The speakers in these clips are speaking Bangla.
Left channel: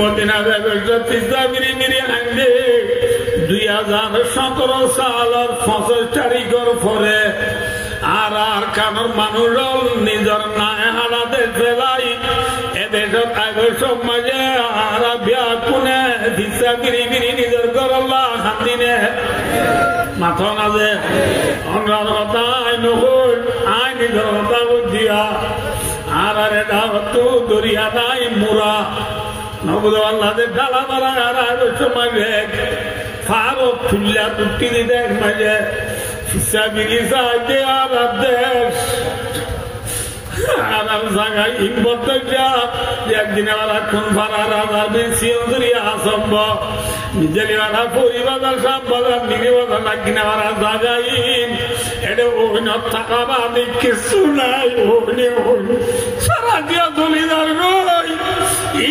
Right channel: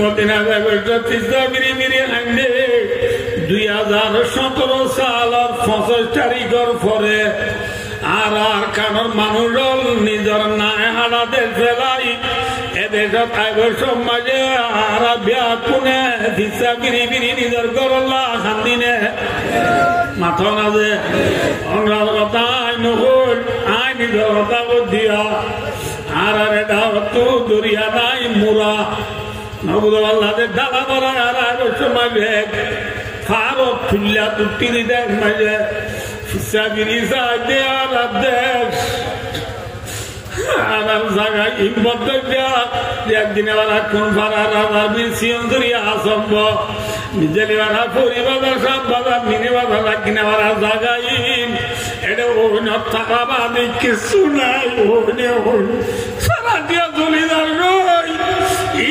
মদিনা ব্যবসা তিস্তা মিরি মিরি আনলে 2017 সাল 25 তারিখের পরে আর কারণ মানুষ নিজের নাই হারাদের ফেলাই এদেশের আইবসব মাঝে আর বিয়া কোনে তিস্তা মিরি মিরি নিজের গরল্লা হান্দিনে মাথা না যে অঙ্গার কথা আই নকুল আই নিজের কথা দিয়া আর এটা হতো দরিয়া নাই মুরা নবুদ আল্লাহদের ডালা ধরা আর আইবসব মাঝে ফারো ফুল্লা তুটি দিতে মাঝে Sabiri saate arabdesh, arab zaga imbodja. Yadine wala kun farara rabbi siyondri asamba. Mijeli wala puri wala shabala mini wala lagine wala zaga im. Ede ono takaba miksulai ono. Saradia dolidar noi.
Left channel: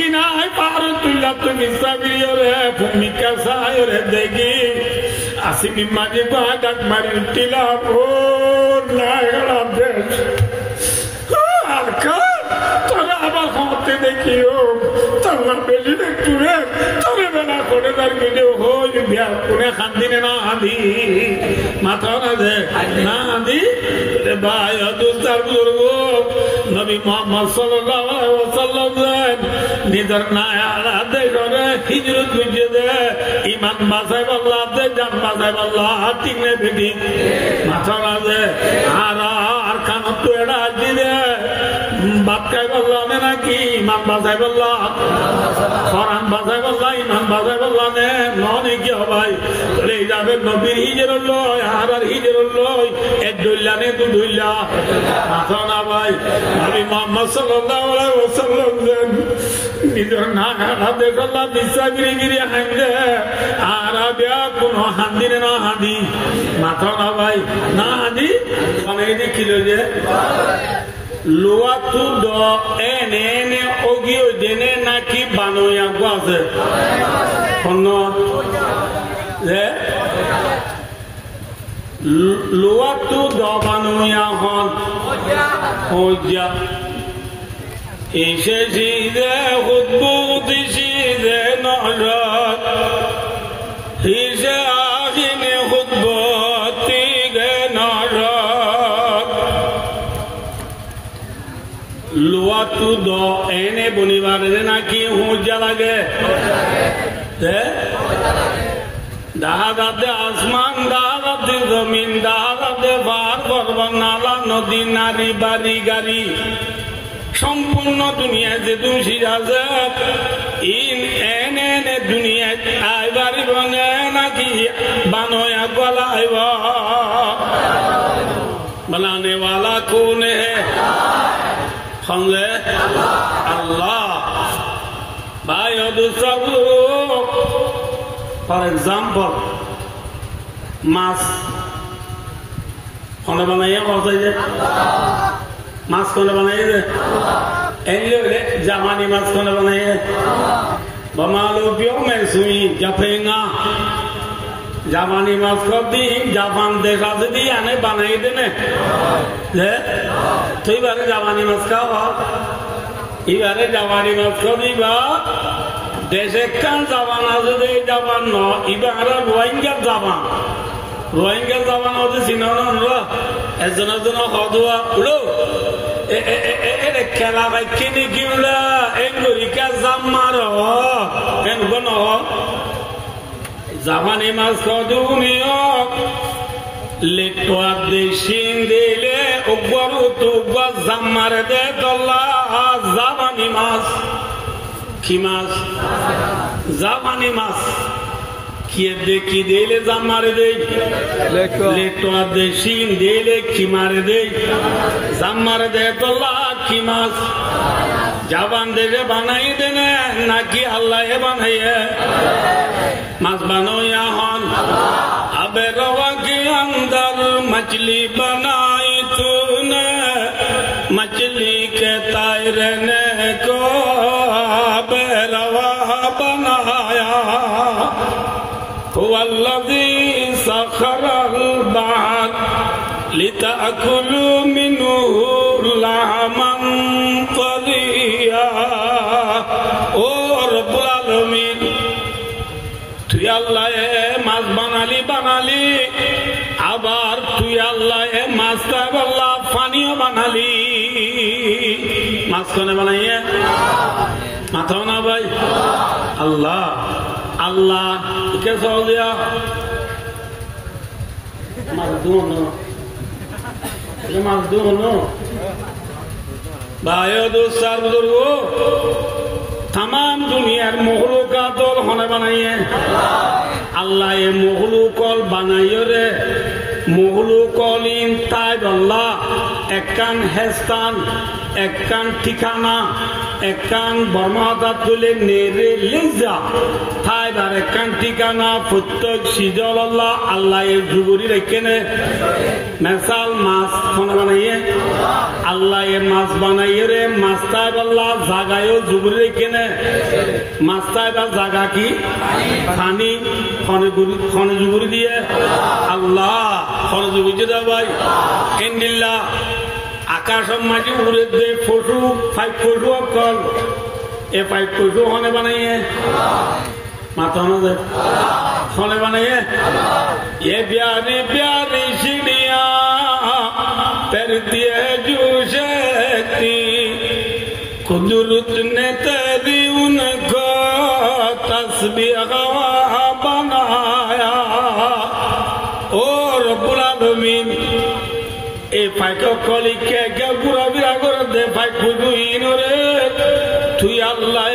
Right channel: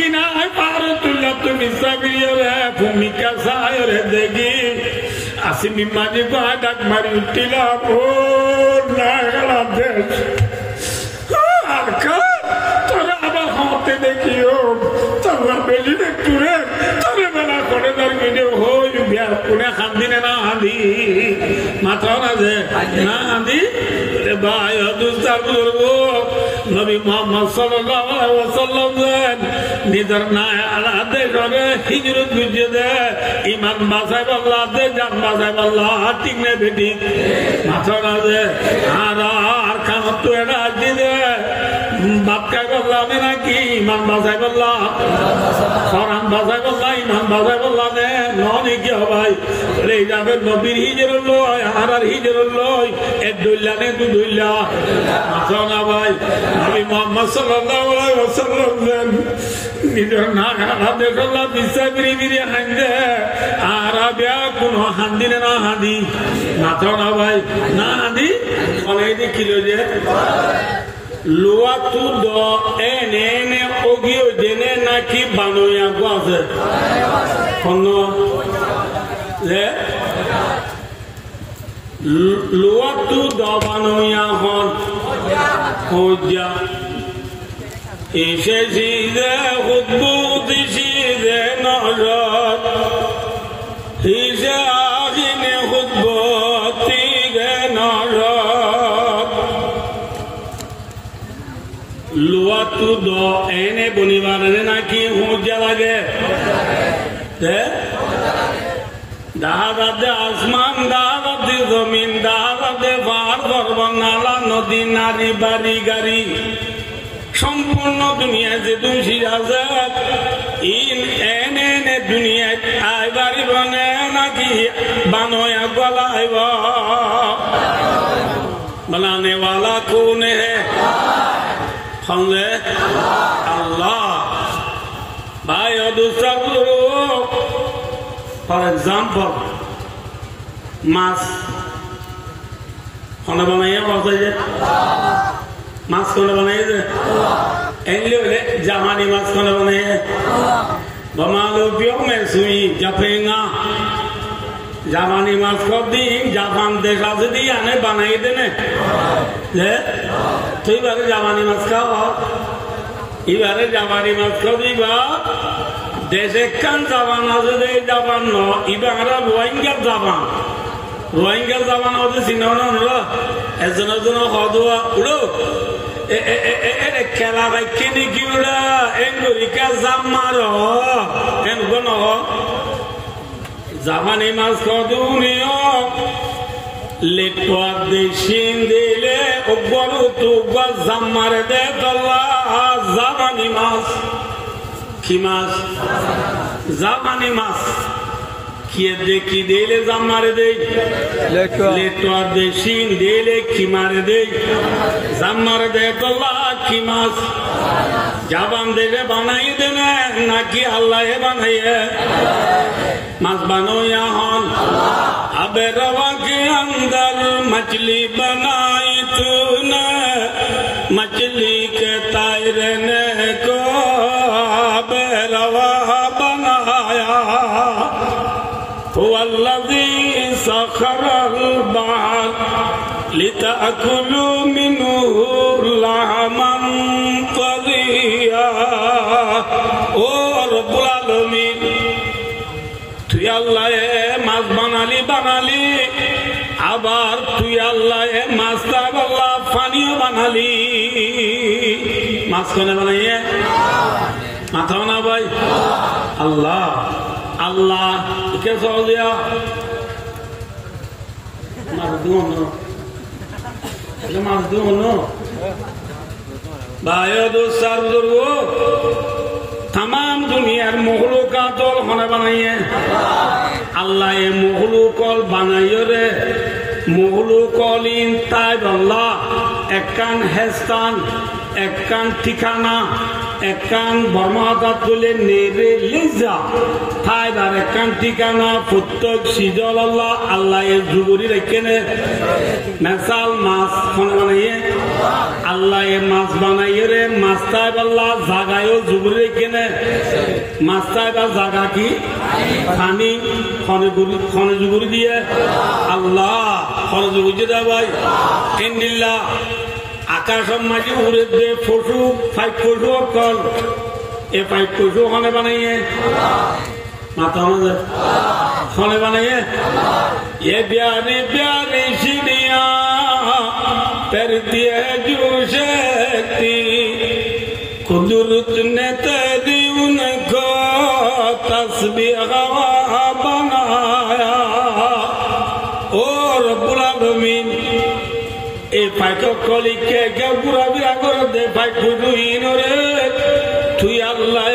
Ina hai paru tulat misabiri ore phumika sayore degi. Asimi maji badak mari utila bol nagala des. Arka tora aba hote dekiyo. Tora beli dekture. Tora bela kore dar video hoy biya kune khandine na handi. Mata na de na handi. Te bhai dostar buzurgo. Nabi Muhammad sallallahu alaihi wasallam nidar na ala de jore hijrat gujde iman basay Allah de jan basay Allah tinne bedi matara de ar kan to era jide bakkay Allah ne naki iman basay Allah Quran basay Allah iman basay Allah ne noni ki bhai le jabe nabi hijrat loy ar hijrat loy edulla ne dulla matara bhai Nabi Muhammad sallallahu alaihi wasallam nidar na hade Allah bisabiri biri hande arabia kuno handine na handi mata na bhai na handi bale di kilo je loa tu do ene ogio dene na ki banoya gwaze kono je loa tu do banoya hon hoja İşe zide hutbu dişide nalat İşe ahime hutbu tide nalat Luatu do ene bunivane naki hoja lage Dahadabde asman, dahadabde zamin, dahadabde bar barbanala nodi nari bari gari সম্পূর্ণ দুনিয়া যে দুষি আছে ইন এনে দুনিয়া আইবারি রঙে নাকি বানোয়া গলাইব बनाने वाला कौन है समझे अल्लाह भाई और दूसरा फॉर एग्जाम्पल मास कौन बनाइए मास कौन बनाइए जामानी मास कौन बनाइए बमालो पियो में सुई जपेगा जापानी मास को दी जापान देखा से दी आने बनाई देने तो ये बारे जापानी मास का ये बारे जापानी मास को दी बा देशे कान जापान आजे दे जापान नो ये बारे रोहिंग्या जापान होते सिनोनो नो ऐसा ना खादुआ उड़ो खेला भाई किनी किमला एंगुरिका जामारो एंगुनो Zamani mas koduniyo letwa deshindele ogwaru tu gwazamare de dolla zamani mas kimas zamani mas kiede kidele zamare de letwa deshindele kimare de zamare de dolla kimas jaban de banai dene naki Allah e banaiye मत बनो यहाँ अब रवा के अंदर मछली बनाई तूने मछली के तैरने को अब रवा बनाया वल्लज़ी सखरल बहर लितअकुलू मिन्हु लहमन तरिया और তুই আল্লাহ মাছ বানালি আবার তুই আল্লাহ মাছটা আল্লাহ পানিও বানালি মাছ কোনে বানাইয়ে মাথাও না ভাই আল্লাহ আল্লাহ কে চল দিয়া মাছ দুনো ভাই দোস্তার বুজুর্গ তাম দুনিয়ার মখলুকাতল হনে বানাইয়ে আল্লাহ এ মখলুকল বানাইয় রে মখলুকল ইন তাই আল্লাহ একখান হেস্তান একখান ঠিকানা একখান বর্মাতা তুলে নেড়ে লেজা তাই আর একখান ঠিকানা প্রত্যেক সিজল আল্লাহ আল্লাহ এর জুবুরি রেখে নে মেসাল মাছ হনে বানাইয়ে আল্লাহ এ মাছ বানাইয়ে রে মাছটাই আল্লাহ জাগায়ও জুবুরি রেখে নে মাছটাই বা জাগা কি পানি খনে জুবুরি দিয়ে আল্লাহ খনে জুবুরি দিয়ে ভাই ইন্দিল্লা আকাশ মাঝে উড়ে দে পশু ফাইভ পশু অকল এ ফাইভ পশু খনে বানাইয়ে মাথা খনে বানাইয়ে এ প্যারি প্যারি সিনিয়া per दिए जो शक्ति कुदरत ने तेरी उनको तस्बीह बनाया ओ रब्बुल आलमीन ए फाइको कली के बुरा बिरा कर दे फाइक बुदु इनरे तू अल्लाह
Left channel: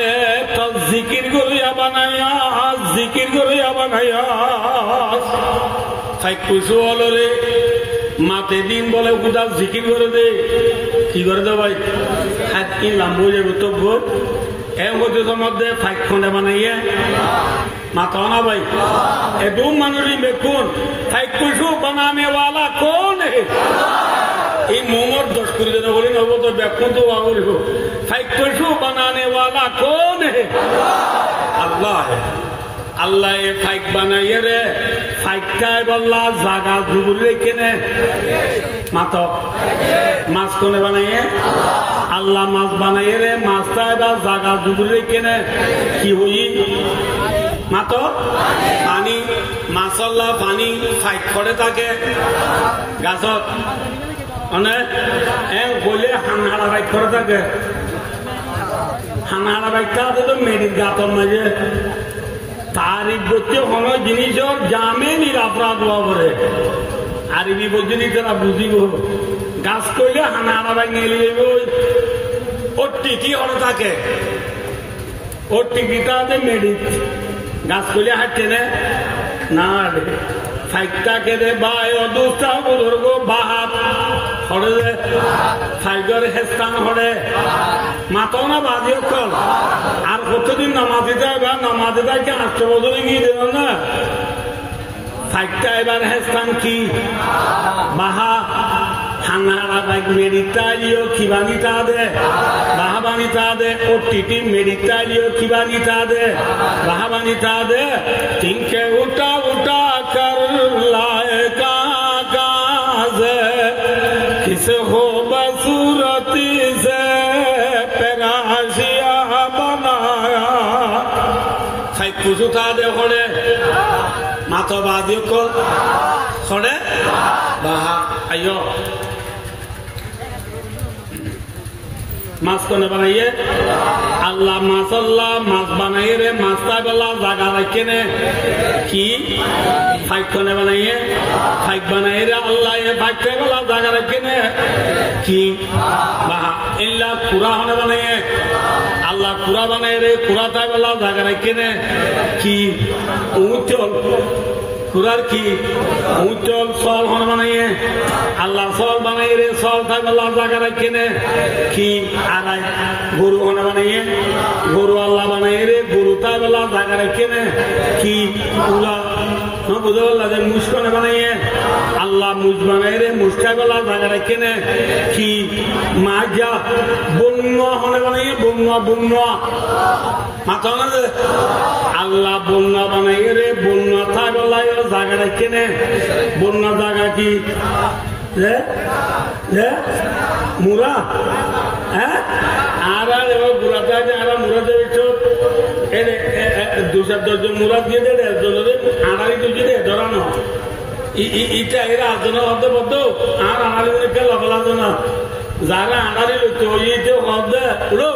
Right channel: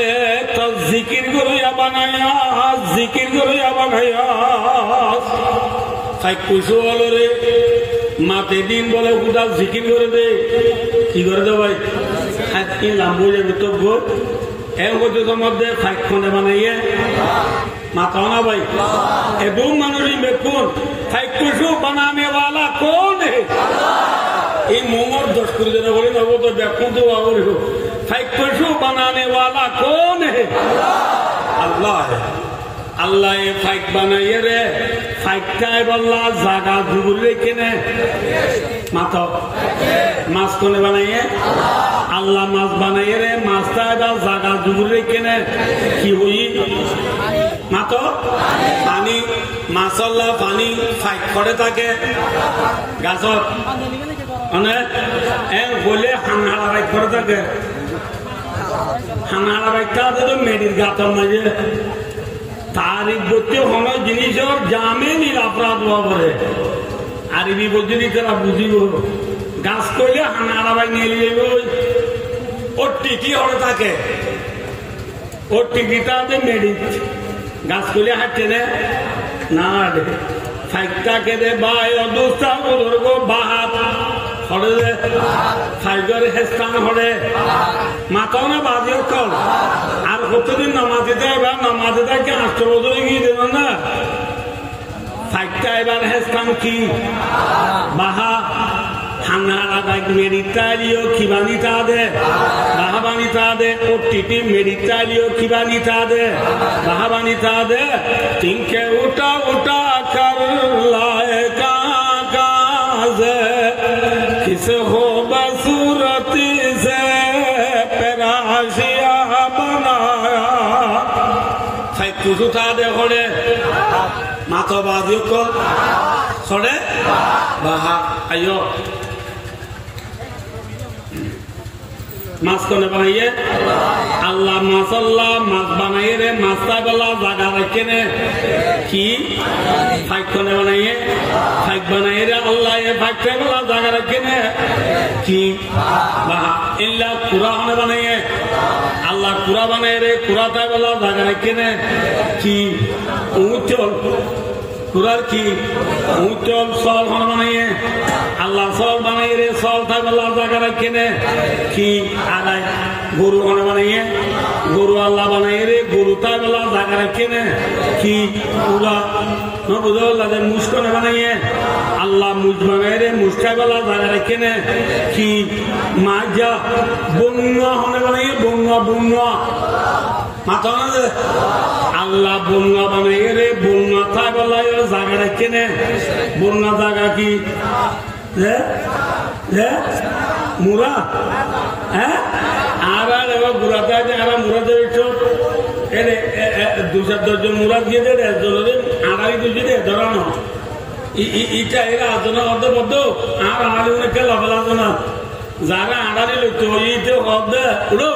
तो जिकिर करिया बनाया फाइक कुछ वाले মাতে দিন বলে উদা জিকির করে দে কি করে দে ভাই হাত কি লাম্বো যাবে তো গোল এর মধ্যে ফাইক খন্ডে বানাইয়ে মাতা না ভাই এ দু মানুষই দেখুন ফাইক কুশু বানানে वाला कौन है এই মোমর 10 করে দেন বলি নব তো দেখুন তো আওরে হো ফাইক কুশু বানানে वाला कौन है আল্লাহ है আল্লাহ এ ফাইক বানাইয়ে রে ফাইকটাই বল্লা জাগা জুবুরি রেখে নে মাতো মাছ কোনে বানাইয়ে আল্লাহ মাছ বানাইয়ে রে মাছটাই বা জাগা জুবুরি রেখে নে কি হই মাতো পানি মাছল্লা পানি ফাইক করে থাকে গাছত মানে বলে হানহারা বাইক করে থাকে হানহারা বাইকটা তো মেডির গাতর মাঝে তারিখ করতে কোনো জিনিসের জামে নিরাপরাধ করে আরবি পর্যন্ত তারা বুঝিব গাছ করলে হানা ভাই নিয়ে যাইব ওর টিকি হলে থাকে ওর টিকিটা হবে মেডিট গাছ করলে হাঁটছে না ফাইকটা কেটে বাই অদুষ্টা ধরব বাহাত হরে ফাইজর হেস্তান হরে মাতাও না বাজিও কল আর কতদিন নামাজে যায় বা নামাজে যায় কি 8 বছর গিয়ে দেব না ফাইকটা এবার হেস্তান কি বাহা হাঙ্গারা বাইক মেডিটালিও কিবানিতা দে বাহাবানিতা দে ও টিটি মেডিটালিও কিবানিতা দে বাহাবানিতা দে তিনকে উঠা উঠা কর লায়ে কাজ किस हो बसूरती से पेराशिया बनाया फाइक कुछ उठा दे खोले मातो बादियों को खोले बाहा आयो मास को ने बनाइए अल्लाह मासल्ला मास बनाइए रे मास्ता बल्ला जागा रखे ने की फाइक को ने बनाइए फाइक बनाइए रे अल्लाह ये फाइक पे बल्ला जागा रखे ने की बाहा इल्ला पूरा होने बनाइए अल्लाह पूरा बनाइए रे पूरा था बल्ला जागा रखे ने की ऊंचल कुरार की ऊंचल सॉल होने बनाइए अल्लाह सॉल बनाइए रे सॉल था अल्लाह जागा रखे ने की आगाय गुरु होने बनाइए गुरु अल्लाह बनाइए रे गुरु था अल्लाह जागा रखे ने की पूरा न बुझो अल्लाह दे मुश्क होने बनाइए अल्लाह मुझ बनाइए रे मुश्का अल्लाह जागा रखे ने की माजा बुन्ना होने बनाइए बुन्ना माता ना अल्लाह बुन्ना बनाइए रे बुन्ना था अल्लाह ये जागा रखे ने बुन्ना जागा की मुरा है आरा जब बुरा था आरा मुरा जब দুজন মুরাদ গিয়ে দেয় আড়াই দুজি দে ধরানো ইটা এরা আজনা অর্ধবদ্ধ আর আড়াই কে লফেলা না যারা আড়ারি লইতে হদে উড়ো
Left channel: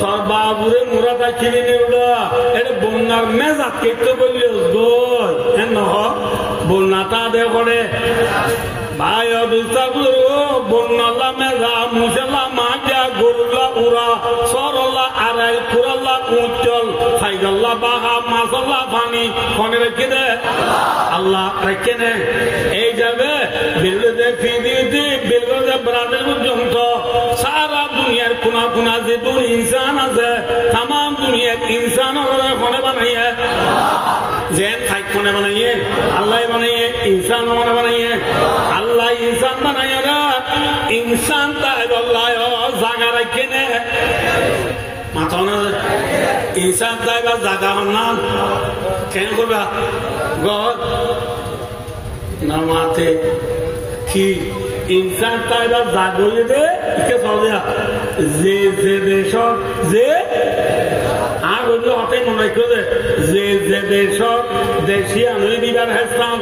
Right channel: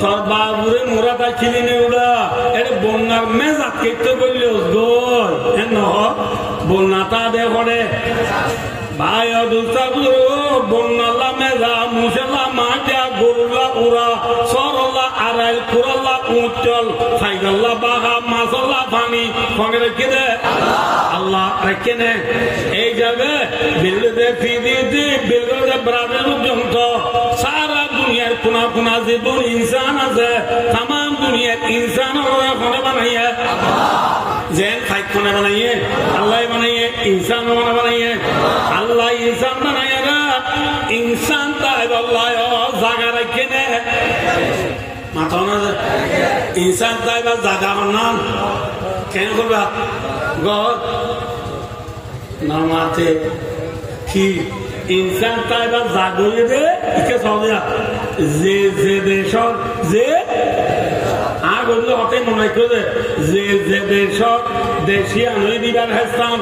তোর বাবুরে মুরাদ আছিলি নে উড়া এটা বন্যার মেজা কেটে করলে গোল ন বন্যাটা দে করে ভাই বন্যালা মেজা মুসলা মাজা গরুলা উড়া সরলা আড়াই কুরলা উজ্জ্বল সাইগল্লা বাহা মাসল্লা পানি ফোনে রেখে দে আল্লাহ রেখে নে এই যাবে বিল্লে ফিরিয়ে বিল্লে ব্রাজিল পর্যন্ত সারা দুনিয়ার কোনা কোনা যে ইনসান আছে তাম দুনিয়ার ইনসান ফোনে বানাইয়ে জেন ফাইক ফোনে বানাইয়ে আল্লাহ বানাইয়ে ইনসান বানাইয়ে আল্লাহ ইনসান বানাইয়ে ইনসান তাই আল্লাহ জাগা রেখে নে মাথা না ইনসান তাই বা জাগা বানান কেন করবা গড নামাতে কি ইনসান তাই বা জাগিয়ে দে কে চলে যে যে দেশ যে আর বললো হতে মনে করে যে যে দেশ দেশি আমি দিবার হেস্তাম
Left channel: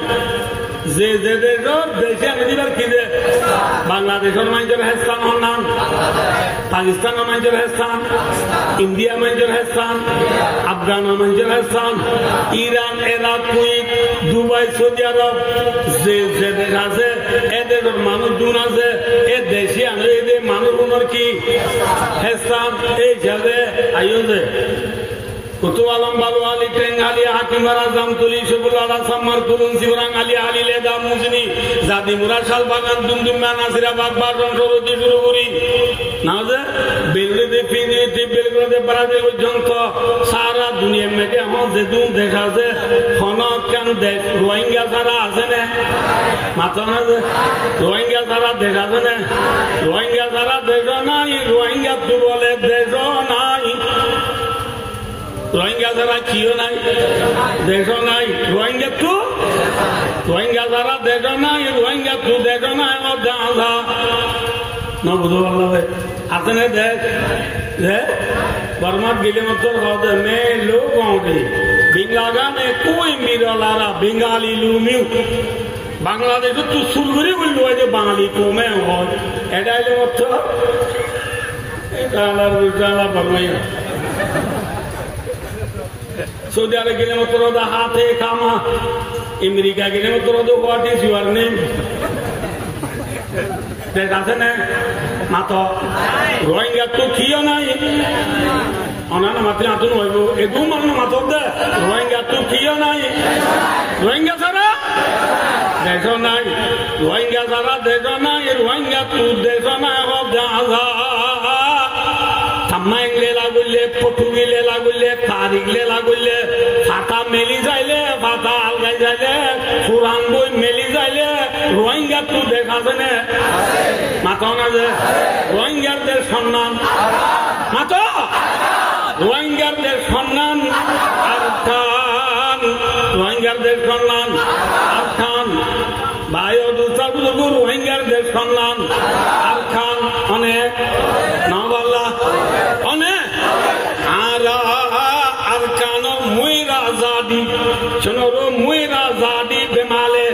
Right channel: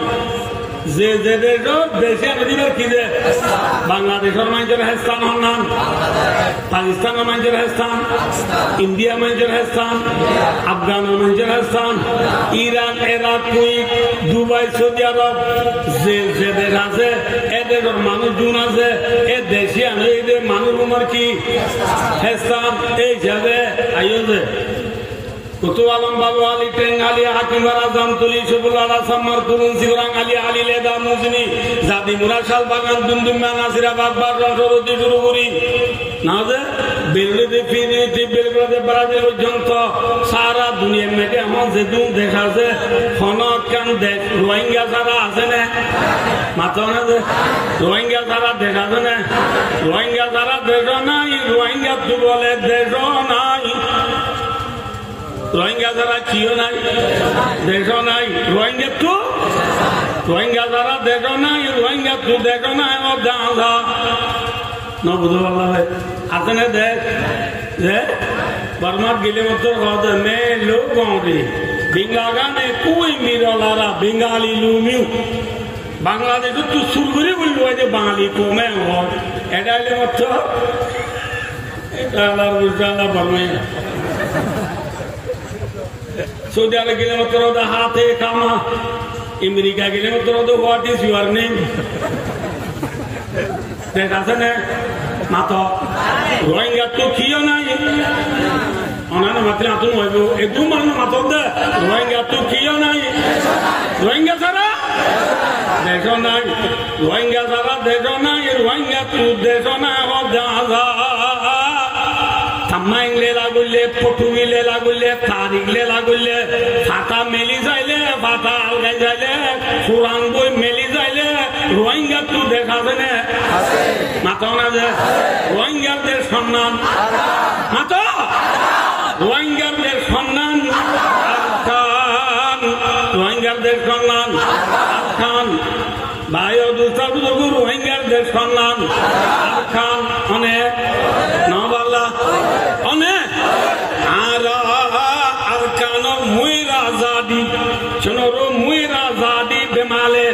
যে যে দেশ দেশি আমি দিবার কি দে বাংলাদেশের মানুষের হেস্তান হন নাম পাকিস্তানের মানুষের হেস্তান ইন্ডিয়া মানুষের হেস্তান আফগানের মানুষের হেস্তান Iran Iraq Kuwait Dubai Saudi Arab যে যে দেশ আছে এদের মানুষ গুণ আছে এ দেশি আমি এদের মানুষ গুণের কি হেস্তান এই যাবে আইও যে কুতু আলম বালু আলী টেং আলী হাকিমারা জামতুলি সবুল আলা সাম্মার কুরুন সিবরাং আলী আলী লেদা মুজনি জাদি মুরা শাল বাগান দুমদুমা নাসিরা বাগবার রংসরতি শুরুগুরি না যে বিলদে ফিরিতে বিলগদে ব্রাজিল পর্যন্ত সারা দুনিয়ার মধ্যে আমার যে দুন দেশ আছে ফনকান দেশ রোহিঙ্গা সারা আছে না মাত্র না যে রোহিঙ্গা সারা দেশ আছে না রোহিঙ্গা সারা দেশ নাই রোহিঙ্গা তু বলে দেশ নাই রোহিঙ্গা যারা কিও নাই দেখো নাই রোহিঙ্গা তো রোহিঙ্গা যারা দেখো নাই রোহিঙ্গা তো দেখো নাই দাদা নবুধ আছে না দেখ বর্মার গিলে মতো হদে মে লোক বিঙ্গাগা মে কুই মিরলারা বেঙ্গালি লুমিউ বাংলাদেশ তো সুলগুড়ি বললো যে বাঙালি কমে হয় এটাইলে মতো এটা বর্মাইয়া সৌদি আরব গেলে মাত্র হাতে কামা আমেরিকা গেলে মাত্র হোয়াট ইজ ইউর নেম দেশ আছে না মাত্র রোহিঙ্গা তো কিও নাই অনান্য মাত্র আতুন হইব এদু মানুষ মাত্র দে রোহিঙ্গা তো কিও নাই রোহিঙ্গা ছাড়া দেশ নাই রোহিঙ্গা ছাড়া দেশ নাই রোহিঙ্গা তো দেশ নাই থামাইলে লাগুলে পটুগিলে লাগুলে তারিখলে লাগুলে ফাটা মেলি যাইলে ফাটা আলগাই যাইলে পুরান বই মেলি যাইলে রোহিঙ্গা তো দেখাবে না মাথা না যে রোহিঙ্গাদের সম্মান মাথা রোহিঙ্গাদের সম্মান আরখান রোহিঙ্গাদের সম্মান আরখান ভাইও দুষ্টাবু রোহিঙ্গাদের সম্মান আরখান অনেক নবাল্লা অনেক আর কান মুইরা জাদি শোনো মুইরা জাদি বেমালে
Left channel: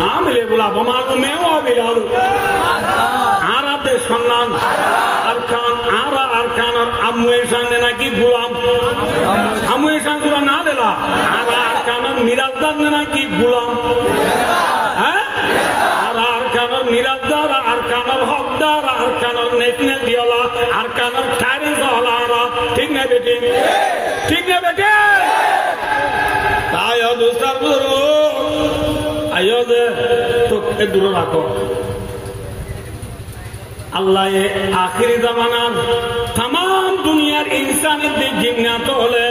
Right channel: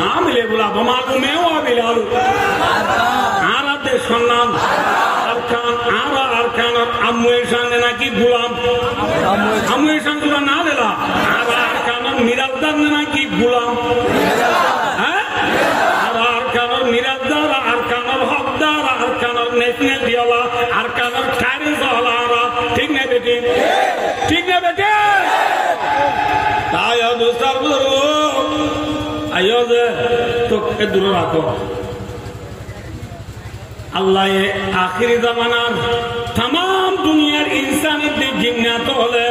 না মিলে বলা বমালু মেও বিলালু আরাতে সম্মান আরকান আরকানের আম্মুয়ের সঙ্গে নাকি গুলাম আম্মুয়ের সঙ্গে না দিলা আরকানের মিরাজদার নাকি গুলাম হ্যাঁ আরকানের মিরাজদার আরকানের হকদার আরকানের নেশনাল দিওলা আরকানের খারি হলারা ঠিক না বেটি ঠিক না বেটি তাই দুষ্টার আয়ো যে তোকে দূরে রাখো আল্লাহ আখিরি জামানার তাম দুনিয়ার ইনসানিদের জিজ্ঞাত হলে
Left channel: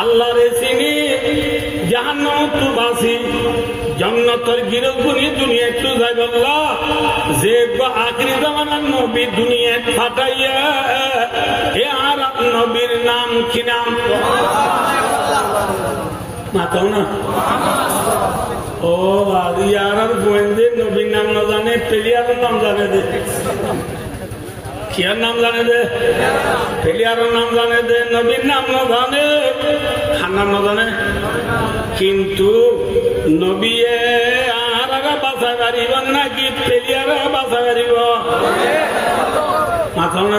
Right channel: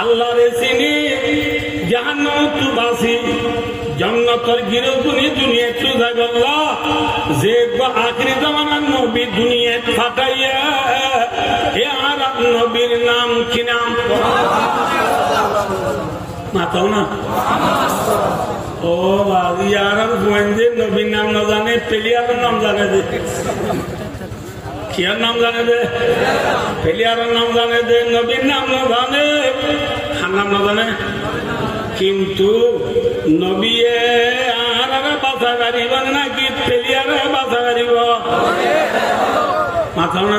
আল্লাহর চিনি জাহান্নাম তু বাসি জান্নাতের গিরো দুনিয়া একটু যাইবাল্লাহ যে আখিরি জামানার নবী দুনিয়া ফাটাইয়া এ আর নবীর নাম কি নাম মাতাও না ও ইয়ার গোয়েন্দের নবীর নাম না জানে পেলিয়ার নাম জানে কিয়ার নাম জানে দে, পেলিয়ারের নাম জানে দে, নবীর নাম না জানে, খান নাম না জানে, কিন্তু নবীয়ে আর বাসা গাড়িব নাকি পেলিয়ারে বাসা গাড়িব মাথা না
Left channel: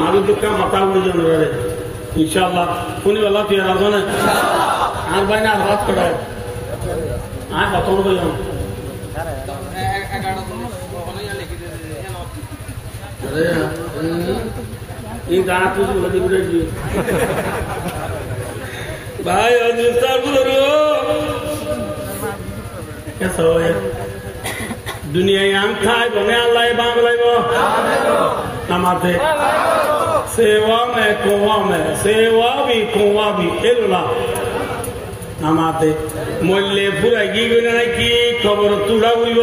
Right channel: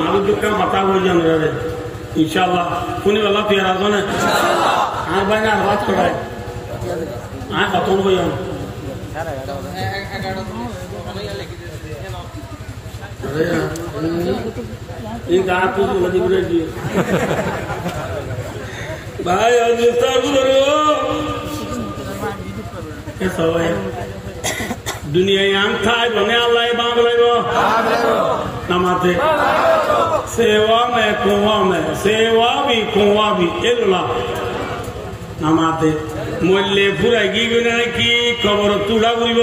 মারু দুঃখ মাথা বলে জানো রে ইনশাল্লাহ কোন বেলা তুই আর না আর ভাই না হাত করায় আর কত বই এই গা তুই বলে দিব রে ভাই দুনিয়ায় আন খাই বনে আল্লাহ বাংলাইব নামাতে সেওয়া মে কোয়া মে এলা নামাতে মরলে ফুরাই কি গই না কি খবর তুড়া বুঝব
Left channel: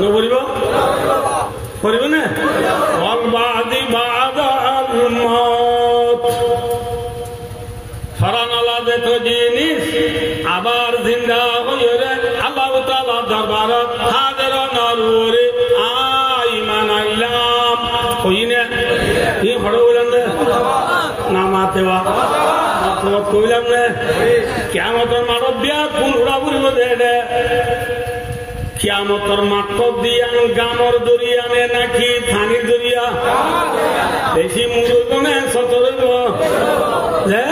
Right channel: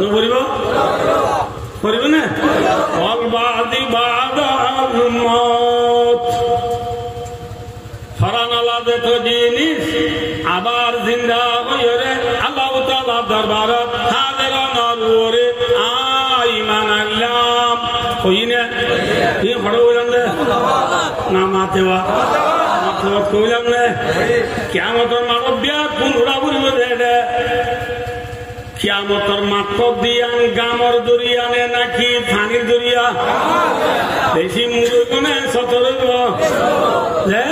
নবরিব করিব না অলবাদি বাদাল মত ফরানালা দেখো জিনিস আবার জিন্দা হইরে আল্লাহ তাআলা দরবারত হাজির নরুরে আইমান আল্লাহ কইনে এই বড় বলেন না মাতেওয়া তো কইলাম না কিয়ামতের মানবিয়া কোন উড়া বুড়িব দে কিয়ামতের মাঠ দিয়ান গামর দরিয়া নে নাকি পানির দরিয়া বেশি মুরুগনে সতরব যে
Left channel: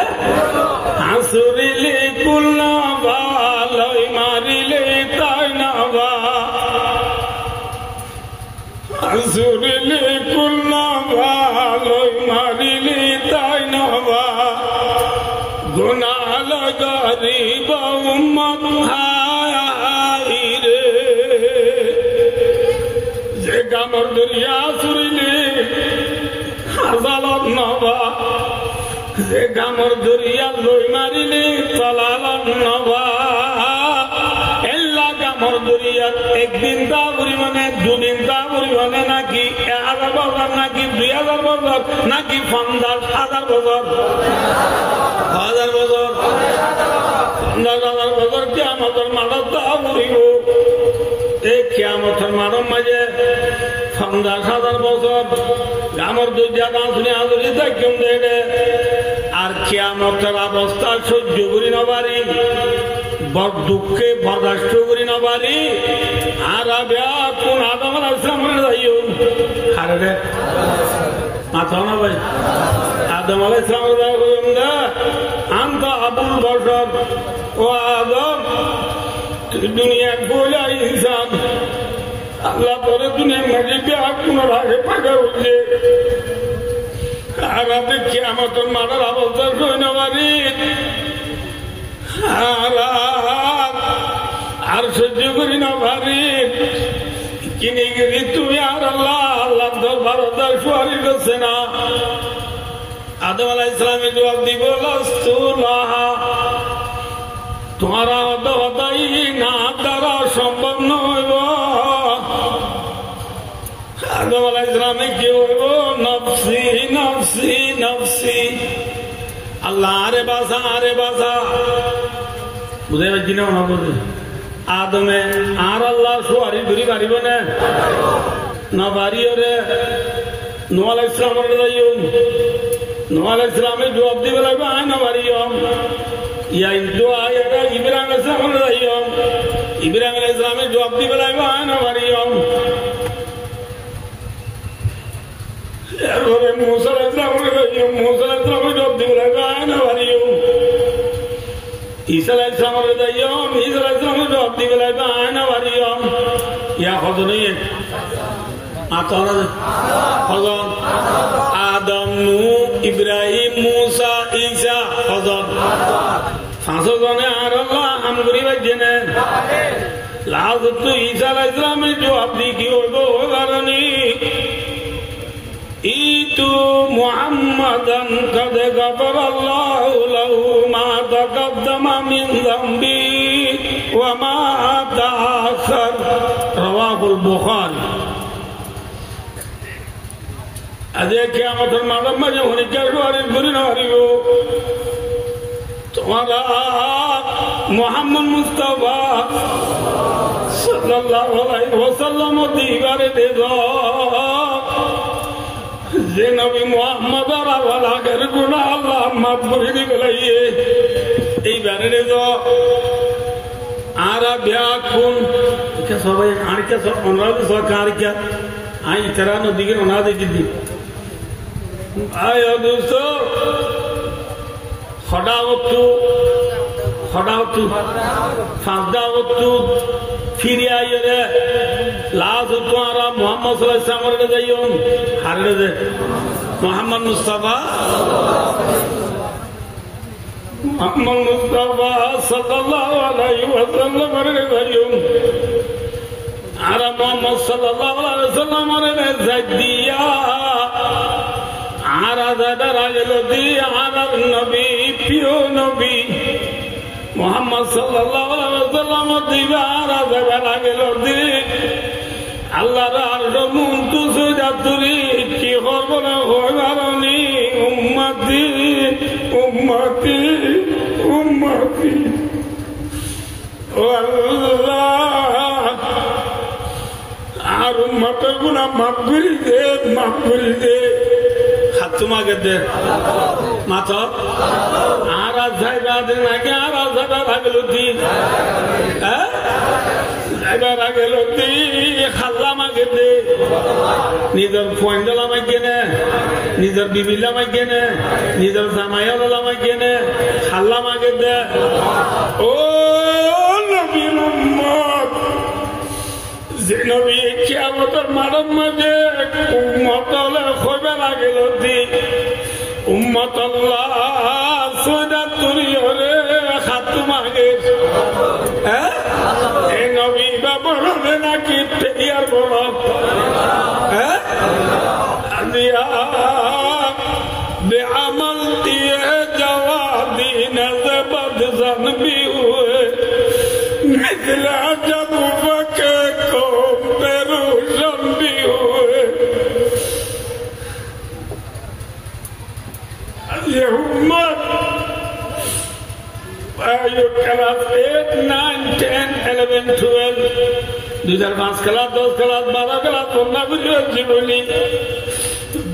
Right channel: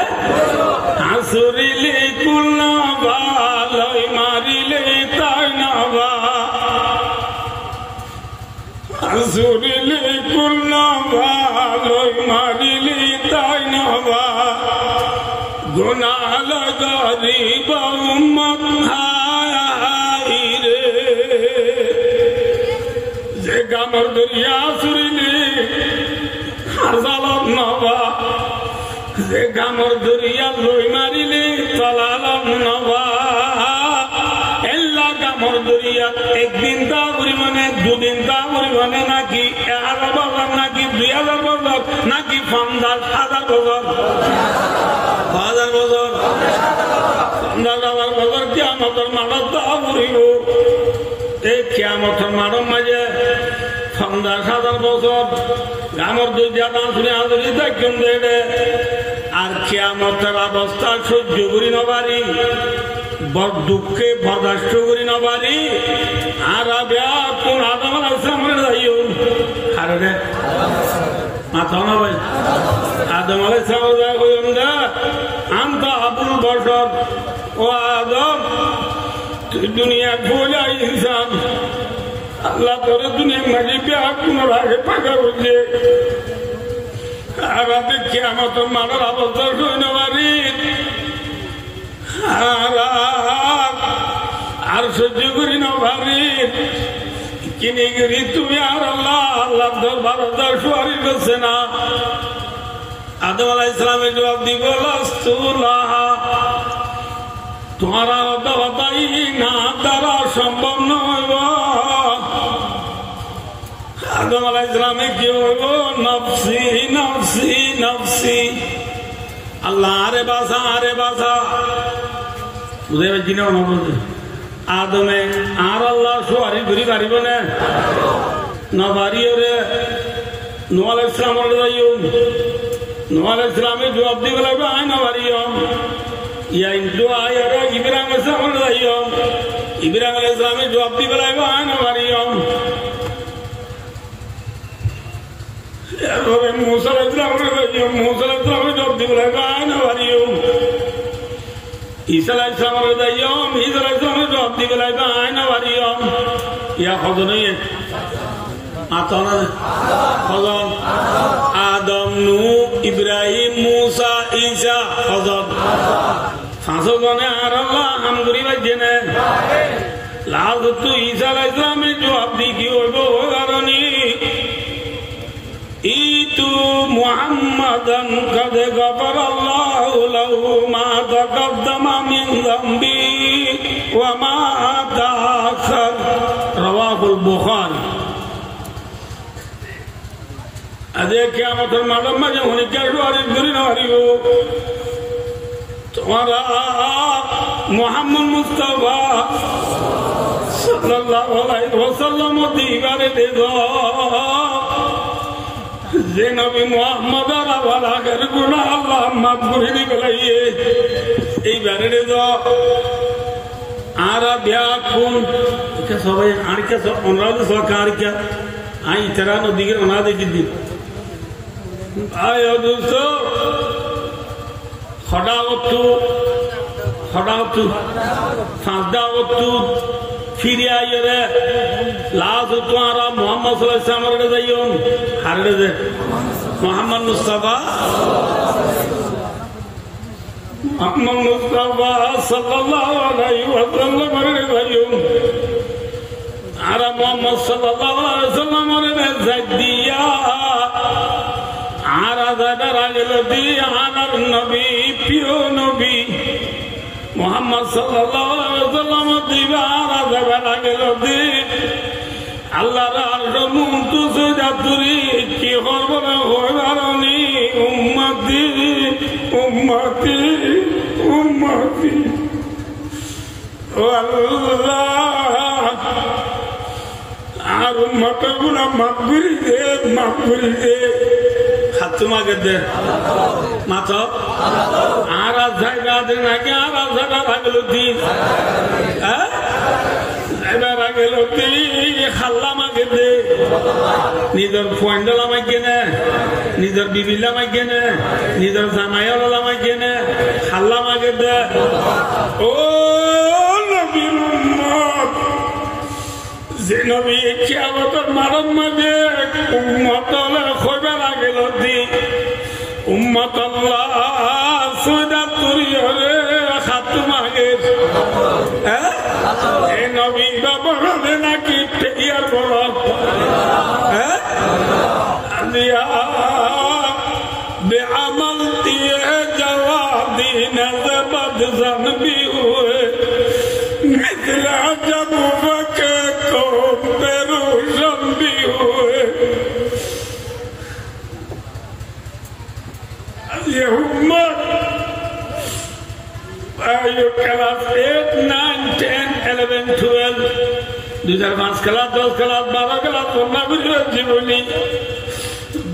আসুরিলে কুল ভালই মারিলে তাই না বা আসুরিলে কুল ভালই মারিলে তাই না বা গুনাহ লাগারিব উম্মত হাই রে যে গামর দরিয়া আসুরিলে হাজালত নবা যে গামর দরিয়া লই মারিলে চলালাম নবা এল্লা গামর দরিয়া একদিন তা পরিমাণে দুদিন তা পরিমাণে নাকি 1000 বছর নাকি 2000 বছর নাকি 50,000 বছর 1000 বছর 50,000 বছর কিয়ামতের মাঠত তা পড়িব এই কিয়ামতের মাঠের মাঝে 50,000 বছর গামর দরিয়া শুনে আদরি থাকেন দেবে আর কিয়ামতের অবস্থা সহ্য করি নবারি বড় দুঃখে বরদাস্ত করি নবারি আর কোন আদম আলাইহিস সালামের যাইও আরে রে মাথা না ভাই আদম আলাইহিস সালাম যা কইম না আনতা আবুল বশর ও আদম দুনিয়া গোলা ইনসান আল্লাহ তোর দুনিয়া মাঝে বিয়া কোন রাগে পাকা হইলে আর আমি কিয়ামতের মাঠের অবস্থা সইন পারি আর সহ্য করি না ভাবি কিনে গেলি তুমি আর আল্লাহ আল্লাহ ভারত সুয়ারি করছে না আদম আলাইহিস সালামের জবাব দিব তোমারা হতাই না দ্বারা সম্ভব নয় আদম আলাইহিস সালামে কি হইব নফসি নফসি নফসি আল্লাহ আরে বাসা বুঝে পাচ্ছি না আদমে আর আল্লাহ সুয়ারি ঘুরি পারিব না পারিও রে নূহ আলাইহিস সালামের যাইও নূহ আলাইহিস সালামে জবাব দিব লাগবে আয় না পারিও ইয়া ইনদু আয়ারা ইব্রাহিম আলাইহিস সালামের যাইও ইব্রাহিম আলাইহিস সালামে জবাব দিব লাগবে আয় না পারিও এরপরে মুসা আলাইহিস সালামের যাইও মুসা আলাইহিস সালামে জবাব দিব লাগবে আয় না পারিও ঈসা আলাইহিস সালামের যাইও ঈসা আলাইহিস সালামের জবাব দিব লাগবে আয় না পারিও ইয়া হযরত নয় আতনা হযরত আদম নূহ ইব্রাহিম মুসা ঈসা হযরত সাসজনে আর আল্লাহ আমগুরি বাজেনে লাজত ঈসা আলাইহিস সালামের জবাব দি কি হইব কারণে ইতু মুহাম্মাদান কাদ গাফারাল্লাহু লাহু মা তাকাদ্দামা মিন যামবি ওয়া মা তাআখার রাওয়াহুল বুখারী আজে কিয়ামতের মাঝে হনিকার সুয়ারি ঘুরি না হারিব তোমারা মুহাম্মদ মুস্তাফা সাল্লাল্লাহু আলাইহি ওয়াসাল্লাম দিবারে দেব যে নবী মোহাম্মদ আগের গুণা আল্লাহ মাফ করে দিবে এইবারে আর ব্যাকুন সবাই আড়িকা ওনারা সরকার আড়িকা আই তারা নদীকে ওনারা দেখি দিন আয় দোস্ত হঠাৎ সাদাওয়াতু ফিরে আইরে লাজ তোরা মোহাম্মদ সাল্লাল্লাহু আলাইহি ওয়াসাল্লাম যাইও হারে দে মোহাম্মদ মুস্তাফা সাল্লাল্লাহু আলাইহি ওয়াসাল্লাম রে যাইও আর মোহাম্মদ সাল্লাল্লাহু আলাইহি ওয়াসাল্লাম রে যাইয়া আর আদার আগেল দি আর নবী প্রিয় নবী মোহাম্মদ সাল্লাল্লাহু আলাইহি ওয়াসাল্লাম দিবার আদার আগেল দি আল্লাহর আরশ মুনতু সুজাতুরি কি করব না হইবারনি উম্মতি উম্মতি উম্মতি ও আল্লাহ আর উম্মতের গুনাহ মাফ করে দে তোমাকে দে মাথা আর যাইবা দিন আগে আর যাইবা লাগল দিন যাইবা লাগল খাল্লা মাকে দে নিজের পয়েন্টল আমায় কেনে নিজের বিবিল আমায় কেনে নিজের জামাইল আমায় কেনে খাল্লা মাকে দে ও নবীর উম্মত যে নবী কিয়ামতের মানব মাঝে উম্মত কইবা লাগল দি উম্মত আল্লাহ সুজাতুরি হরে খাতু মাগে এই নবী বাবরে নাকি পেয়ার বড় আলিয়া বেআমল দিয়ে জওয়াবি নজবদ জনবি হুয়ে মিথলা জব ফকে को पेरूशम भी हुए ये उम्मत क्लास 8, 9, 10, 11, 12 2005 क्लास 10 क्लास 12 क्लास 15 বুঝে জীবনী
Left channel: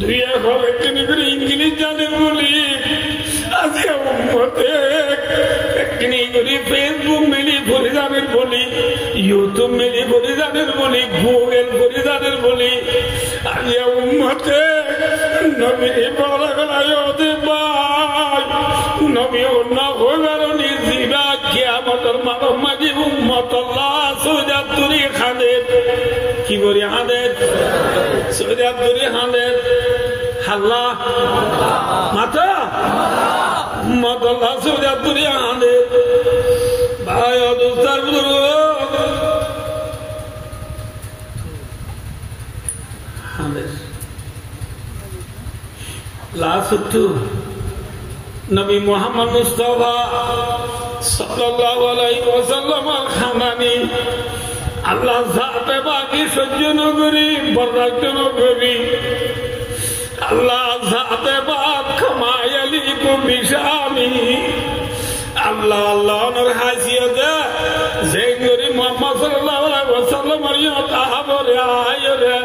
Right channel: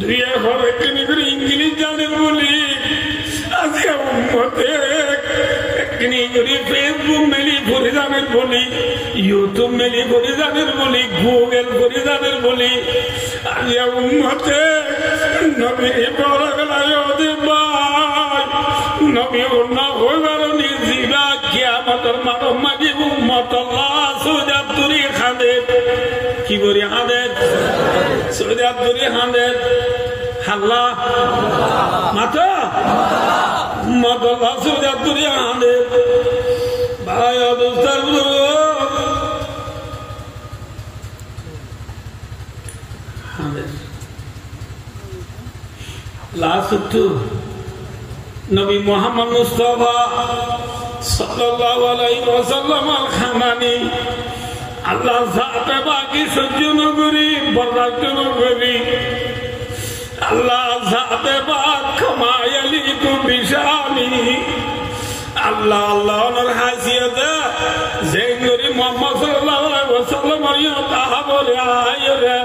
দুই এখন একদিন করে ইংলিশ জানেন বলি আজকে উম্মতে একদিন করে ফেসবুক মেলি ফরিদানের বলি ইউটিউব মেলি ফরিদানের বলি গুগল ফরিদানের বলি আজকে উম্মতে নবী বড়গলায় দে ভাই নবী অন্য হইবার নিজিবা কিয়ামতের মানব মাঝে উম্মত আল্লাহ সুজাতুরি খাদের কি করি হাদের সুজাতুরি হাদের হাল্লা মাথা উম্মত আল্লাহ সুজাতুরি হাদের ভাই অদুস্তার হাদের লাসুতু নবী মুহাম্মদ মুস্তাফা সাল্লাল্লাহু আলাইহি ওয়াসাল্লাম খানানি আল্লাহ জাতে বাকি সহ্য নগরী বরদাস্ত নগরী আল্লাহ জাতে বাক ক্ষমায়ালি তো বিশামি আল্লাহ আল্লাহর হাসিয়তে যে নবী মুহাম্মদ সাল্লাল্লাহু আলাইহি ওয়াসাল্লাম তাহা বলে আয়রে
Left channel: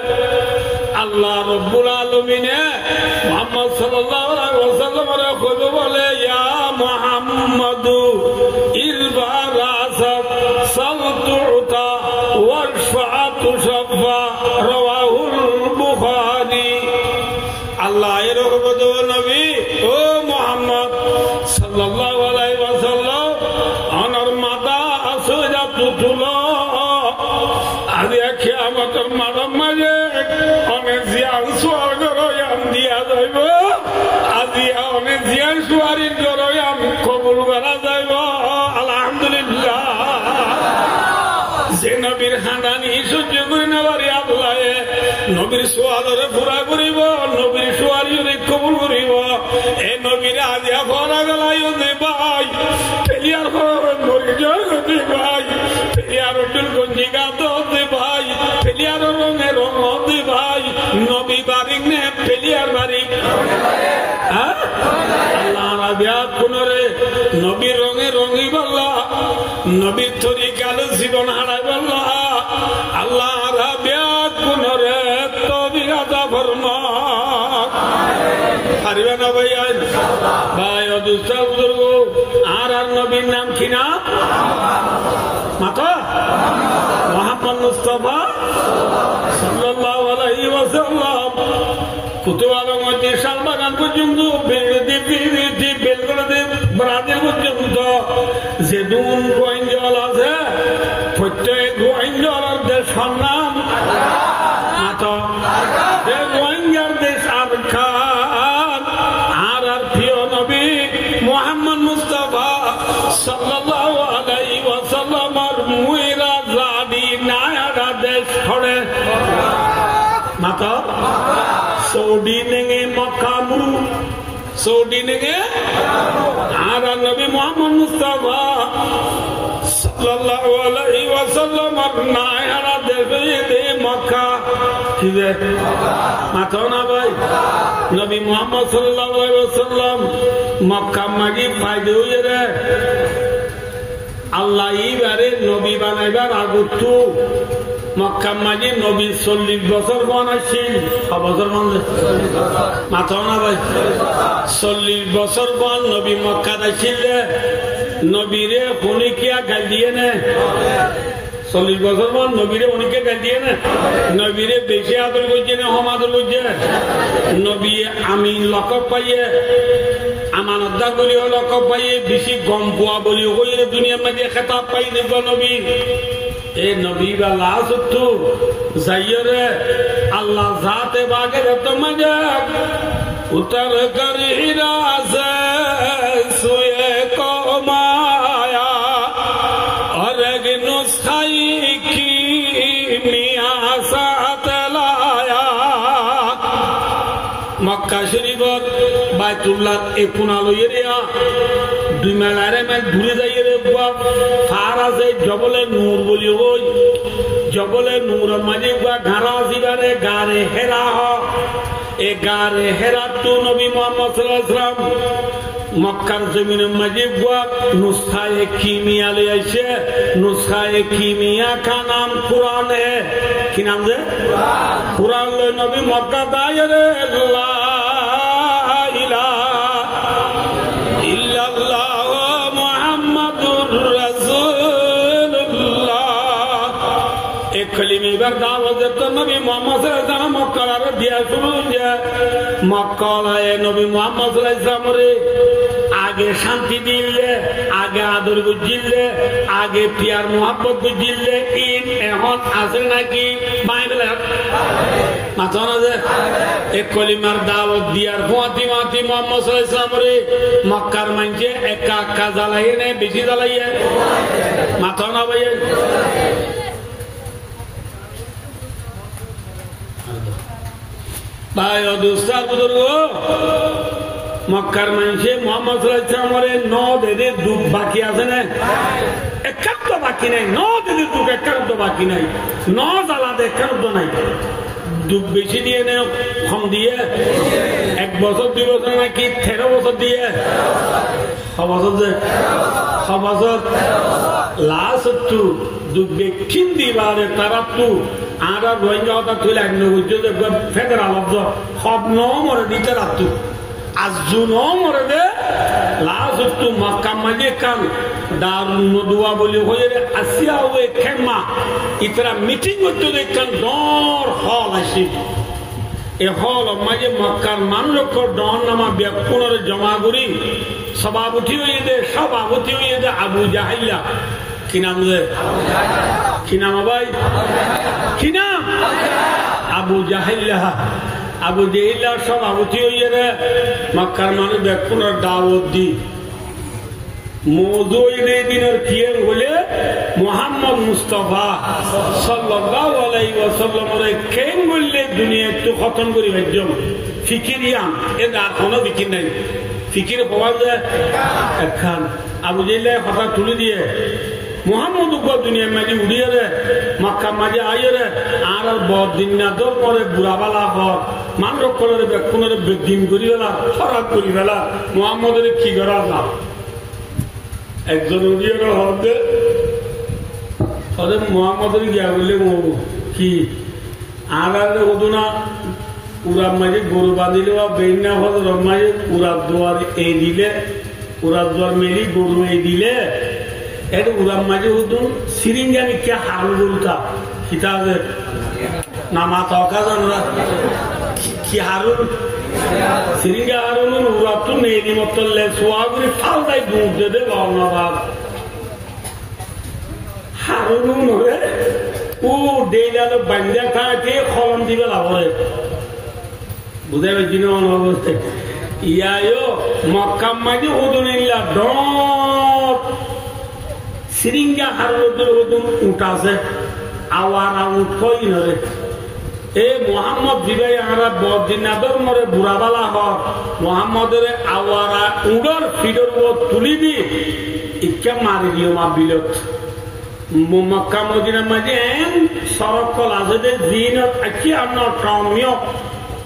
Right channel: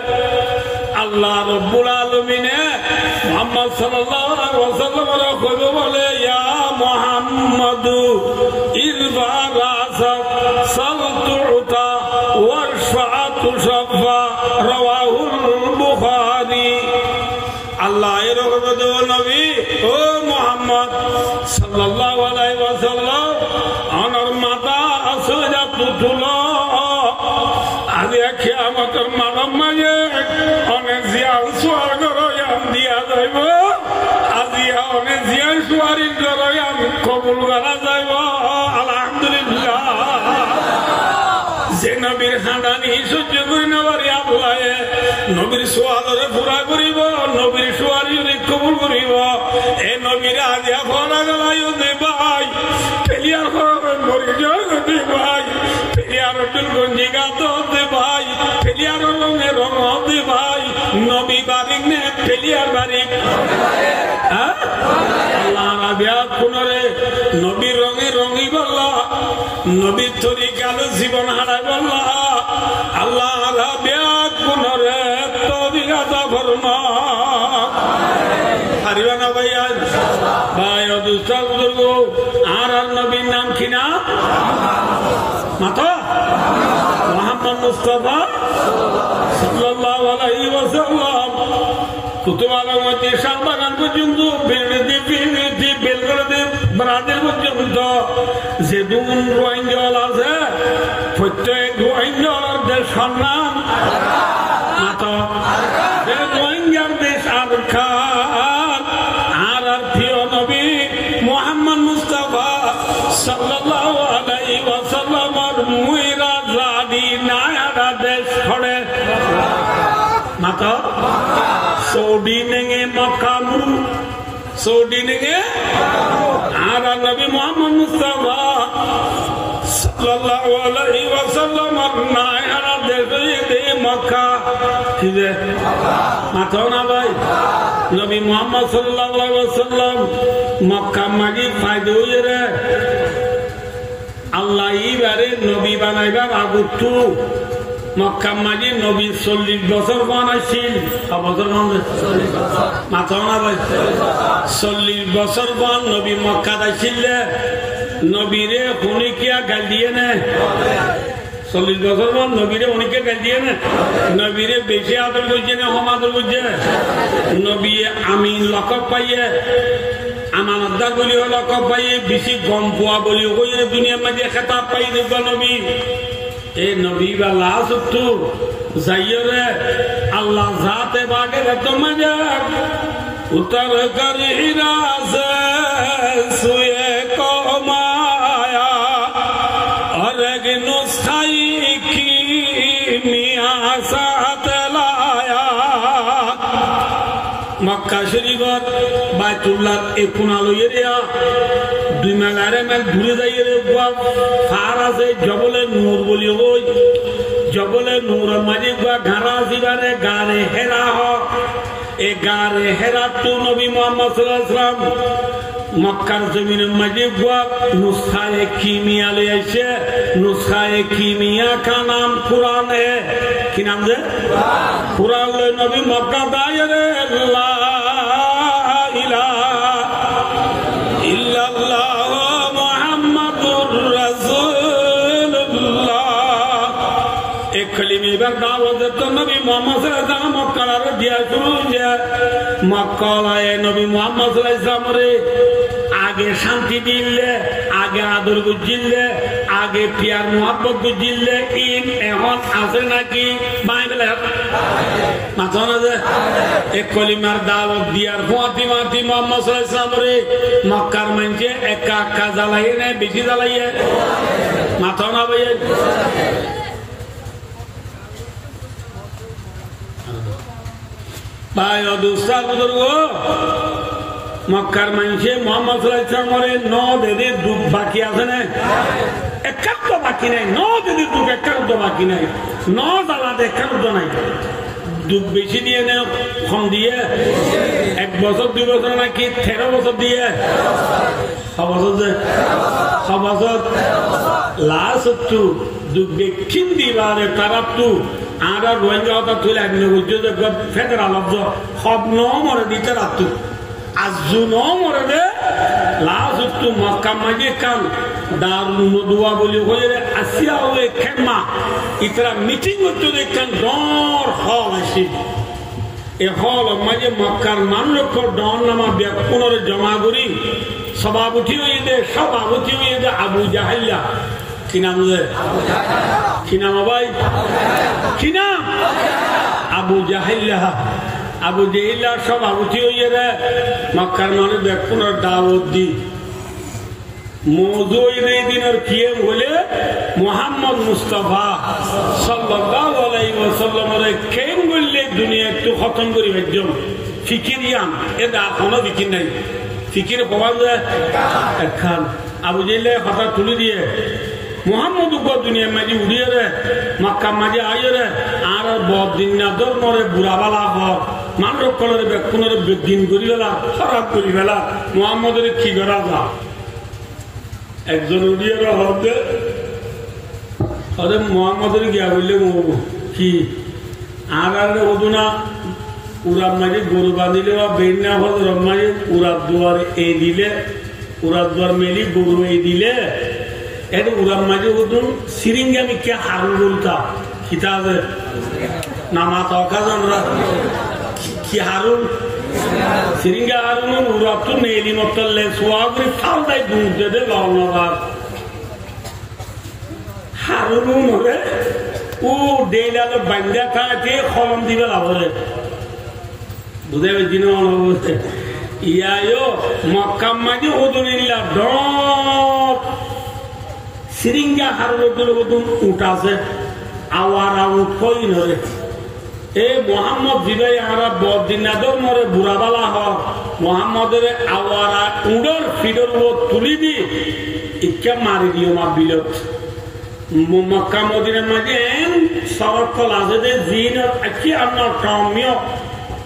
আল্লাহ রব্বুল আলামিনে মুহাম্মদ সাল্লাল্লাহু আলাইহি ওয়াসাল্লামের কইলো বলে ইয়া মুহাম্মাদু ইযবারাসাত সালতুতা ওয়াশফাআতু শাফা রাওয়াহুল বুখারী আল্লাহ এরকম নবী ও মুহাম্মদ সাল্লাল্লাহু আলাইহি ওয়াসাল্লাম আমার মাতা আসুজা তুতুলো আজি কিয়ামতের মানব মাঝে অনেক জিয়াল সুয়ার গরয়াম দিয়া যাইব আজি অনেক জিয়াল সুয়ারির গরয়াম কবুল করা যাইব আলহামদুলিল্লাহ যে নবীর হাঁদানি সহ্য করি নবারি আল্লাহ নবীর সোয়ালরে পুরা করিব নবীর সোয়ারি কবুল করিব এ নবীর আজি ফলা গেলাই দে ভাই পেলিয়ার মরি জগতে ভাই পেলিয়ার গঞ্জি গাত দে ভাই পেলিয়ার রঙে রঙ দে ভাই নবী বারিক নে পেলিয়ার বারিক আল্লাহ বিয়াত পুনরে নবীর রঙে রঙি বল্লা নবীর তরিকালে জীবন হারাই বল্লা আল্লাহ বিয়াত পুনরে তরিকা মুস্তাফার মত পারিবা না ভাই ভাই অদুস্তার বুজুর্গ আর নবীর নাম কি না মাতা মুহাম্মদ মুস্তাফা সাল্লাল্লাহু আলাইহি ওয়াসাল্লাম কুতুবার মধ্যে শালবাগান পর্যন্ত বেলগড়ে ব্রাজিল পর্যন্ত যে দুন রোহিঙ্গল আছে প্রত্যেক রোহিঙ্গলার দেশ নাম মাতা রোহিঙ্গার দেশ আর খান আর প্রিয় নবী মুহাম্মদ মুস্তাফা সাল্লাল্লাহু আলাইহি ওয়াসাল্লামের মুইরা জাদি নায়ারা দেশ ছড়ে মাতা সৌদি নেগে মক্কা মুরু সৌদি নেগে আর নবী মুহাম্মদ মুস্তাফা সাল্লাল্লাহু আলাইহি ওয়াসাল্লামের নায়ারা দেশে মক্কা কি যে মাতা না ভাই নবী মুহাম্মদ সাল্লাল্লাহু আলাইহি ওয়াসাল্লাম মক্কা মাগি ফায়দা হয়ে রে আল্লাহ ইবারে নবী বানাইবার আগতু মক্কা মাঝে নবী 40 বছর বানাইছিল বছর মাথা না ভাই 40 বছর বান নবী মক্কা দাইছিল নবীরে হনিকিয়া গাল দিয়ে না 40 বছর বান নবীরে হনিকে গাল দিয়ে না নবীরে বেশি আদর করছে না হম আদর করছে নবী আমি লকব পাইয়ে আমানতদার বলিও লকব পাইয়ে বেশি গম পোয়া বলিও কইরে দুনিয়ার মাঝে খেতাব পাই দেখবা নবী এ নবী বা লাসুতু যাইরে আল্লাহ জাতে বাগে তোমাজে উতর করি রাসে সুয়ে কমায়া আর এক নুসখাই কি মিয়া সাথ লায়া মক্কা শরীফত বাইতুল্লাহ এ কোনা লইয়া দুই মেলারে মেল ঘুরে যাইয়ে রে ফার আছে জবলে নূর বলি ওই জবলে নূর মাঝে ঘাড়া আসিবারে গারে হেরা হ এ গারে হেরা তো নবী মুহাম্মদ সাল্লাল্লাহু আলাইহি ওয়াসাল্লাম মক্কার জমিনের মাঝে নুসখায়ে কিমিয়া ले आइছে নুসখায়ে কিমিয়া का नाम कुरान है কি নাম রে কুরআন ले নবী মক্কা দায়রে লা ইলাহা ইল্লাল্লাহ মুহাম্মাদুর রাসূলুল্লাহ এক কলিমে দাওয়াত তো নবী মুহাম্মদ সাল্লাল্লাহু আলাইহি ওয়াসাল্লাম মক্কা দিয়া শুরু যে মক্কা আয়ে নবী মুহাম্মদ সাল্লাল্লাহু আলাইহি ওয়াসাল্লাম রে আগে শান্তি দিলে আগে আদর বুঝিলে আগে পিয়ার মোহাব্বত বুঝিলে এখন আছে নাকি বাইবেলে মাথা না যে এক কলিমার দাওয়াত দিয়ার ফাতিমা মুহাম্মদ সাল্লাল্লাহু আলাইহি ওয়াসাল্লাম রে মক্কার মানকে একা একা জ্বালাইয়ে না বেশি জ্বালাইয়ে মাথা না ভাই ভাই দুসরা বুজুর্গ মক্কার মানুষে মোহাম্মদ সাল্লাল্লাহু আলাইহি ওয়াসাল্লামের নদের দুধ বাকি আছে না একটা বাকি নাই নদের দুধ একটা বাকি নাই নদ আলাদা একটা নাই দুধ বেশি দিয়ে নেও কম দিয়ে 1 বছর 2 বছর নাকি 13 বছর দিয়ে বছর লাস্ট দুধ বেকিন দিবারে তারা তু আর রোহিঙ্গা হতা তুলে আগ্ন বুঝছো যে ফেডারাল অফ সব নমরে দিতে রাখতো আজু নমরে দে লাস্ট মক্কা মাঝে কান দারুন নদুয়া বলি হয়ে আসিয়া হবে খেমা ইতরা মিটিং হতো দেখেন ডর হল আসি এ হল মাঝে মক্কার মানুষ ডর নামা ব্যাপনের জমা করি সভাপতি হয়ে দে আবু জাহিল্লা কি নাম রে কি নাম ভাই কি নাম আবু জাহিল্লা আবু জাহিল্লা সভাপতি হয়ে রে মক্কার মানুষ ব্যাপনের দাওয়াত দি মৌজুদে দিনের কিয়ে বলে মুহাম্মদ মুস্তাফা সাল্লাল্লাহু আলাইহি ওয়াসাল্লামের কেন বললে দুনিয়া একটু খতম করি ভেজম ফিকিরিয়াম এর এখনো বিকির নাই ফিকির পাওয়া যায় একখান আবু জাহিল্লা কথা তুলে দিয়ে মুহাম্মদ দুনিয়া মাঝে উড়িয়ে রে মক্কা মাঝে আইয়ে রে আর বহুত দিন না দর পরে বুড়াবালা হর মানুষ কলরে ব্যাকুনের দিন করি বেলা খারাপ করি বেলা মুহাম্মদের কি করা না একজন উড়িয়ে হবে মোহাম্মদের গিয়া বললে কি আর ওদুনা উড়ার মাঝে গরু বাঁধিলে বা বেন না হল মাঝে উড়ার দুয়ার এই দিলে উড়ার দুয়ার মেলি গরু এই দিলে এটা উড়ার মাঝে হুদুন সিরিঙ্গানি কে হারুন গরুটা কিতাবে না মাথা জানা কি হারুন সিরিঙ্গা হারুন উড়ার তো মেলি মতলে সোয়াগুলি ফালদাই দুধ দেবে লওনাবাদ হারুন হলে ও ডেইলালে বান্ডা থাকে খলম দিবে লাভরে বুঝে পেয়েছি না অবস্থা ইয়ায়ও মক্কাম মাঝে ওদুনিল্লা ডট সিরিঙ্গা হারুন ওদুন উঠাছে আওয়ার আউট কই নরে এ মোহাম্মদ জিবাই আমরা বদিনাদর মরে বুড়াবালা হক মোহাম্মদের আওয়ারা উড়র ফিডর তুলি দি ইকা মারি দিও মা বিলত মক্কা মদিনার মাঝে সড়ক কল আছে যে জিন আছি আপনার টমিও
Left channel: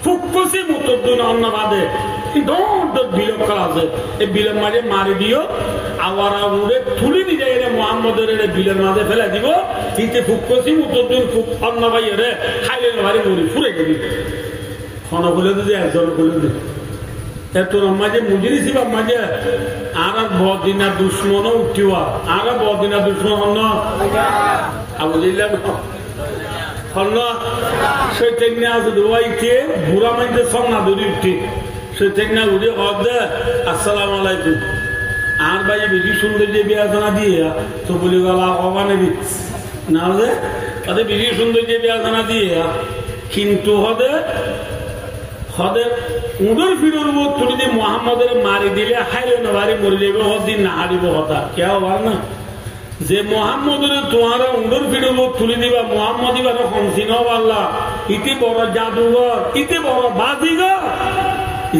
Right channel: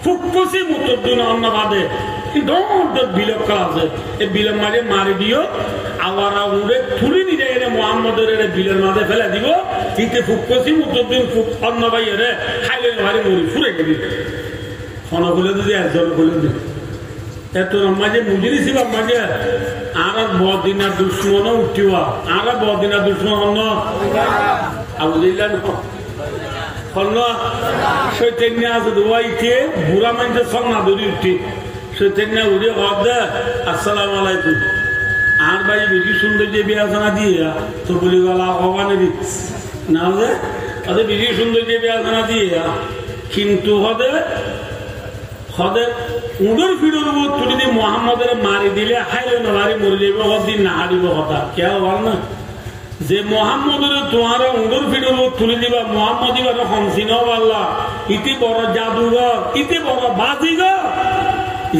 ফুকুসি মুতদ্দিন অন্নবাদে বিলোপ কল আছে এই বিলোপ মাঝে মারি দিও আওয়ারা উড়ে তুলি নিয়ে যায় মোহাম্মদের বিলের মাঝে ফেলে দিব কিন্তু ফুকুসি মুতদ্দিন অন্নবাই রে খাইলে ভারি মরি ফুরে গেলি ক্ষণ বলে দিদি একজন বলে দিদি এত মাঝে মুজিরি ছিল মাঝে আর বদিনা দুশ্মন উঠিওয়া আর বদিনা দুশ্মন হন আবুদিল্লা হন চৈতন্য আছে দোয়াইতে বুড়া মাঝে সন্না ধরি উঠি চৈতন্য উঠে হদে আসসালাম আলাইকুম আর ভাই বেশি সুন্দর যে বিয়াসনা দিয়ে তো বলি গলা অবানে দিচ্ছে না হলে তাদের বেশি সুন্দর যে বিয়াসনা দিয়ে কিন্তু হদে উদর ফিরোর তুলি দিয়ে মোহাম্মদের মারি দিলে হাইলে নবারি মরে যাবে হদিন না হারিব হতা কে হবার না যে মোহাম্মদের তোমার উদর ফিরোর তুলি দিবা মোহাম্মদ ইবার হংসিন আল্লাহ ইতি বড় জাদুঘর ইতি বড় বাজিঘর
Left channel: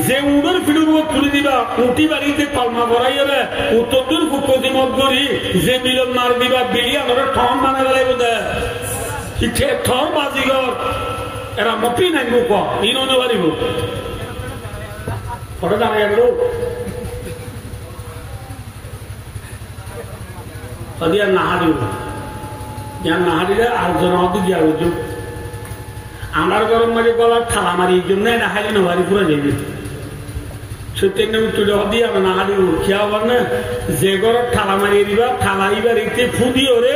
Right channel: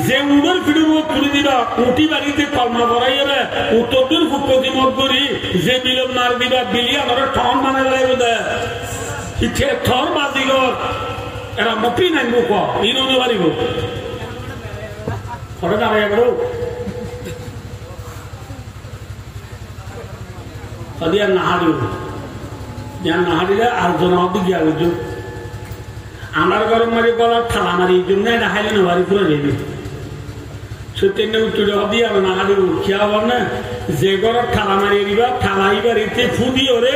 যে উদর ফিরোর তুলি দিবা উঠি বাড়িতে কলমা করাই হলে উত্তর ফুকতি মধ্যরি যে বিলম মার দিবা বিলি আমার ঠন মানে লাগবে দেয় ইঠে ঠন বাজিঘর এরা মতি নাই মুখ ইনো পারিব ঘরে দাঁড়াইয়া বেরো তাদের আর নাহারিব যার নাহারিরা আর জনমতি গিয়া বুঝো আমার গরম মারি গলার থালা মারি এই জন্য এটা হাইলে নোয়ারি করে যাইবে সত্যি তুলে দিয়ে আর নাহারিব খেয়া হবার না যে গড়ের থালা মারিয়ে দিবা থালা ইবার ইতে ফুদি ওরে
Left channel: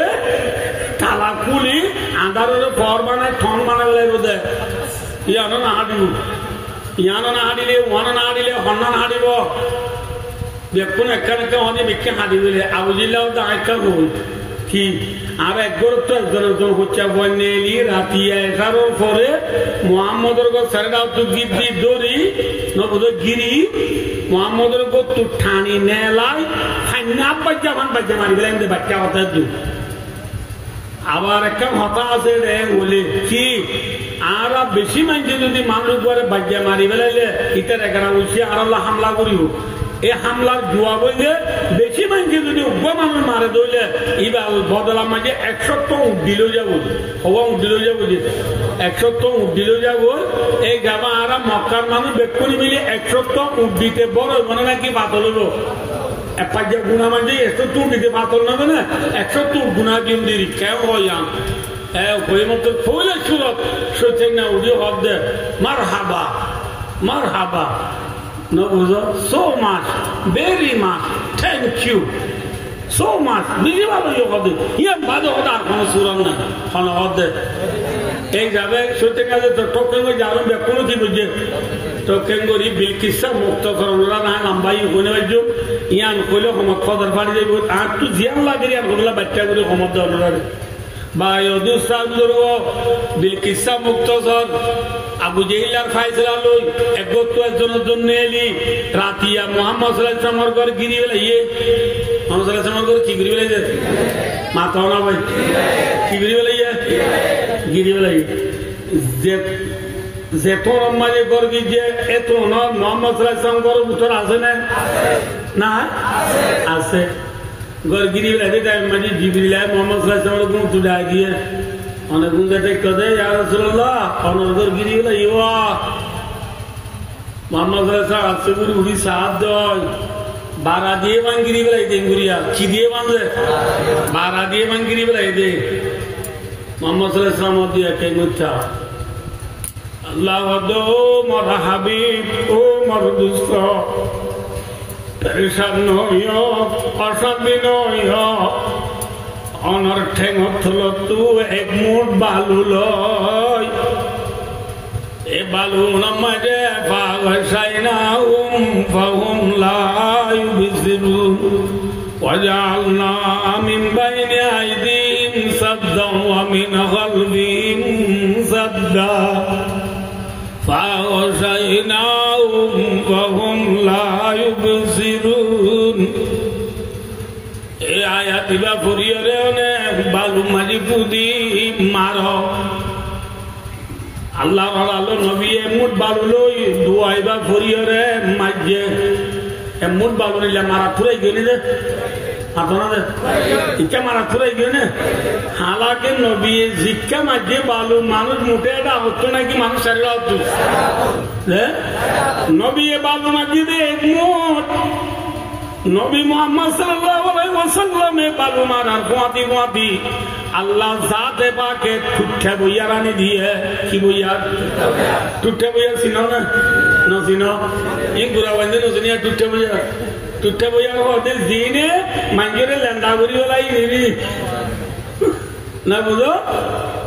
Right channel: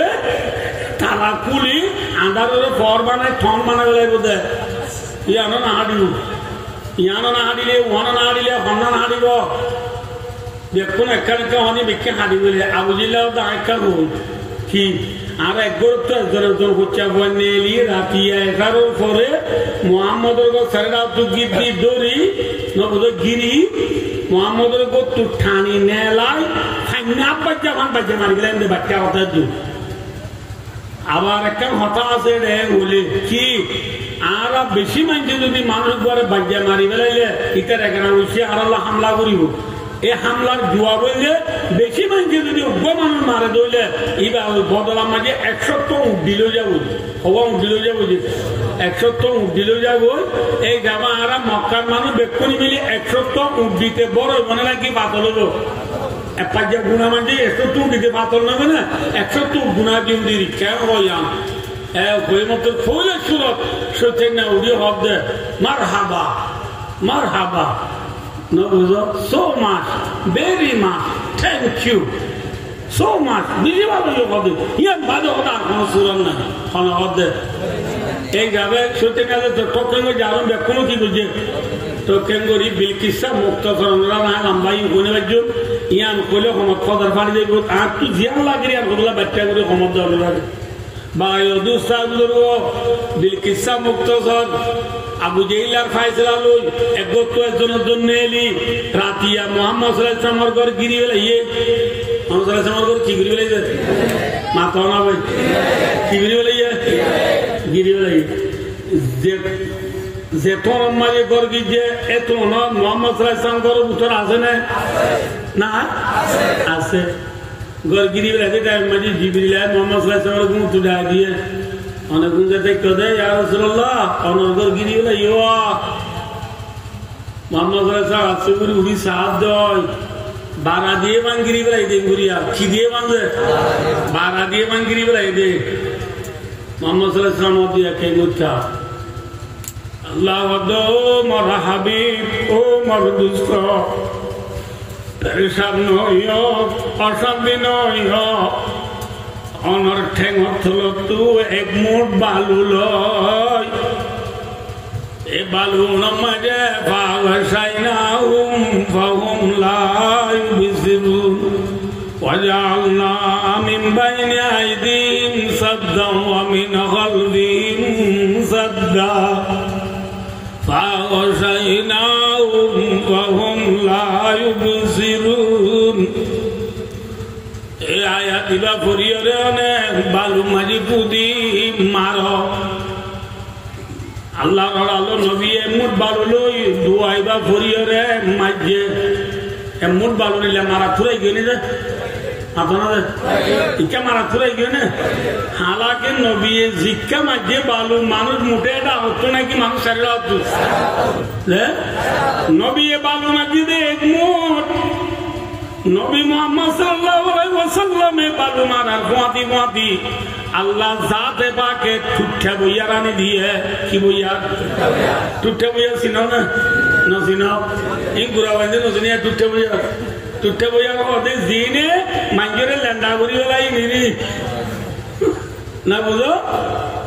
থালা খুলি আন্ধারের পর বানায় ঠন বানাবে লাগবে দেয় ইয়ানো না হাঁটিব ইয়ানো না হাঁটিলে ওহানো না হাঁটিলে হন্না না হাঁটিব দেখুন একটা বিকা হনি বিকে হাঁটিবে আবুজিল্লাও তো একটা বই কি আর একবার তো একজন হচ্ছে বন্যেলি রাতি 11 পরে মোহাম্মদের ছেড়ে তো গিরি দড়ি নবুদ গিরি মোহাম্মদের তো ঠানি নেলাই ঠান্না বাচ্চা ভান বাচ্চা মারি গেলেন বাচ্চা হতে দু আবার একটা হতা আছে রে বলি কি আর বেশি মানুষ যদি মানুষ ঘরে বাজ্যা মারি ফেলাইলে ইটার এখানে উঠছে আর হামলা করিব এই হামলার জুয়া বললে বেশি মানুষ যদি উগ্র মানুষ মারে দইলে এবার বদলার মাঝে 100 উঠ দিলেও যাবো হবা উঠ দিলেও যাবো যে 100 উঠ দিলেও যাবো এই যাবা আর মক্কার মানুষ বেক্ষণি মিলে 100 উঠ দিতে বড় মনে নাকি বাতল হলো পাঁচ গুণা মানে 100 দিতে বাতল নেবে না 100 গুণা কিন্তু কেউ হয় ওই মতো ফুলে সুরত সত্যি না উড়িয়ে হব দে মার হাবা no so much very much thank you so much বুঝি ভালো হবে ইয়ার বাদে ওটা আর কোনো সুরন নাই কোনো হদে এই যাবে সত্যি কাজে তো টোকেন যাবেন কোনো কি বুঝে টোকেন করি বিলকিসা মুক্ত করণরা না লম্বাই কোনে বাজু ইয়ান কইলে কোনো খবর পাড়ি যাইব আর তুই জিয়ান লাগি আর ওগুলা বাচ্চা করে ক্ষমতা অনুরাগে বা ইদু সাবলুর বিলকিসা মুক্ত কর আবু জেইলার ফাইসলা লই একজনের জন্য এলি রাতিয়া মোহাম্মদ সাল্লাল্লাহু ঘর গিরি বেলা মোহাম্মদ সাল্লাল্লাহু ঘর কি গিরি বেলা মাথা না ভাই কি গিরি বেলা গিরি বেলা যে তোর মাঝে ঘর গিয়ে এত না মোহাম্মদ সাল্লাল্লাহু ঘর উত্তর আছে না আছে ঘর গিরি বেলা টাইম মাঝে জিবরিল মোহাম্মদ সাল্লাল্লাহু ঘর তুলে দিয়ে অনেক গুণ টেক্কা দেয় ইয়া রাসূলুল্লাহ অনর্গর গিরি বলে ইয়া মোহাম্মদ রাসূল আসছে গুরি উড়ি সাহাব দেয় বারা দিয়ে বাঙ্গিরি বলে এই গুরিয়া কি দিয়ে বাঁধে বারা দিয়ে বাঙ্গিরি বলে এই মোহাম্মদ সাল্লাল্লাহু আলাইহি ওয়াসাল্লাম দিয়ে টেঙ্গুচ্ছা আল্লাহ দো মর হাবিব ও মর দুষ্ট পেরেশান নইও অশান্তি নইও অনর ঠেঙর থল তু এক মুঠ বালু লয় এ বালু নমাজে পাগসাই না ফাহুম লা ইউবসিরুন ওয়াজআলনা মিন বাইনি আইদিহিম সাদ্দান ওয়া মিন খালফিহিম সাদ্দা ফাগসাইনাহুম ফাহুম লা ইউবসিরুন। এই আয়াত দিবা করিয়রে অনেক বালু মারি পুদি মার আল্লাহ আলো নবী এমুট বালু লই দুয়াইবা করিয়রে মাঝে এমুট বালু নিলে মারা খুঁড়াই গেলি রে আপনাদের ইকা মারা খুঁড়াই গেল না হালাকে নবী জিক্কা মাঝে বালু মানুষ মুঠে এটা হতো নাকি মানুষ সারা হতো নবী বালু মাঝে দে এক মুঠ নবী মুহাম্মদ সাল্লাল্লাহু আলাইহি ওয়াসাল্লাম বালু মারার গোয়াতি গোয়াতি আল্লাহ জাতে পাকে টুটে বইয়া রানি দিয়ে কি বইয়া টুটে বইয়া চিনো না নচিনো ই গুড়া বান্ধে নচিনিয়া টুটে বইয়া হতে জিনে মাঞ্জরে লেন্দা করি ওলাই নিনি না বুঝো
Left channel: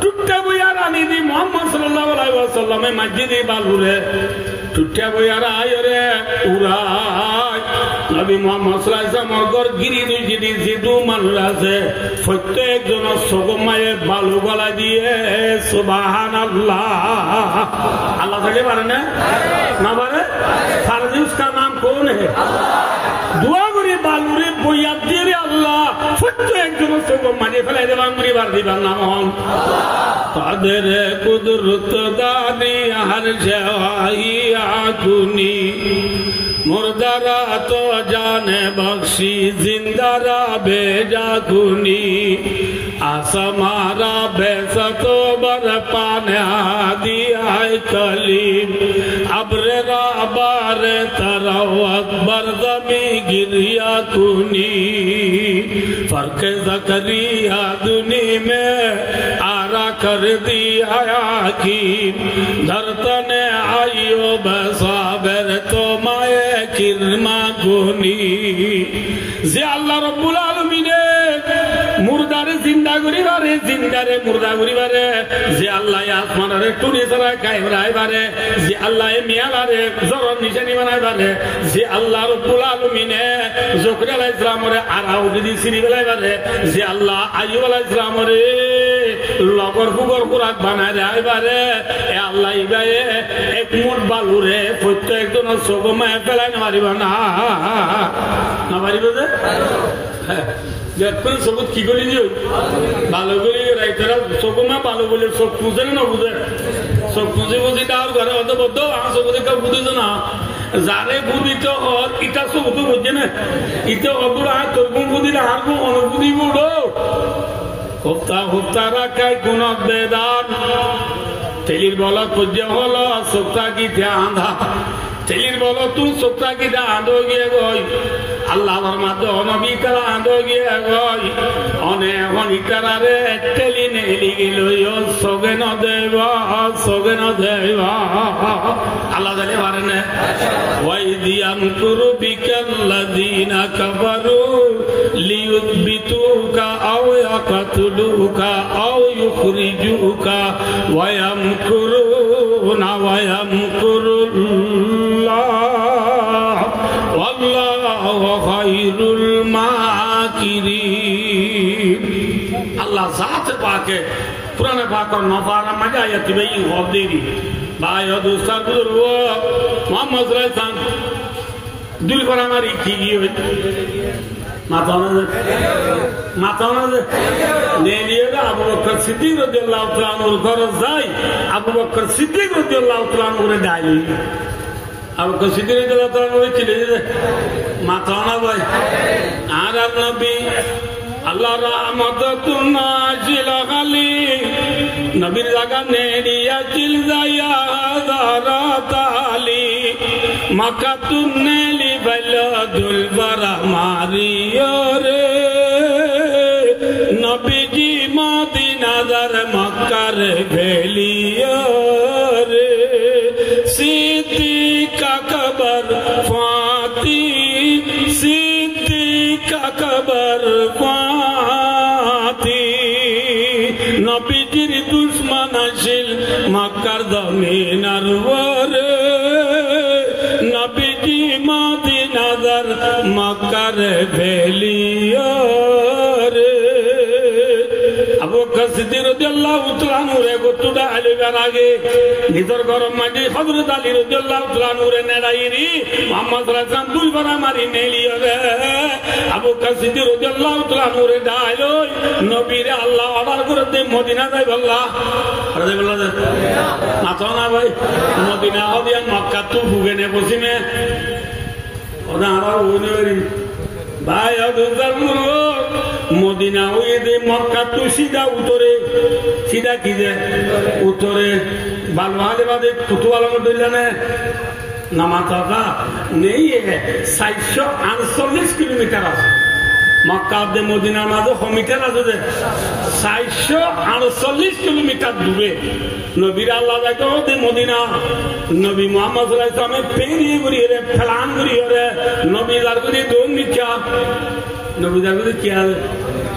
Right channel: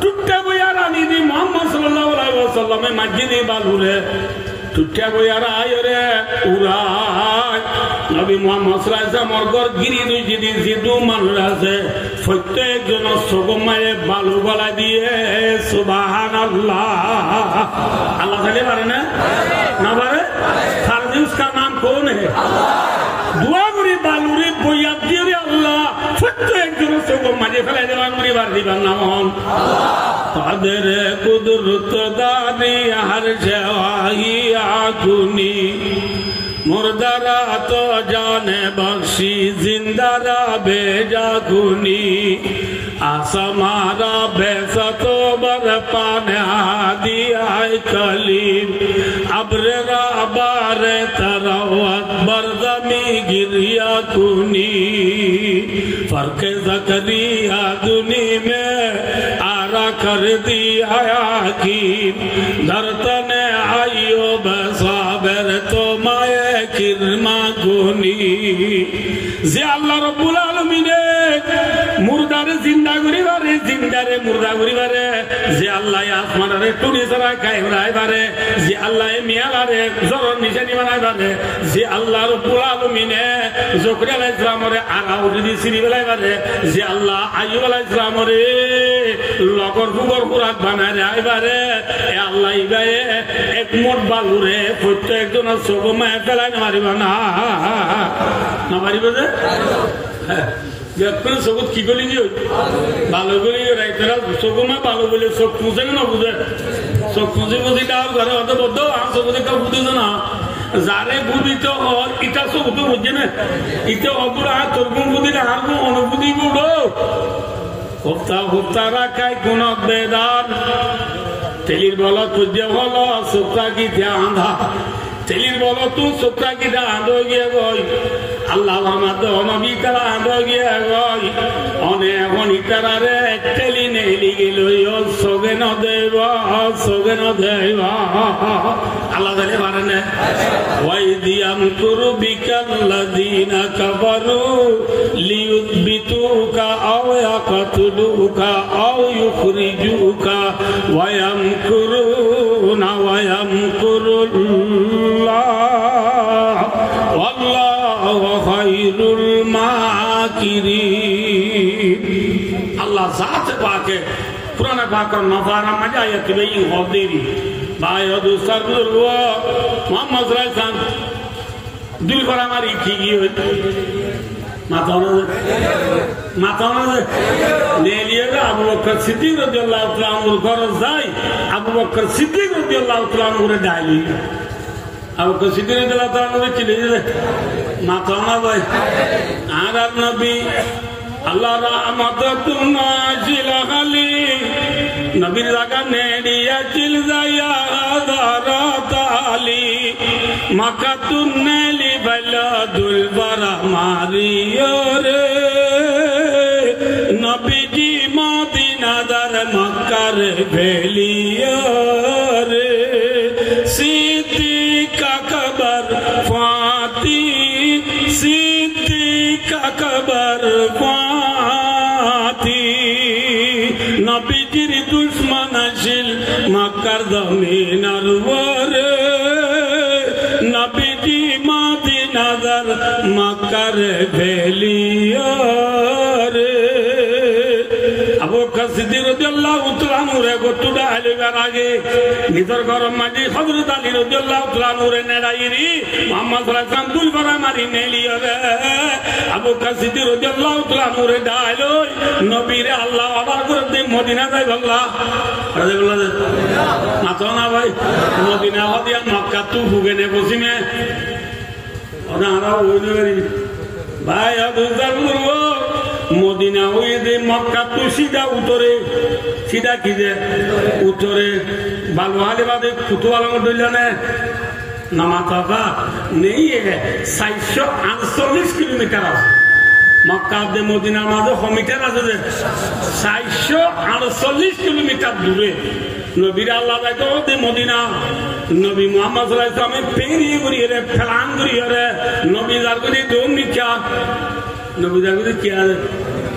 টুটে বইয়া রানি দি মুহাম্মদ সাল্লাল্লাহু আলাইহি ওয়াসাল্লামে মসজিদে বালুরে টুটে বইয়া রায়রে উড়ায় নবী মুহাম্মদ সাল্লাল্লাহু আলাইহি ওয়াসাল্লাম গর গিরি দুই যদি যেদু মানুষ আছে প্রত্যেকজন সগমায়ে বালু গলা দিয়ে সুবহানাল্লাহ আল্লাহ বলে পারে না না পারে সারজি उसका नाम कौन है दुआ करी बालुरे বইয়া দিয়ে আল্লাহ প্রত্যেকজন সগমায়ে ফেলে দেবান পরিবার দিবার নাম হন কাদের কুদরত দানি হর জওয়াহি আগুনি मुर्दारा तो जाने बख्शी जिंदारा बेजा गुनी आसमारा बेसा तो बर पाने दिया कलीम अब्रेरा बारे तरवत बरदमी गिरिया गुनी फर्क ज़करिया दुनी में आरा कर दिया याकीन धरतने आयो बसाबर तो माये किरमा गुनी जे अल्लाह रब्बुल आलमीने मुर्दारे जिंदा करी बारे जिंदारे मुर्दा करी बारे जे अल्लाह आसमानरे टुनी सरा कायराय बारे जे अल्लाह मियालारे जरन निशानी बानाय बारे जे अल्लाह रब्बुल आलमीने जकरिया अलैहिस सालामरे आराउ दिदि सिरि बेलाय बारे जे अल्लाह आय्यूब अलैहिस सालामरे লগর ফুগর খুরাক বানায় রায় বারে এ আল্লাহ ইবায়ে এক মুঠ বালুরে প্রত্যেকজন সগমায় ফেলাই না মারিব না মারিব যে যখন সবুজ কি করি ভালো করি রাইতারা সগমা ভালো বলে চোখ পুজে না বুঝে চোখ পুজি বুঝি তার ঘরে অত বদ্ধ আমার সবুজে কেউ বুঝেছে না যারে বুঝিত হর ইটা সবুজ বুঝছে না ইটা অদূর আর তোর বুঝিলে আর কোন অনুভূতি বুড়ো হুফতা হুফতা রাখায় কোন বেদান তেলির বল খুঁজে হল সুপ্তা কি আন্ধা তেলির বল তুই সুপ্তা কি আঁধো গিয়ে গই আল্লাহর মাধ্যমে নবী তারা আঁধো গিয়ে গই অনেক অনিতারে তেলি নেলি গেল সগে ন দেবা আল্লাহ জানে পারে না ওয়াই দিয়াম কুরু বিকাল্লাযিনা কাফারু লিয়ুথবিতুকা আও ইয়াকতুলুকা আও ইউখরিজুকা ওয়া ইয়ামকুরুনা ওয়া ইয়ামকুরুল্লাহ ওয়াল্লাহু খায়রুল মাকিরিন। আল্লাহ জাতে পাকে পুরানে পাকর নফারা মজা আয়াত বেই হদেরি ভাই দুস্তার বুজুর্গ মোহাম্মদ রাইসান দুই করা মারি কি হই মাথা লিয়ে আবু বকর সিদ্দিক রাদিয়াল্লাহু তাআলা আনহুর ঘরে যাই আবু বকর সিদ্দিক রাদিয়াল্লাহু তাআলা আনহুরে ডাইলি আবু বকর সিদ্দিক রাদিয়াল্লাহু তাআলা আনহু চলে যায় মাথা না ভাই আর নবী আল্লাহ রহমত নাজিল আলী নবীর লাগা নেড়িয়া চিল যাইয়া দারাতালি মাকাতুন নেলি বলদুল বারা মারিও রে নবীজি মদিনা দার মক্কার ভেলিও রে সিদ্দিক আকবর পাতি নবীজির দুশ্মন আসিল মক্কার জমিনার উপরে নবীজি মদিনার মক্কার ভেলিয়া রে আবু বকর সিদ্দিক রাদিয়াল্লাহু তাআলা নুরে গতুডা আলিবার আগে নিজর গরম মাঝে হযরত আলী রাদিয়াল্লাহু তাআলা নুরে নেড়াইরি মুহাম্মদ সাল্লাল্লাহু আলাইহি ওয়াসাল্লাম দুই বড় মারি নেলিও রে আবু বকর সিদ্দিক রাদিয়াল্লাহু তাআলা নুরে ডাইলো নবীরে আল্লাহ অর্ডার করে দে মদিনা যাই আল্লাহ রাদিয়াল্লাহু মাতো না ভাই মদিনা হদিয়া মক্কা তু হুগেনে বসিমে ওরা আরা ওইনি ভাই আদুজার মদিনা হয়ে দে মক্কা তো সিধা উত্তরে সিধা কি যে উত্তরে বালুহালে বাদে কুতুয়ালা ডইলানে নামাতা নেই 448 কিলোমিটার মক্কা দে মদিনার মাঝে কমিটার আছে যে 448 কিলোমিটার দূরে নবীর আল্লাহ যাইতো দে মদিনা নবী মুহাম্মদ সাল্লাল্লাহু আলাইহি ওয়াসাল্লাম পেরিয়ে ঘুরিয়ে রে ফেলান ঘুরিয়ে রে নবী যার করে দৌড় নিচা নবী যার করে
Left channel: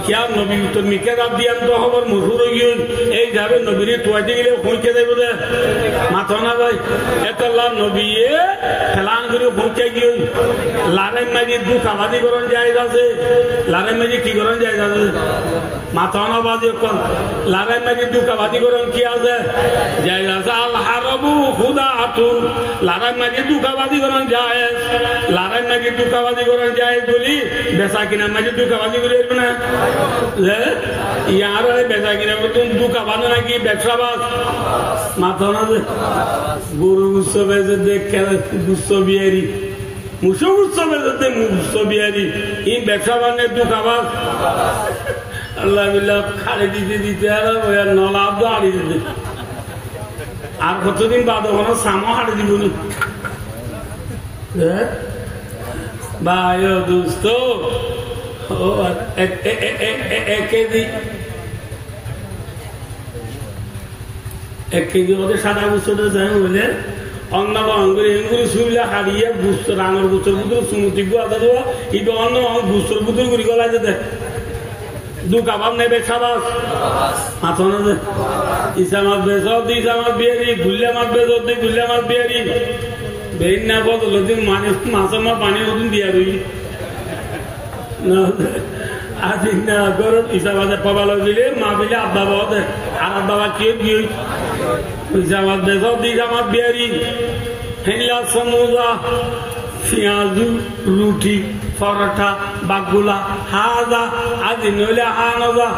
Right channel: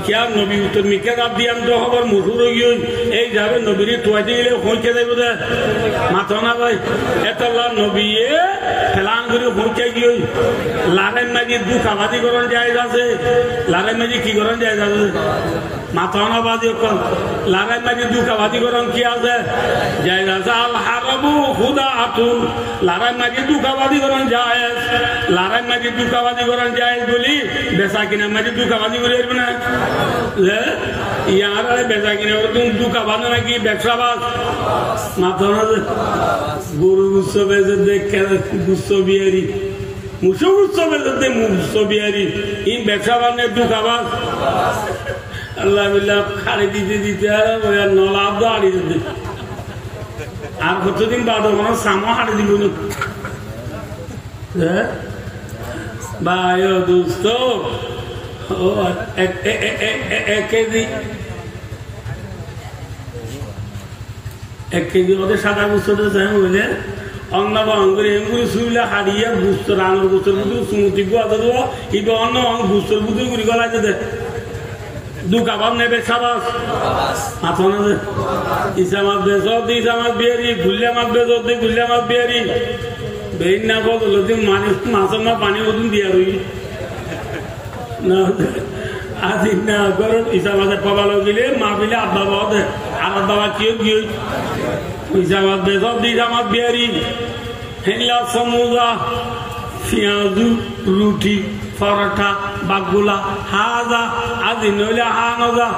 क्या नबी तो मिके रात दिया तो खबर मशहूर हो गई এই যাবে নবীর তোয়াতে গেলে পৌঁছে যাইব দে মাথা না ভাই এতলা নবী ফেলান করে পৌঁছে গিয়ে লারেন মাঝে দুঃখ আবাদি করণ যায় আছে লারেন মাঝে কি করণ যায় আছে মাথা না বাজি কোন লারেন মাঝে দুঃখ আবাদি করণ কি আছে যায় আছে আল হারবু খুদাতু লারেন মাঝে দুঃখ আবাদি করণ যায় লারেন মাঝে দুঃখ আবাদি করণ যায় বলি বেচা কিনা মাঝে দুঃখ আবাদি করে না यार बेचा कि तुम दुका बांधा ना कि व्यवसाबाज माथा ना गुरु गुस्सो बेचे देख गुस्सो बिहारी मुसो गुस्सो बेचे दे मुसो बिहारी इन व्यवसाबाज ने दुकाबाज अल्लाह बिल्लाह खाली दीते दीते यार नौलाब दो आड़ी दे আর কতদিন বাদ ওখানে সামো হাঁটে দিব ভাই দোস্ত এক কেজি ওদের সাদা বুঝতে হইলে অন্য অঙ্গুরি এঙ্গুরি শুইলে হারিয়ে বুঝতো আমার বুঝতে বুঝতে সুমতি কিন্তু অন্য বুঝতে বুঝতে গুড়ি গলায় যেতে দু কাবাব নেবে খাবাস মাথা না যে ইসা মাছ বেচ ইসা মাছ বিয়ারি গুল্লা মাছ বেচ গুল্লা মাছ বিয়ারি বেইন না বদল মানুষ মাছের মা পানি ওদিন দিয়া রই আজি না গরম হিসাবে পাবালো গেলে মা বিলে আব্বা বাবা আর বাবা কেউ গিয়ে হিসাবাদ বেসব দিসামাদ বিহারি হেলা সমুজা পেঁয়াজু রুটি পরোটা বাগুলা হাজা আজি নইলে হা নজা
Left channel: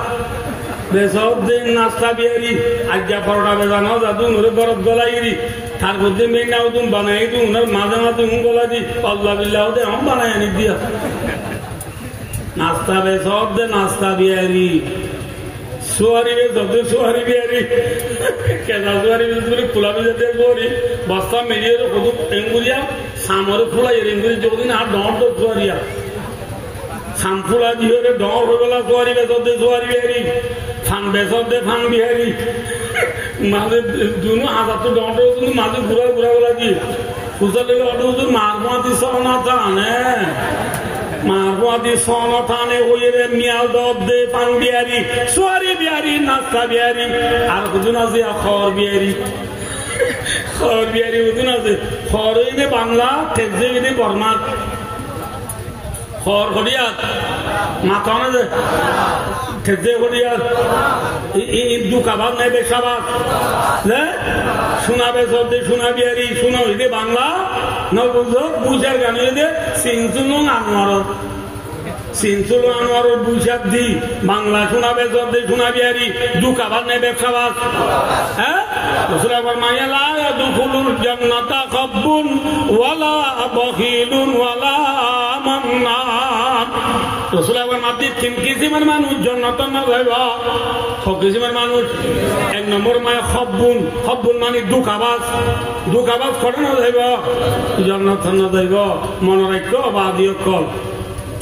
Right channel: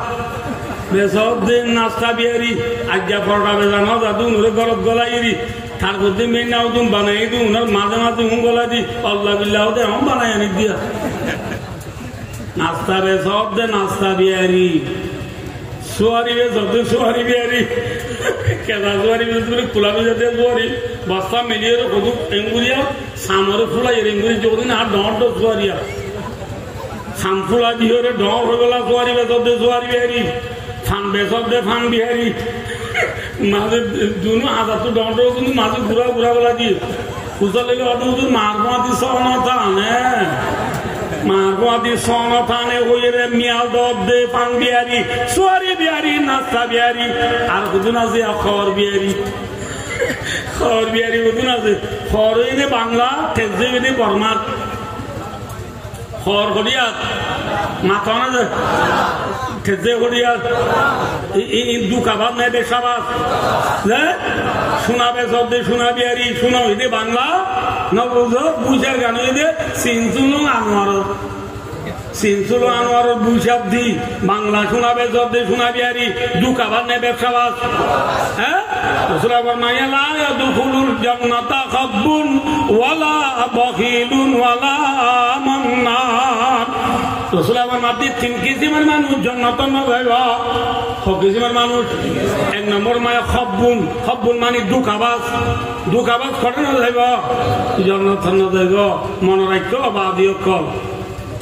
বেসব দিন নাস্তা বিহারি আজ্ঞা পরোটা বেজা নজা দু নরে গরত গলাইরি তার মধ্যে মেয়ে নাও তুমি বানাই দু উনার মাঝে মাঝে হুম গলা দি আল্লাহ বিল্লাহ দে আমি বানাই আনি দিয়া नाश्ता वे सब दे नाश्ता बिहारी सुहारी वे सब दे सुहारी बिहारी कैसा सुहारी वे खुला भी जाते सुहारी बस्ता मिलिए तो खुद एंगुरिया सामर फुला ये एंगुरी जो दिन आप डॉट दो सुहारिया साम फुला जी हो रे डॉट हो गला सुहारी वे सब दे सुहारी बिहारी फान वे सब दे फान बिहारी मारे दोनों हाथ तो डॉट हो तुम मारे बुरा बुरा वाला जी कुछ लेके आते हो तो मारवा दी सोना था ने मारवादी सोना थाने हुए रे मियाल दौद दे पान बिहारी सुहारी बिहारी नाश्ता बिहारी और खुदना से खौर बिहारी खुदना से खौर ने बांग्ला ठेजे ने बर्मा खौर खड़िया माथा ना जे ठेजे खड़िया दु कबाब नहीं बेचाबाज ले सुना बेचब दे सुना बिहारी सुना हुई बांग्ला न बुझो बुझार गानो दे सिंचुलो आনোয়ার বুঝার দি বাংলা শোনা বেচব দে শোনা বিহারি দু কাবার নে ব্যবসাবাজ হ্যাঁ রাসূলুল্লাহ ফরমায়া লা ইয়াদখুলুল জান্নাতা খাব্বুন ওয়ালা বখিলুন ওয়ালা মান্নান রাসূলুল্লাহ ফরমায়া তিন কিসিমের মানুষ জান্নাতে না যাইবা সব কিসিমের মানুষ এক নম্বর মায়া খাব্বুন মানে দুকাবাজ করে না যাইবা জান্নাতে না যাইবা মনে রাখো বাদিও কল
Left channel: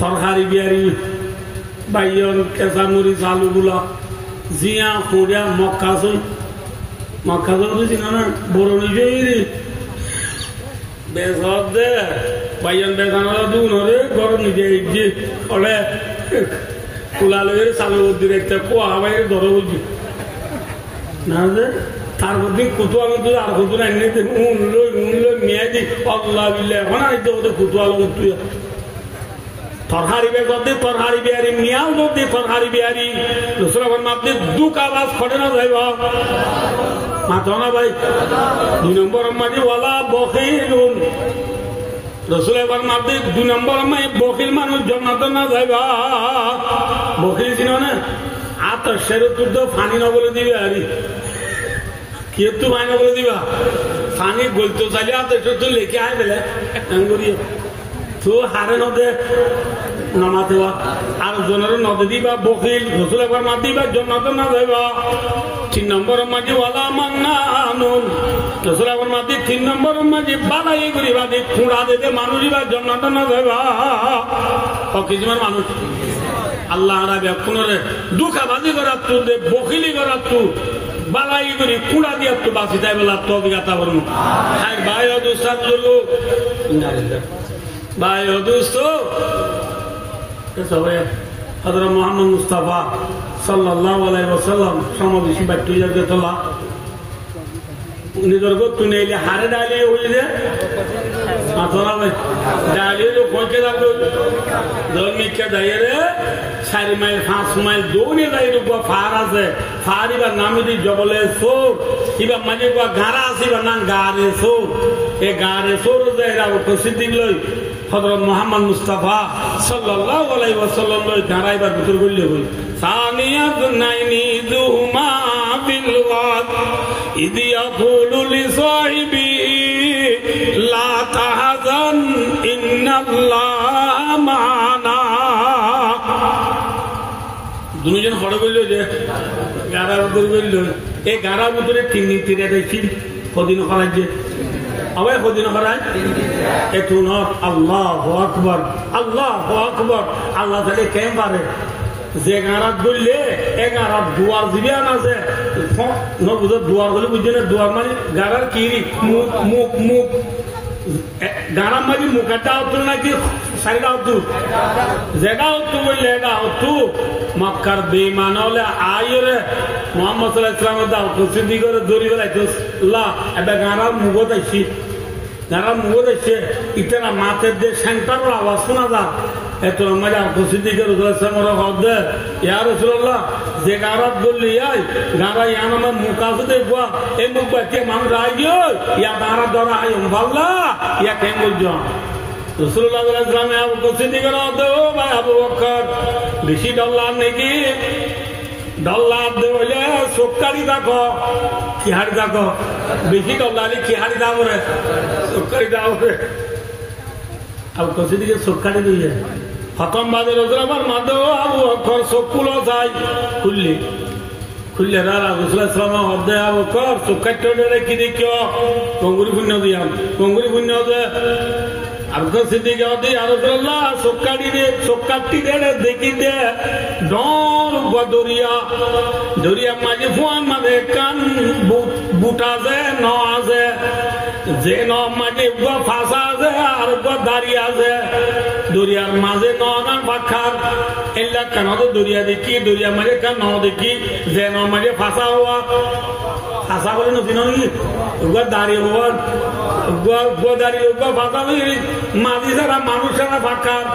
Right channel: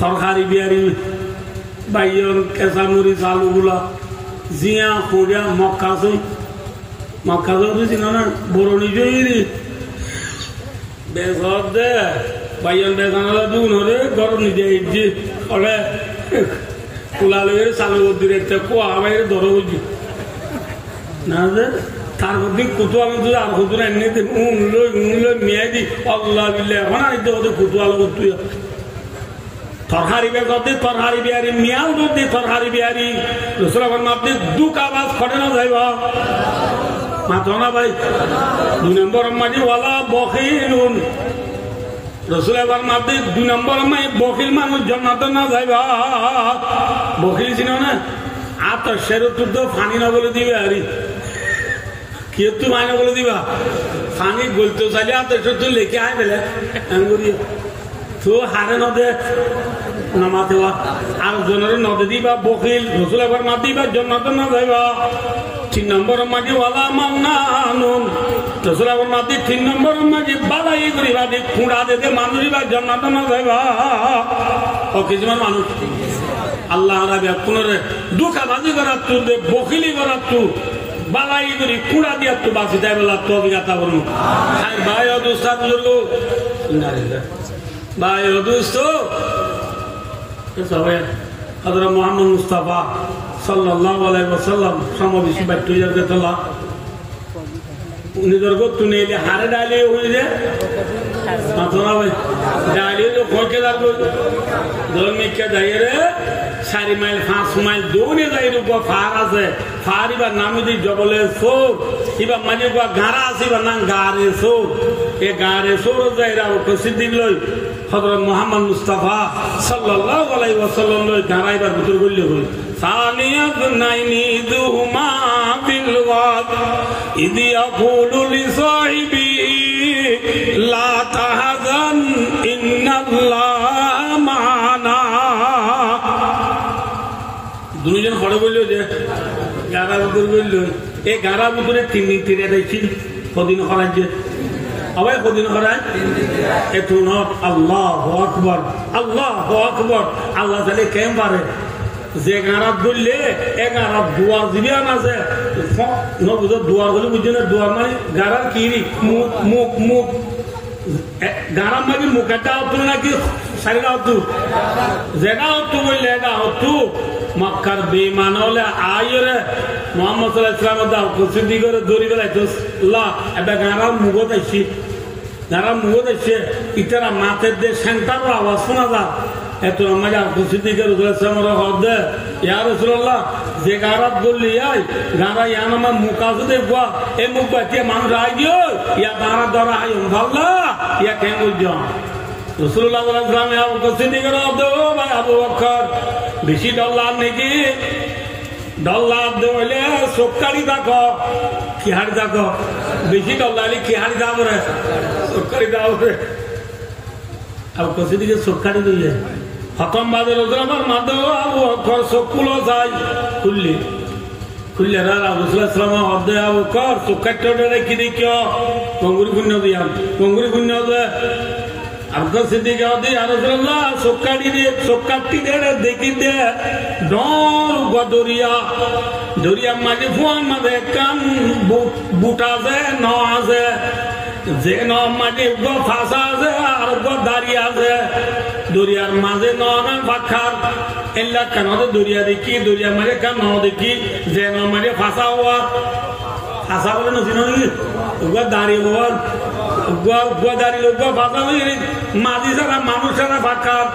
তরকারি বিহারি বাইয়ন কেঁচা মরিচ আলুগুলা জিয়া খুঁড়িয়া মক্কা বুঝি না বরণি জয়ী বেসব দে বাইয়ন বেসানো দুন হরে গরম নিজে যে হলে কুলালে চালু দিলে কোয়া বাইরে ধরো বুঝি না যে তার মধ্যে কুতুয়া কিন্তু আর কুতুরা এমনিতে উনলো মেয়ে দি অল্লাহ বিল্লে এখন আইতে ওদের কুতুয়া লোক তুই তরহারি বেগতে তরহারি বিহারি মিয়াল যদি তরহারি বিহারি রসুলের মাপতে দুঃখ আওয়াজ খটে না যাইব মাথা না ভাই 2 নম্বর মাঝে ওয়ালা বখিলুন রসুলের মাপতে 2 নম্বর মাই বখিল মানুষ জান্নাত না যাইবা বখিল ছিল না আর তো সেরো তুই তো ফানি না বলে দিবে আরি কি একটু মাইনা বলে দিবা ফানি গলতে চাইলে আর তো লেখে আয় বেলে করিয়ে তো হারে নদে নামাতে আর জনের নদে দিবা বকিল রসুল একবার মাত দিবা জন্নাত না যাইবা 3 নম্বর মাঝে ওয়ালা মান্নানুন রসুল একবার মাত 3 নম্বর মাঝে বালাই করিবা দি খুঁড়া দিতে মানুষ দিবা জন্নাত না যাইবা ও কিছুমান মানুষ আল্লাহ রাবে কোনরে দুঃখাবাজি করার তু দে বকিলি করার তু বালাই করি খুঁড়া দিয়া তু বাঁচি তাই বলা তো অভিজ্ঞতা করুন ভাই অদুস্তাদ বুজুর্গ ভাই অদুস্ত হযরত মুহাম্মদ মুস্তাফা সাল্লাল্লাহু আলাইহি ওয়াসাল্লাম সমাবেশী বাট্টু জায়গাতলা নিজের গত নেইলে হারে ডালে হইলে মাথা ভাই ডালে তো কইকে যাবো ধর্মিকা দাইরে 4 মাইল 5 মাইল দৌড়ে যাই রূপ ফার আছে ফারিবার নামে দি জবলে সোর কিবা মানে গাড়া আছে বা নাম গাড়ে সোর এই গাড়ে সোর যাইরা উপস্থিত লই হযরত মুহাম্মদ মুস্তাফা সাল্লাল্লাহু আলাইহি ওয়াসাল্লাম লই গাড়াইবার ভিতর গল্লে হই সানিয়াত নাইনি দুহুমা বিল ওয়াদ ইদি ইয়াকুলু লি সাহিবি লা তাহজান ইন্নাল্লাহা মা'ানা দুইজন খড়ে বলল যে গাড়া উপর বলল এই গাড়ার ভিতরে তিন দেখছি কদিন খরাজ যে আবার কদিন খরাজ একটু নট আল্লাহু আকবার আল্লাহু আকবার আল্লাহ তাহলে কেম পারে যে গাড়া ধরলে এ গাড়া দুয়ার দিবে না যে বুঝো দুয়ার বলে বুঝছো না দুয়ার মানে গাড়ার কি মুখ মুখ মুখ গাড়ার মানে মুখ একটা হতো নাকি সাইডা হতো যেটা হতো বললে এটা হতো মক্কার বেঈমান হলে আইরে মুহাম্মদ সাল্লাল্লাহু আলাইহি ওয়াসাল্লাম দাও কুসিদি করে দড়ি বেলাইতো লা এবে গাড়ার মুগত আইছি গাড়ার মুগত আইছে ইতারা মাথের দে সেন্টারের আওয়াজ শোনা যা এত মজা কুসিদি করে রাসূলুল্লাহ হদে ইয়া রাসূলুল্লাহ যে গাড়াত বললি আই গাড়া ইয়ান আমার মুকাজু দেখবা এই মুখ বাচ্চা মানুষ রাইও ইয়া দাঁড়া ধরা আই ভাল্লা ইয়া কেন বলছো রাসূলুল্লাহ সাল্লাল্লাহু আলাইহি ওয়াসাল্লাম কুসিদি করে দো ভাই আবু বকর বেশি ডল্লার নাকি ডল্লার দলে সকালি থাকো কি হাড়ি থাকো বেশি ডল্লালি কি হাড়ি দাও রে সকালি দাও রে আবু কুসিদিকে সকালি দিয়ে খতম বাদে রসুলাবার মাধ্যম আবু বকর সকুলো যাই খুললে রাসূলুল্লাহ হদে আবু বকর সকাটে ডরে কি দেখিও কঙ্গুরি পুণ্য দিয়াম কঙ্গুরি পুণ্য দে আবু সিদ্দিক হদে ইয়া রাসূলুল্লাহ সকাটি দে দেখি দে ডল দরিয়া মাঝে ফুয়ান মাঝে কান বুটা যে ন আছে যে ন মাঝে ফাঁসা আছে আর দাঁড়িয়ে আছে দরিয়ার মাঝে নান পাখার এলা কেন দরিয়া দেখি দরিয়া মাঝে কেন দেখি যে ন মাঝে ফাঁসা হওয়া ফাঁসা বলে নছিন দাঁড়িয়ে হওয়ার দাঁড়িয়ে ফাঁসা বুঝলি মাঝি ছাড়া মানুষ ছাড়া পাখার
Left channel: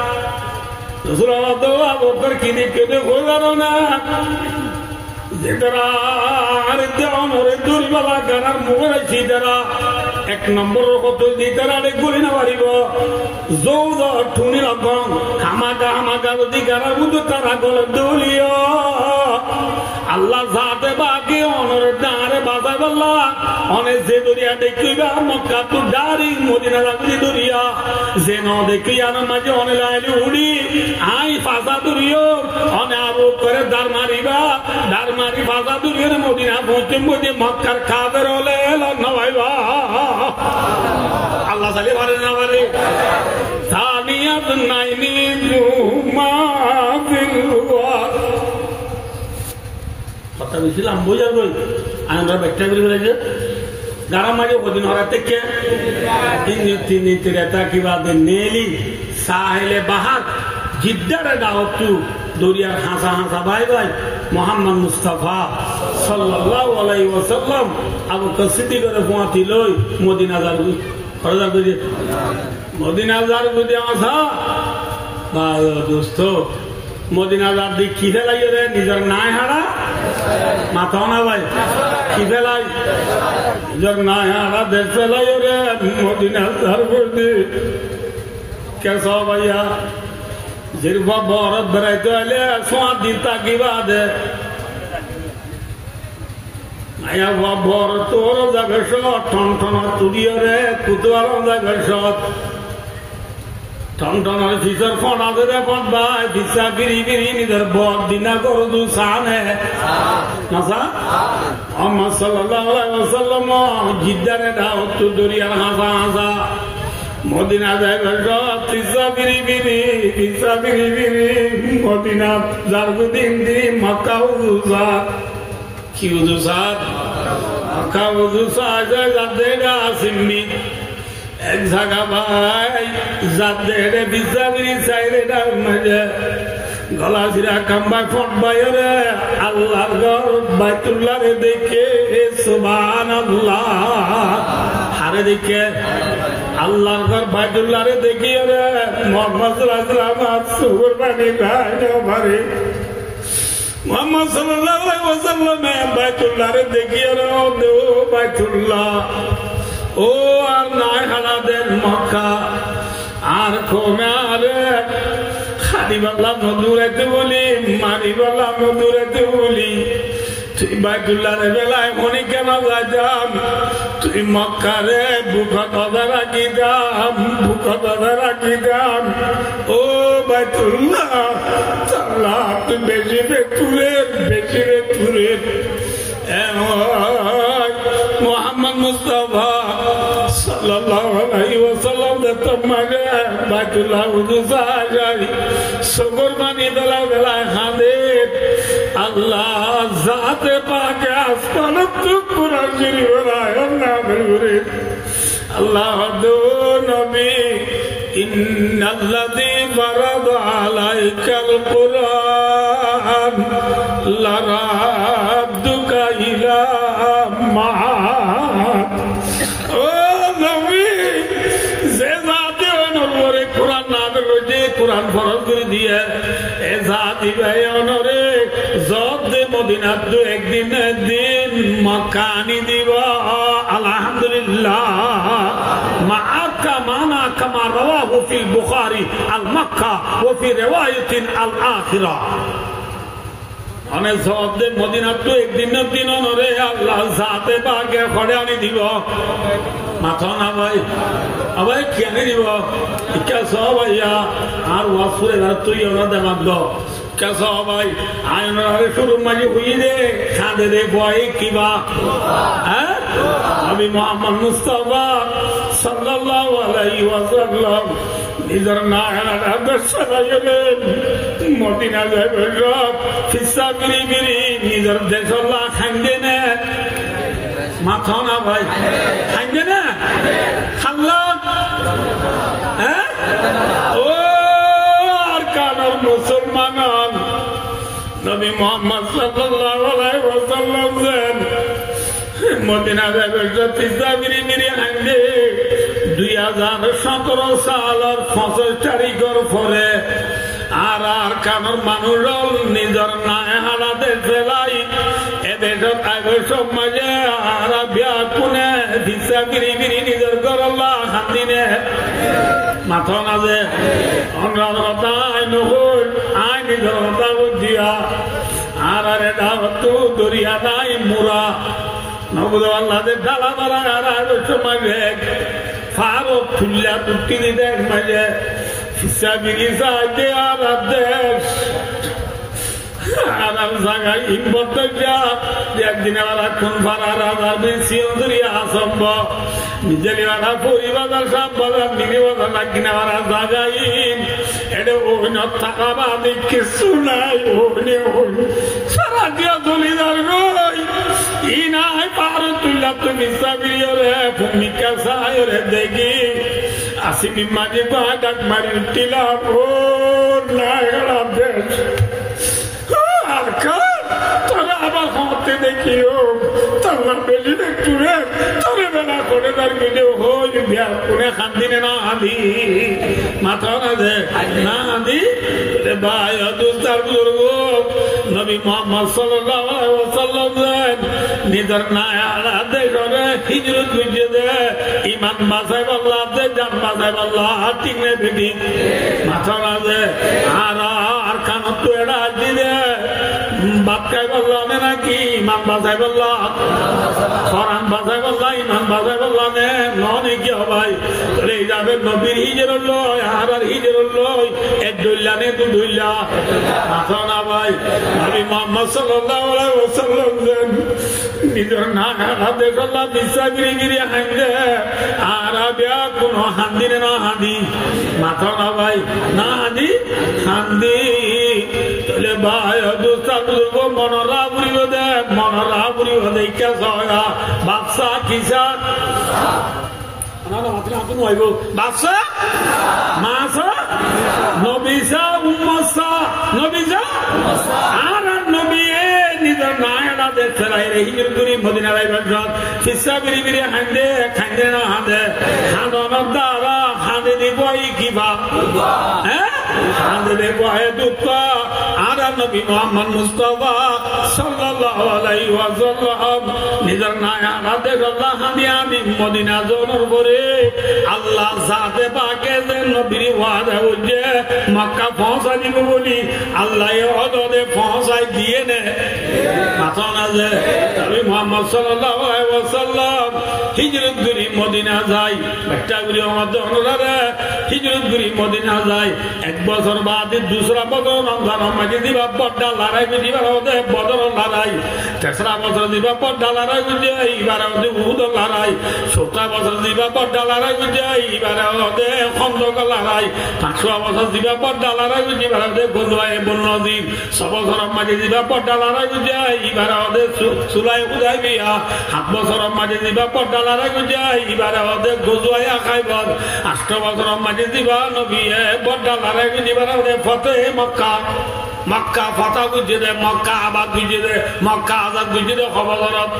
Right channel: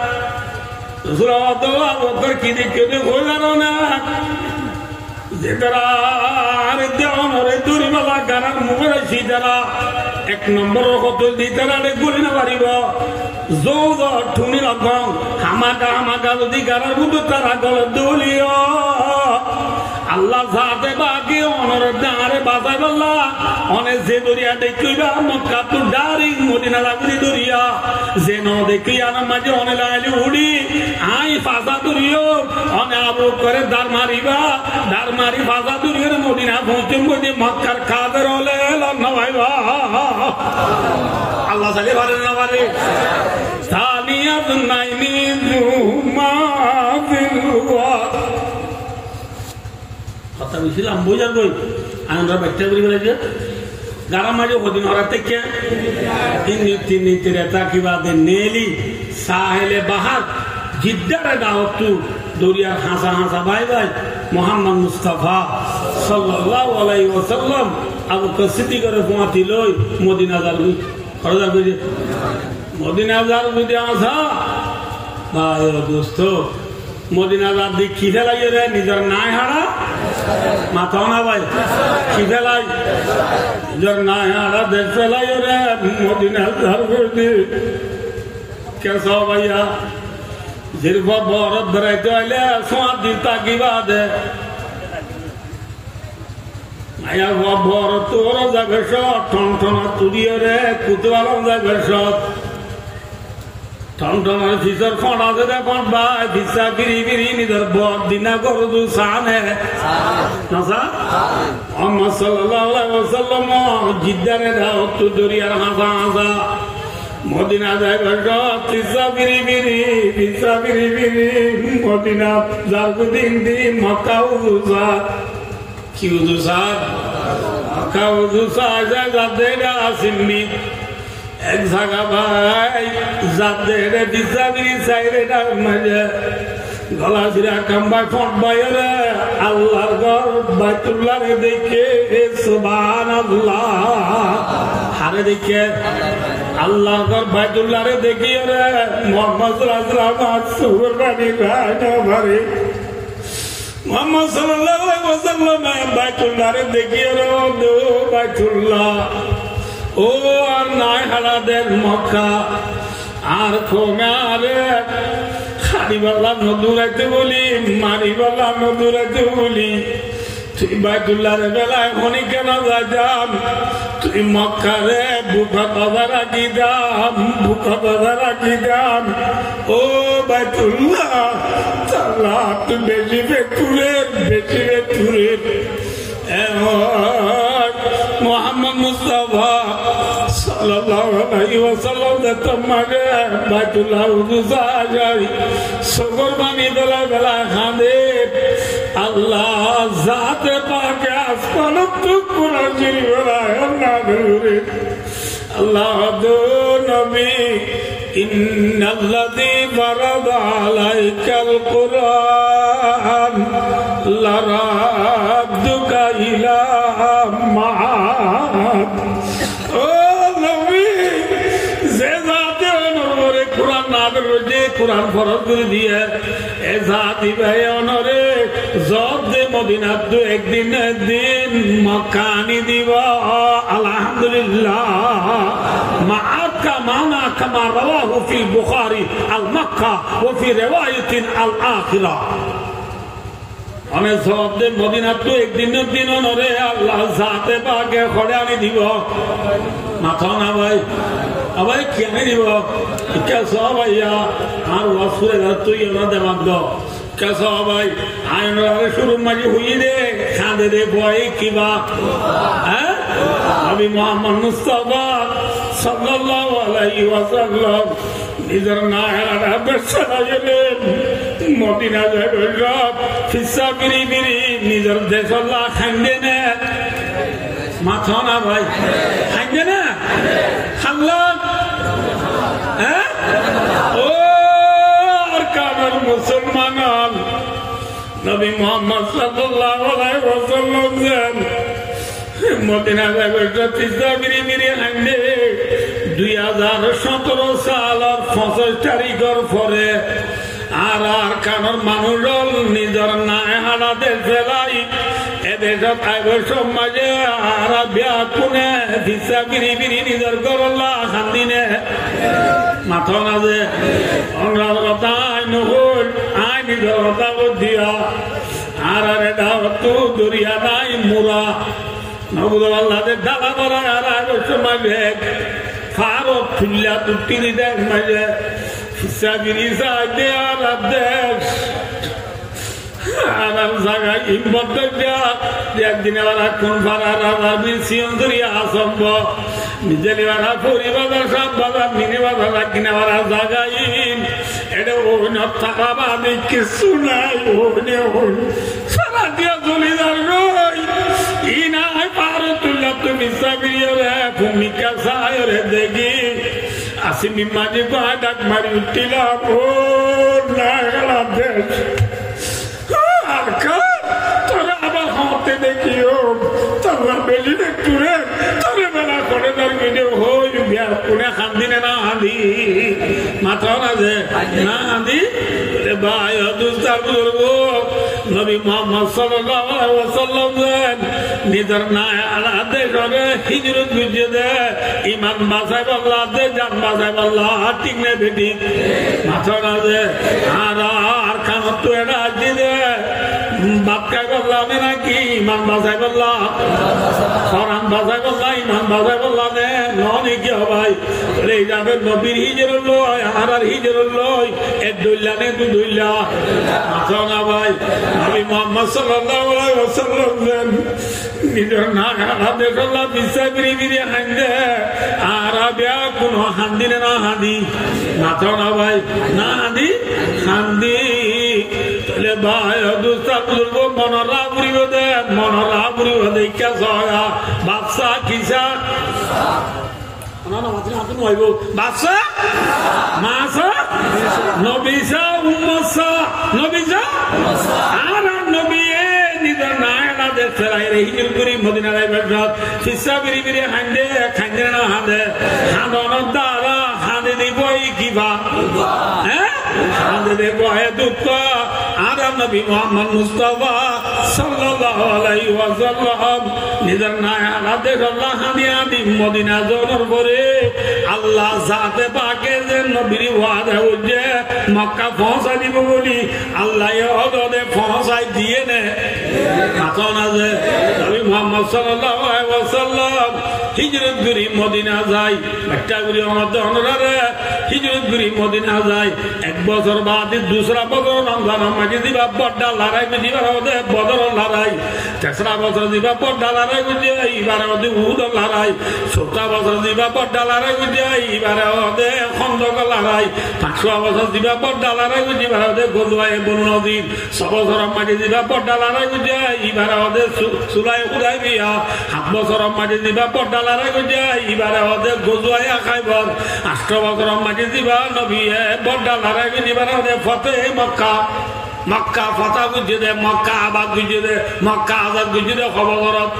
কি দেখে হয়ে গেল না যে তারা আরে দেওয়ারে দড়িবালা গানার মুখে আছি তারা 1 নম্বর কতল দিয়ে তারা গুলি না পারিব যৌদ ঠুনি লক্ষণ হামাকা যদি গানার মধ্যে তারা গলে দলিও আল্লাহ যাতে বাকি অনর ডাঁড়ে বাজাই বললা অনেক যে দরিয়া দেখিবা মক্কা তো ডারি মদিনা লাগি দরিয়া যে ন দেখি আর মাঝে অনে লাইলি উড়ি আই ফাঁসা দরিও অনে আবু করে দাঁড় মারি ফাঁসা দরিও মদিনা পৌঁছে মধ্যে মক্কার খাদের হলে নভাইবা আল্লাহ সালি ভালো না পারে সানিয়াত নাইনি জুমা বিলওয়া কথা বলছিলাম বোঝার বই আমরা ব্যাখ্যা করি বলেছে গাড়া মাঝে ওদিন হরা থেকে তিন কিবা নেলি সাহেলে বাহার জিদ্দারে দাওয়াতু দরিয়ার হাসা হাসা ভাই ভাই মোহাম্মদ মুস্তাফা সাল্লাল্লাহু আলাইহি ওয়াসাল্লাম আবু কাসিদি করে পোয়াতি লই মদিনা যাবি খরদার কইছে মদিনা যার যদি আসা ভাই ও দোস্ত মদিনা যার দিক কি ফেলাই রে নিজের নাই হারা মাথাও না ভাই কি ফেলাই নিজের নাই হারা দেশ ফেলাই রে মদিনা যার করবি কেস ভাইয়া যেরকম বরফ বেড়াইতে হইলে সোয়াদ দিতা কিবা দে মায়া বরফ তোর যাবে সব টন টন তুলিয়ে রে কুতুয়ার যাবে সব টন টন ফিসার ফোনা দে ভাই ফিসা গিরি গিরি নিধর বর দিনা করু দু সানে নাসা মোহাম্মদ সাল্লাল্লাহু আলাইহি ওয়াসাল্লাম জিদ্দারে দাওয়াত দরিয়ার হাসা হাসা মদিনা যাইবার সব ফিসা বিরি বিরি ফিসা বিরি বিরি মদিনা জারগুদিন দি মক্কা উজা কি উজা মক্কা উজা যায় যাদেরা আসেননি এক জায়গা ভাই যাদের ফিসা বিরি চাইরে ডাক মাঝে গলা জিরা কাম্বাই ফট বাইরে আল্লাহর ঘর বাইতুল্লাহরে দেখে সুবহানাল্লাহ হারে দেখে আল্লাহর ঘর বাইতুল্লাহরে দেখি রে মোহাম্মদ সুরবানি ভাই মোহাম্মদ সাল্লাল্লাহু আলাইহি ওয়াসাল্লাম বাইতুল্লাহরে দেখি রে ও বাইতুল্লাহ ও আর নাই হালাদের মক্কা আর কোমারে খারিবাল্লা নদুরাইতে বলি মারিবাল্লা নদুরাইতে বলি তুই বাইতুল্লাহরে বেলায় মনি কেন যাইতাম তুই মক্কারে বুকা কথা রাখি দাম বুকা কথা রাখি দাম ও বাইতুল্লাহ চাল্লাহ তুই বেশি বেতুরের মোহাম্মদ মুস্তাফা সাল্লাল্লাহু আলাইহি ওয়াসাল্লাম তোমারে বাইতুল্লাহ উজা যাই সুকুরবানি বেলায় বেলায় খাদে আল্লাহ জাতে পাকে আসমান তো কুরআন শরীফ বেলায় আল্লাহ বলে আল্লাহ দো নবী ইন্নাল্লাযী ফারাদা আলাইকাল কুরআন লারাদ্দুকা ইলা মাআদ ও নবী যে জাতে অনুরে কুরআন নাযিল হইছে কুরআন ফরজ করে দিয়ে এ জাতি ভাই অনরে জব দে মদিনা তো একদিন মক্কানি দিব আলহামদুলিল্লাহ মাআকা মানা কামা রাওয়াহু ফিল বুখারী আল মক্কা ওয়া ফি রিওয়ায়াতিন আল আখিরা অনেক জবাব দে মদিনা তো একদিনের দিন অনরে আল্লাহ জাতে পাকে খড়ে আনি দিব মাথা না ভাই আবার কেন দিব কেস ভাইয়া আর ওয়াসুরে তুই ওরা দেবাক দ কেস ভাই আয়নারে শুরু মাঝে হুই রে খাঁদে রে ভয় কিবা হ্যাঁ নবী মুহাম্মদ মুস্তাফা সাল্লাল্লাহু আলাইহি ওয়াসাল্লাম নিজের না হারা ব্যবসা গেলেন মদিনা যাবে সব ফিসা বিরি বিরি নিজের দেশল্লাহ খাইন্দে না মাথা না ভাই খাইন্দে না খাল্লাম হ্যাঁ ও আর কারণ মুসলমান নবী মুহাম্মদ সাল্লাল্লাহু আলাইহি ওয়াসাল্লাম মদিনা যাবে ফিসা বিরি বিরি খাইন্দে 2017 সালের 25 তারিখের পরে আর কারণ মানুষ নিজের নাই হারাদের ফেলাই এদের সমাজে আর বিয়া কোনে ভিসা বিরি বিরি নিজের গরল্লা খান্দিনে মাথা না যে অনুরাধা আই নহল আই নিজের কথা দিয়া আর এটা তো দরিয়া নাই মুরা নবুদ আল্লাহদের ডালা বলা আর সমাজে ফারো ফুল্লা তুটি দেখ মাঝে ফিসাগিরি সাহায্যে আর দেশ আর জায়গায় হিম্মত একদিন আবার কোন ভাড়া রাজা সিয়ন্দরিয়া আসম্ভ নিজেলি বাধা পরিবাজার সব বাজার মিনি বাধা লাগিনা বাধা জায়গায় এটা ওইন থাকা বাদে কিছু নাই ওইনে ওই সারা দিয়া জলিদার গই ই না হয় পারো তুইলা তুমি সাবিরে ভূমিকা সায়রে দেখি আসিমি মাঝে বাঁ ডাক মারি উঠিলাম ও নায়রা দেশ আর তোরা আবার হতে দেখিও তোরা বেশি একটু রে তবে বেলা করে তার ভিডিও হই বিয়ার কোনে খান্দিনে না হাঁদি মাথাও না যে না হাঁদি ভাই দুস্তার বুজুর্গ নবী মোহাম্মদ সাল্লাল্লাহু আলাইহি ওয়াসাল্লাম নিজের নায়ালা দেশে হিজরত বুঝিয়ে দে ইমান বাঁচাই বললা দে জান বাঁচাই বললা টিকনে বেটি মাথাও না যে আর কানত তো এটা দিলে বাক্যায় বললাম নাকি ইমান বাজাই বললাম কোরআন বাজাই বললাম ইমান বাজাই বললাম নয় কি ভাই এই যাবে নবীর হিজর লয় আর হিজর লয় এক দইলা নে দু দইলা মাথা না ভাই নবী মুহাম্মদ সাল্লাল্লাহু আলাইহি ওয়াসাল্লাম নিজের না হাতে করলাম বিশ্বাস বিড়ি হাঁদে আর বিয়া কোন হান্দিনে না হাঁদি মাথা না ভাই না হাঁদি হান্দি তাহলে ভাই দুস্তা বুঝব মনরা বুড়িব দে মনরা বুড়িব দেখা সহা বাচ্চা কিসা বাচ্চা মাসা নবিসা উম্মসা নবিসা আর নবী নিজের নায়না দেশে হিজর করি মদিনা রাইবার ফিসা বিড়ি বিড়ি হাঁদে খাঁদে না হাঁদে খাঁদনের দ্বারা হাঁদে দিব কিবা হ্যাঁ হাঁদে দেব দুঃখ আর নবী মুহাম্মদ মুস্তাফা সাল্লাল্লাহু আলাইহি ওয়াসাল্লাম নিজের নায়না দেশ আল্লাহ হাঁদি মদিনা জোর করে আল্লাহ জাতে পাকে যে নবীর ওয়াদা হচ্ছে মক্কা পৌঁছা দিব বলি আল্লাহ ওদে পৌঁছাই দিয়ে নে মাথা না যে নবী মুহাম্মদ সাল্লাল্লাহু আলাইহি ওয়াসাল্লাম হিজরত করে মদিনা যায় একটা করে আমাদের অনুরাগে হিজরত করে মদিনা যায় এক বছর বাদে দুসরা বছর রমজান মাঝে দিবা বড় লড়াই দিবা ওদের বদর লড়াই তেসরা বছর দিবা বড় লড়াই বুঝে এবার ওদের উহুদ লড়াই 17 বছর দিবা বড় লড়াই বুঝে এবার ওদের খন্দক লড়াই 500 বছর দিবা বড় লড়াই বুঝে এবার ওদের গজওয়ায়ে বনু নদীর 6 বছর মাঝে দিবা বড় লড়াই বুঝে এবার ওদের সুলাই হুদাইবিয়া 7 বছর মাঝে দিবা বড় লড়াই বুঝে এবার ওদের গজওয়ায়ে খাইবার 8 বছর মাঝে দিবা নবী বড় লড়াই বুঝে এবার ওদের ফতে মক্কা মক্কা ফতা বুঝে দে মক্কা আবাদ বুঝে দে মক্কা আজাদ বুঝে দে খবরত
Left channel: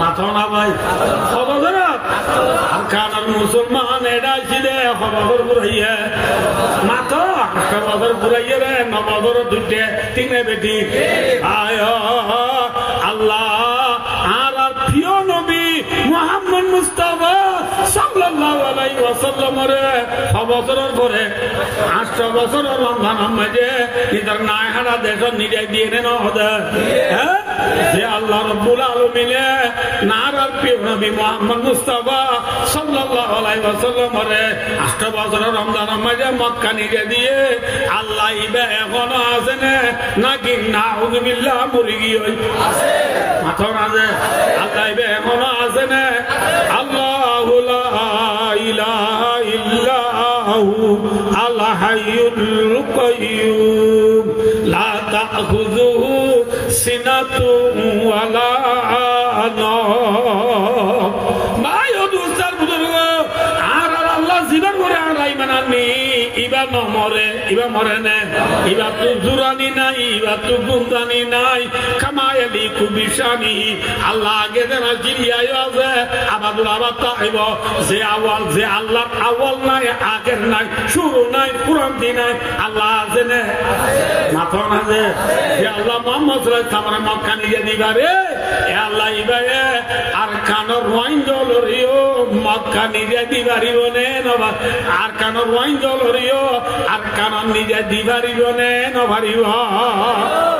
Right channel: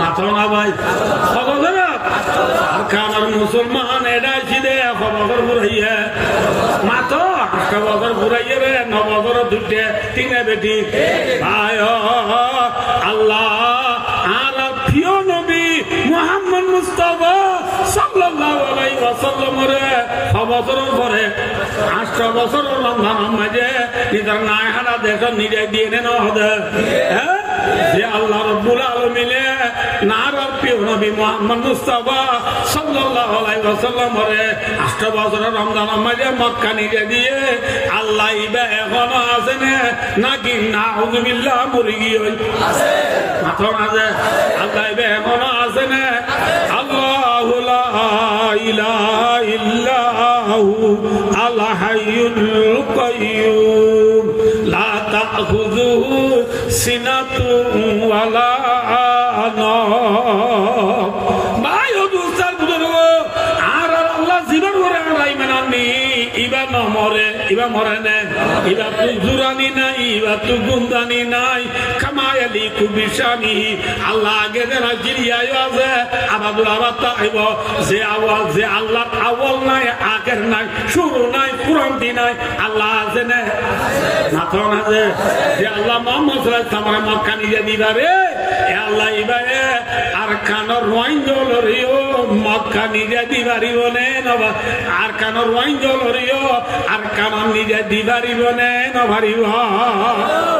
মাত্র না ভাই খবরত আর কানার মুসলমান এটাই ছিল খবর ঘুরাইয়ে মাত্র 8 বছর ঘুরাইয়ে রে 9 বছর দুটে তিনে বেটি ভাই আল্লাহ আর প্রিয় নবী মুহাম্মদ মুস্তাফা সাল্লাল্লাহু আলাইহি ওয়াসাল্লামের খবরের পরে 8 বছর রমজান মাঝে নিজের নায়হারা দেশ নিজে দিয়ে নেন হদে যে আল্লাহ রাব্বুল আলামিন নারার প্রিয় নবী মুহাম্মদ মুস্তাফা সাল্লাল্লাহু আলাইহি ওয়াসাল্লামের 8 বছর রমজান মাঝে মক্কা নিজে দিয়ে আল্লাহ ইবা এখনো আছে নাকি নাউযুবিল্লাহ মরে গিয়ে আছে মাথা না যে আল্লাহ ইবা এখনো আছে না আল্লাহু লা ইলাহা ইল্লাহু আল হাইয়ুল কাইয়্যুম লা তাখুযুহু সিনাতুন ওয়ালা নাওম মায়ো দুস্তার বুঝলো আর আল্লাহ জীবন করে আড়াই মানানি ইবা ন মরে ইবা মরে না ইবা তো জুরানি নাই ইবা তো গুমদানি নাই কামায়ালি কুবিশানি আল্লাহ আগে যারা জিরিয়ায় আছে আবাদুল আবাদ তাইব যে আওয়াল যে আল্লাহ আওয়াল নাই আগের নাই শুরু নাই পুরান্তি নাই আল্লাহ আছে না মাথা না যে আল্লাহ মুহাম্মদ সাল্লাল্লাহু আলাইহি ওয়াসাল্লাম মক্কা নিয়ে দিবারে এ আল্লাহ ইবারে আর কানর ওয়াইঞ্জল রিও মক্কা নিয়ে দিবারিব নে নবা আর কানর ওয়াইঞ্জল রিও আর কানর নিয়ে দিবারিব নে নভারিব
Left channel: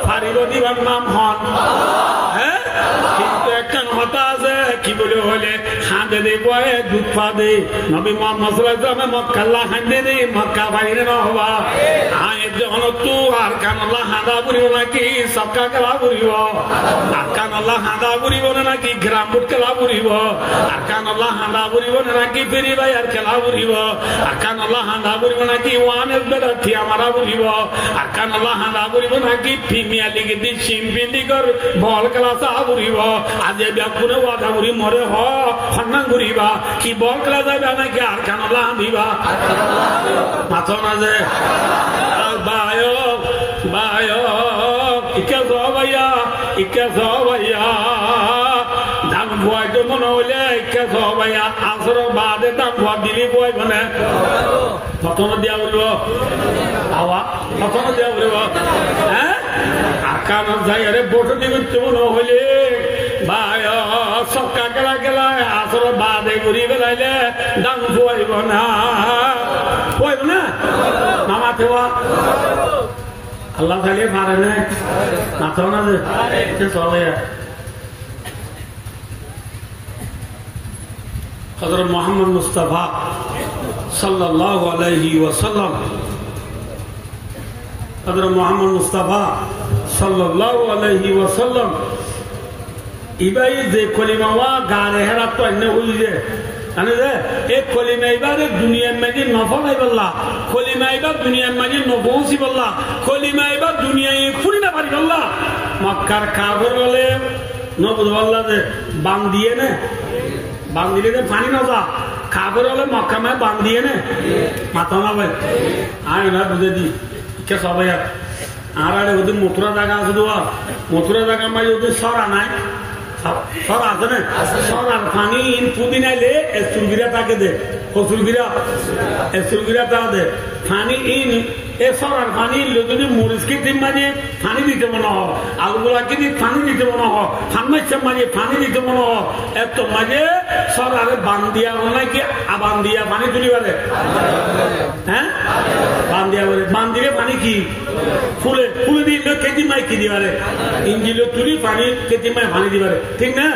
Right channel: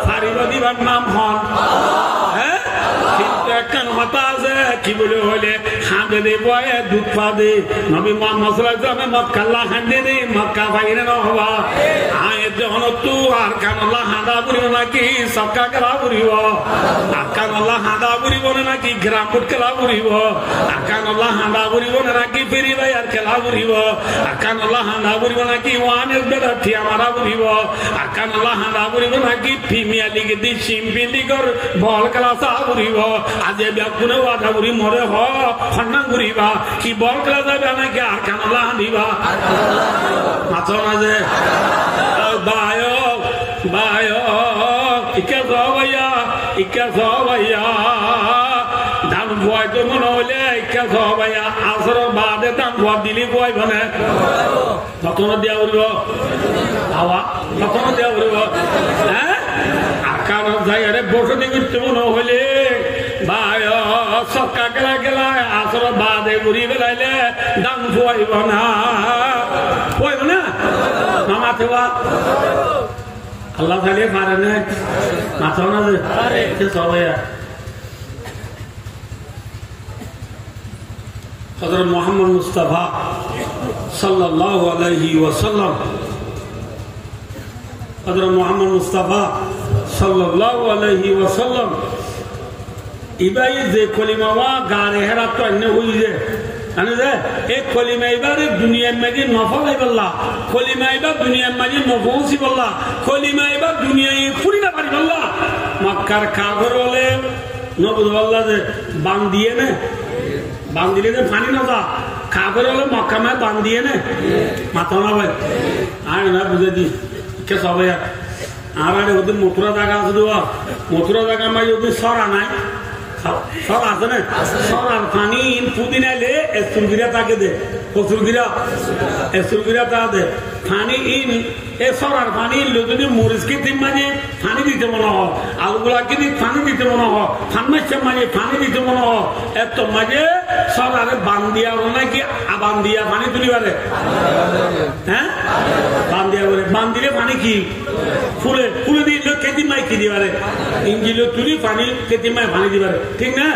ফারিব দিবার নাম হন হ্যাঁ কিন্তু একটা কথা আছে কি বলে হলে খাঁদে দে বয়ে দুধ পা দে নবী মুহাম্মদ সাল্লাল্লাহু আলাইহি ওয়াসাল্লাম মক্কা লা খাঁদে দে মক্কা বাইরে না হবা আয় যখন তু আর আরকান আল্লাহ হাঁদা বুড়িব নাকি সবকা খেলা বুড়িব আরকান আল্লাহ হাঁদা বুড়িব নাকি গ্রামপুর খেলা বুড়িব আরকান আল্লাহ হাঁদা বুড়িব নাকি ফেরি ভাইয়ার খেলা বুড়িব আরকান আল্লাহ হাঁদা বুড়িব নাকি ওয়ানের বেড়া ঠিয়া মারা বুড়িব আরকান আল্লাহ হাঁদা বুড়িব নাকি প্রিমিয়ার লিগে দি চিম্পি লিগর বল খেলা চা বুড়িব আজ ব্যাকুনে ওয়াদা বুড়ি মরে হন্না ঘুরিবা কি বল খেলা যাবে নাকি আরকান আল্লাহ দিবা মাথা মাঝে বায় বায় ইকে ভাইয়া ইকে ভাইয়া দাম ভয় তো মনে হইলে ইকে ভাইয়া আসর বাদে দাম ভয় দিলি ভয় মানে কখনো দেওয়া উঠব হাওয়া কখনো দেওয়া উঠব হ্যাঁ আকার জায়গায় বসে দিবি মনে হইলে ভাই সকা গেলা গেলায় আসর বাদে ঘুরি বেড়াইলে দাম ভয়ব না ভয়ব না মামা থেওয়া আল্লাহ চালিয়ে পারে না মাথা না চলে হযরত মুহাম্মদ মুস্তাফা সাল্লাল্লাহু আলাইহি ওয়াসাল্লাম হযরত মুহাম্মদ মুস্তাফা সাল্লাল্লাহু আলাইহি ওয়াসাল্লাম ইবাই যে কলিমা গানে হেরা তো অন্য হই যে জানে যে এই কলিমা এবারে দুনিয়ার মাঝে নফল আইবাল্লাহ কলিমা এবার দুনিয়ার মাঝে নফসি বললা কলিমা এবার দুনিয়ায় ফুরি না পারি বললা মক্কার কাফের বলে নবুদ বললা যে বান দিয়ে নে বান দিলে যে পানি না যা কাফের হলে মক্কা মায় বান দিয়ে নে মাথা না ভাই আমি না বুঝে দি কে সবাই আর আরে ওদের মথুরা জায়গা আছে দেওয়া মথুরা জায়গা মাঝে ওদের সরা নাই সর আছে না সরার পানি পুদিন আইলে এসুলগিরা তাকে দে এসুলগিরা তা দে পানি ইন এ সরার পানি যদি মরিচকে তিন মাঝে পানি দিতে মনে হয় আলুগুলাকে দিয়ে পানি দিতে মনে হয় ফার্মেসের মাঝে পানি দিতে মনে হয় এত মাঝে সরারে বান দিয়া নাকি আবান দিয়া পানি তুলি পারে হ্যাঁ বান দিয়া বলে বান দিলে পানি কি ফুলে ফুলে দিলে কেজি মাই কি দিবারে ইঞ্জিল তুলি পানি কেজি মাই পানি দিবারে ঠিক না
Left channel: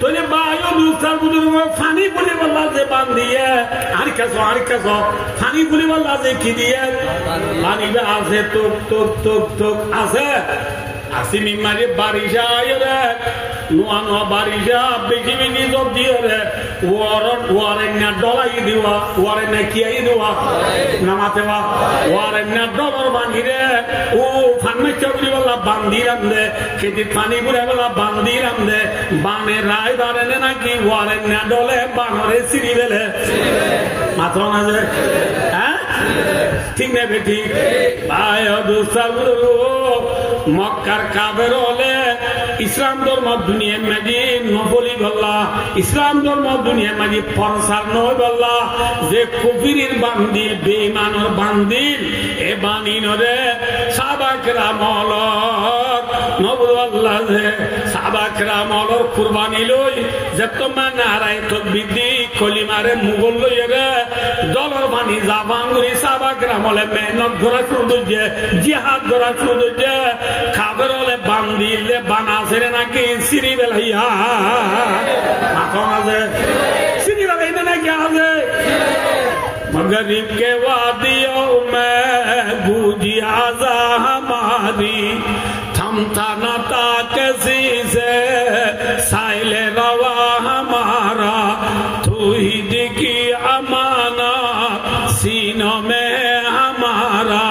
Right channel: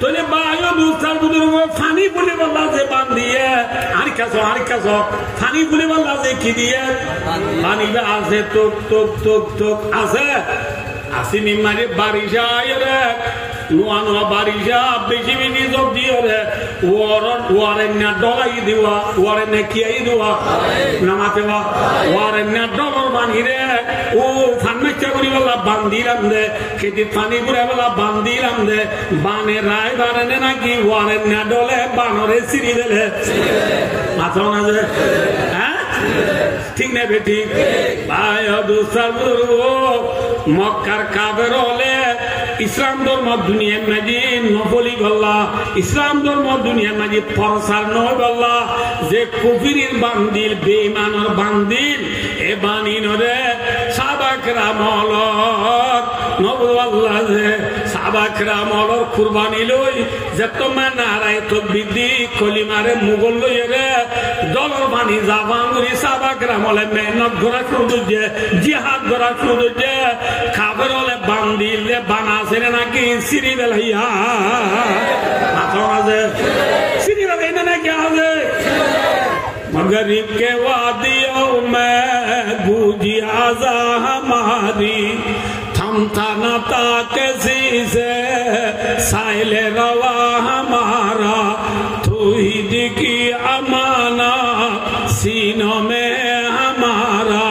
তাহলে বায়ু দুস্তার পানি বলে বললা যে বান দিয়ে আর কাছ পানি বলে বললা যে কি দিয়ে পানি আছে তোক তোক তোক তোক আছে আসিনি মাঝে বারিশা রে নোয়া নোয়া বারিশা বেশি বেশি সব দিয়ে রে ওয়ারেন্না ডলাই দিওয়া ওয়ারেন্না কিয়াই দেওয়া নামাতে ওয়ারেন্না ডলার বানি রে ও ফান্মে চাকরি বলা বান্দিলাম রে খেতে পানি পুরে বলা বান্দিলাম রে বানে রায় বারেনে নাকি ওয়ারেন্না ডলে বানরে সিঁড়ি দিলে মাথা না যে হ্যাঁ ঠিক না বেটি ভাই দুসার মক্কার কাফের হলে ইসলাম ধর্ম দুনিয়ার মাঝে নফলি বললা ইসলাম ধর্ম দুনিয়ার মাঝে ফরসার নয় বললা যে কুফিরের বান্দিল বেঈমানের বান্দিল এ বানিনরে সাহাবাকরা মলর নবুল আল্লাহ যে সাহাবাকরা মলর কুরবানি লই যে তোমার নারায় তাকবীর দি কলিমারে মুগল লইয়ে রে ডলার বানি জাবাঙ্গুরি সাহাবাকরা মলে মেহনত করা শুরু যে জিহাদ করা শুরু যে কাফের হলে বান্দিলে বানাছে নাকি সিঁড়ি বেলাইয়া মাখন আছে সিঁড়ি বেলাই না নাকি আছে मगरिब के वादियों में गूंजी आजा हमारी थमता न था किसी से साइल रवा हमारा तू ही दिखी अमाना सीनों में हमारा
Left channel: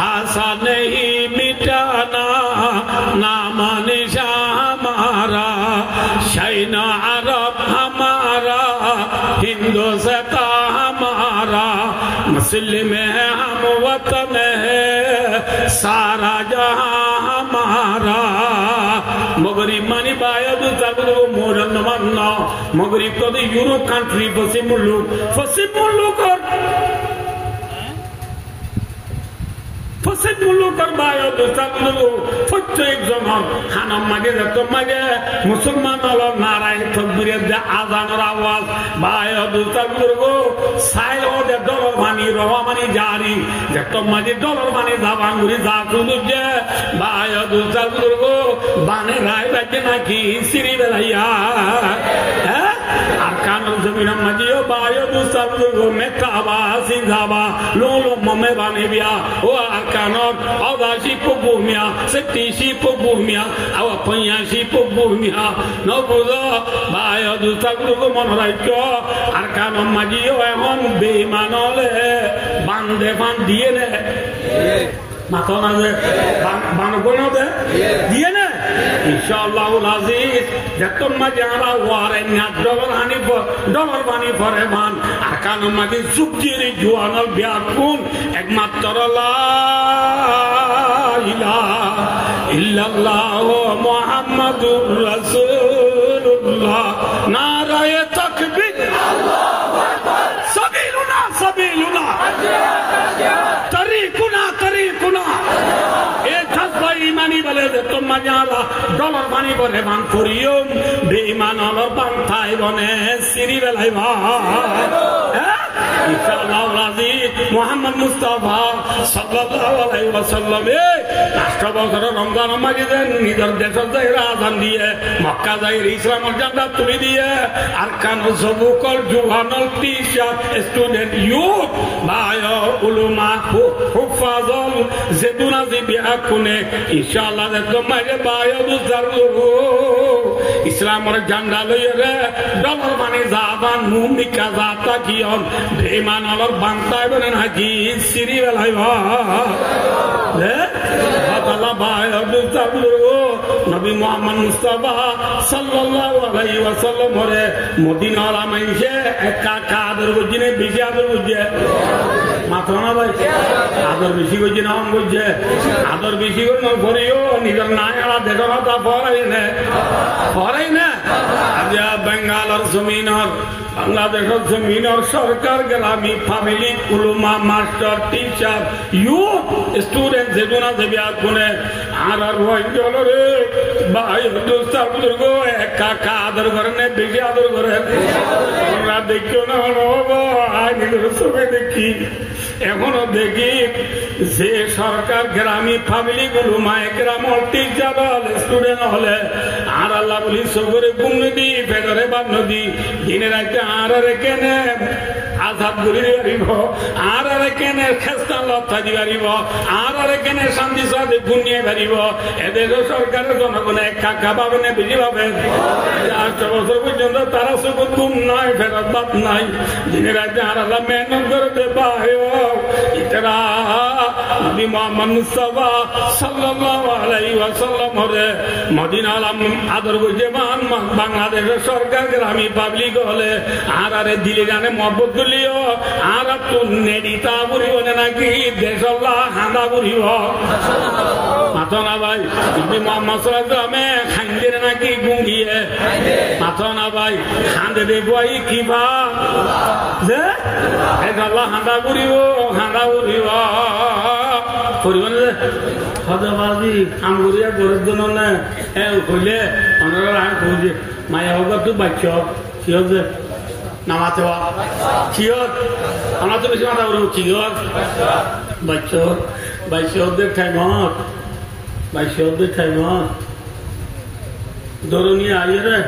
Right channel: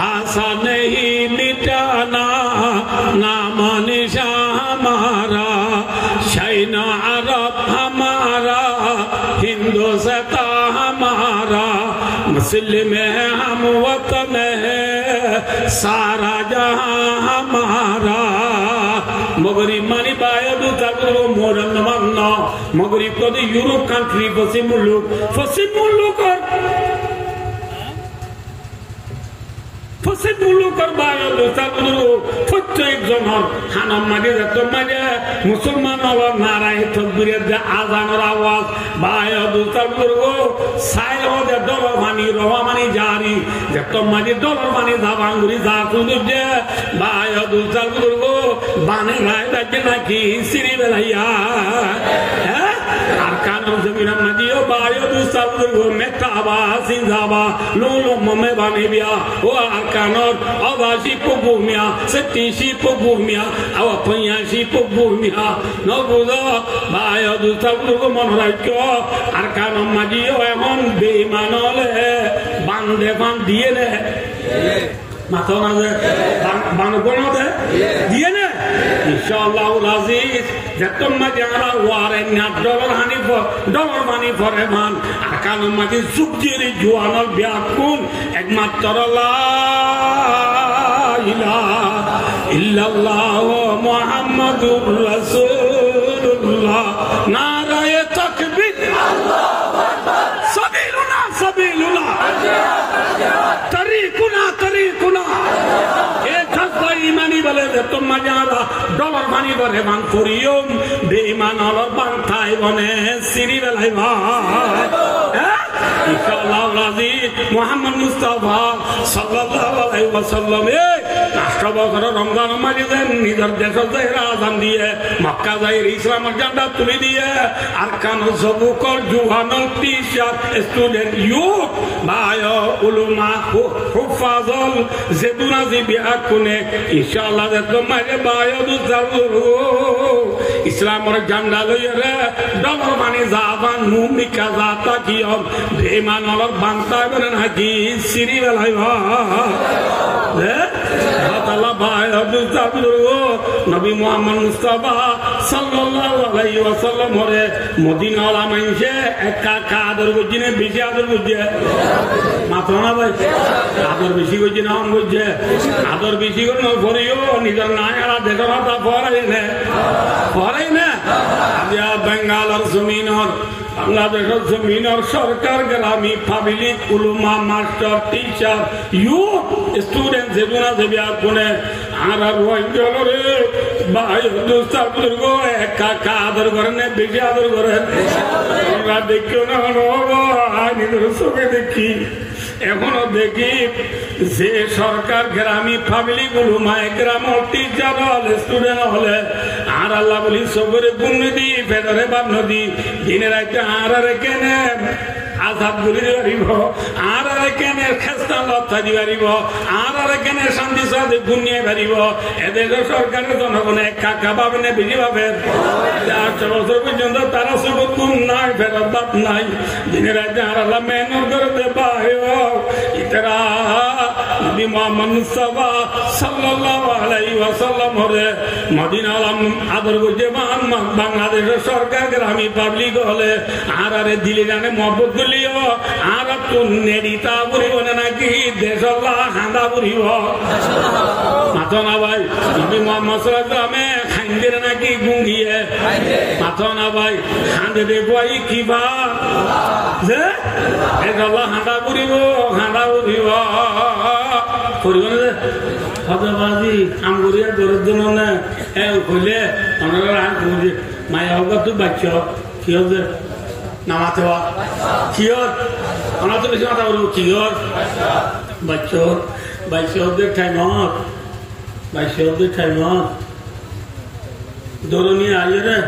आशा नहीं मिटाना नाम निशा हमारा शैना अरब हमारा हिंदुस्ता हमारा मुस्लिम है हम वतन है सारा जहां हमारा मगरिब मानी बायद तबरो मोरन मानना मगरिब तो भी यूरोप कंट्री पश्चिम मुल्क और मुल्कर बायद तबरो प्रत्येक जन खाना मागे जातो मागे मुसलमान और नाराय तकबीर दे आजान और आवाज बायद तबरो साइल हो दे डॉलर मानी रवा मानी जारी जतो मागे डॉलर मानी जाबांगुरी जातु दे बायद तबरो बाने राय दे ना की सिरी बेलाया है আর কানুন জমিনা মাজিও বায়ো দুসাল গো মেকাবা সিজাবা লুলু মমে বানিবিয়া ও আর কানর অবাসি পগুমিয়া সেটিসি পগুমিয়া আও পয়াসি পগুমিয়া নবুলো বায়ো দুসাল গো মনরাইতো আর কানুন মাজিও এমন বেঈমানলে বান্দে বান দিয়ে নে মাথা না যে বান কোন দে দিয়ে নে ইনশাআল্লাহুল আজিজ যতম মাজারা ওয়ারে না ডলার মানি ফরে মান আর কান মাঝে সুবজির জোয়ানল বিয়াকুন একমাত্র লা ইলাহা ইল্লাল্লাহ মুহাম্মাদুর রাসূলুল্লাহ নারায়ে তাকবীর আল্লাহু আকবার সাবিলুনা সাবিলুনা তরিকুনা তরিকুনা ইমানি বলে যে তোমা যারা ডলার মানি বলে মান করিও বেঈমান হলর পান্থাই বনে সিরি বেলাই ইনশাআল্লাহ রাজিব মুহাম্মদ মুস্তাফা সাল্লাল্লাহু আলাইহি ওয়াসাল্লাম রাষ্ট্র বছর রমজান মাসে নিজের দেশের জায়গা আজান দিয়ে মক্কা যাই ইসলামের ঝান্ডা তুলে দিয়ে আর কানো সবুকল জুহানল টিচার স্টুডেন্ট ইউথ ভাই উলুমা হুফাজল জেদুনা জিবিয়া কোনে ইনশাআল্লাহ দেখো মাগে ভাই দুজালু ইসলামের ঝান্ডা লইয়ে রে ডলার মানে জাবান মুমিকা জাতা কিয়ন বেঈমান হলর বান্তাই বনে নাকি সিরি বেলাই আল্লাহ ভাই দুজালু নবী মুহাম্মদ মুস্তাফা সাল্লাল্লাহু আলাইহি ওয়াসাল্লাম হরে মদিনার মাইনসে একা কাদের বুঝিনে বেশি আদর বুঝে মাত্র না ভাই আদর বেশি বুঝি না বুঝে আদর বেশি করে না করিও নিজের নাই আর দেশের হাতা ফরাই না আজ বেঙ্গালের জমিনের বাংলাদেশের জমিনের সরকার গ্রামী পাবলিক উলুমা মাস্টার টিচার ইউথ স্টুডেন্ট যেগুনা দেবী আগুনে আর রে ভাই গো একা আদর করেন বেশি আদর করেন আমরা দেখিও না নিজের চোখে দেখি এখনো দেখি যে সরকার গ্রামী পাবলিক উলুমা গ্রাম টিচার হলে স্টুডেন্ট হলে আর আল্লাহ বলি সগরে গুম দি ফেদরে বান্ন দি দিনের একটা আর কেনে আজাদ গুলি পারিব আর কেনে খেস্তান লতা দি পারিব আর কেনে শান্তি সাথে গুনিয়ে পারিব এদের সরকারের জনগণে কাকা পাবে না বেশি পাবে 8 বছর পর্যন্ত তারা সবুজ গুম নাই ফেরত বাদ নাই দিনের একটা আর আল্লাহ মেহনত করতে পায় ইতরা নবী মুহাম্মদ মুস্তাফা সাল্লাল্লাহু আলাইহি ওয়াসাল্লাম হরে মদিনা আলম আদর বুঝে বাংলাদেশের সরকার গ্রামী পাবলিক হলে আর দিলে জানে মহব্বত গুলিও আর নেড়িতা বুড়িব নাকি দেশল্লাহ খান্দা বুড়িব মাথো না ভাই নবী মুহাম্মদ সাল্লামে খাইন্দের নাকি গুঙ্গিয়ে মাথো না ভাই খান্দে দেখুয়াই কিবা যে দেশল্লাহ খান্দা বুড়িব করিব না হজবাজি আমগুড়িয়া গরুর জন্য না কইলে অনেক মায়া হোক তুই বাচ্চ কি হচ্ছে নামাতে হওয়া কি হত আমার তো বেশি মাথা বলবো কি হত বাইশদের টাইমত ধরুন আইয়ে রে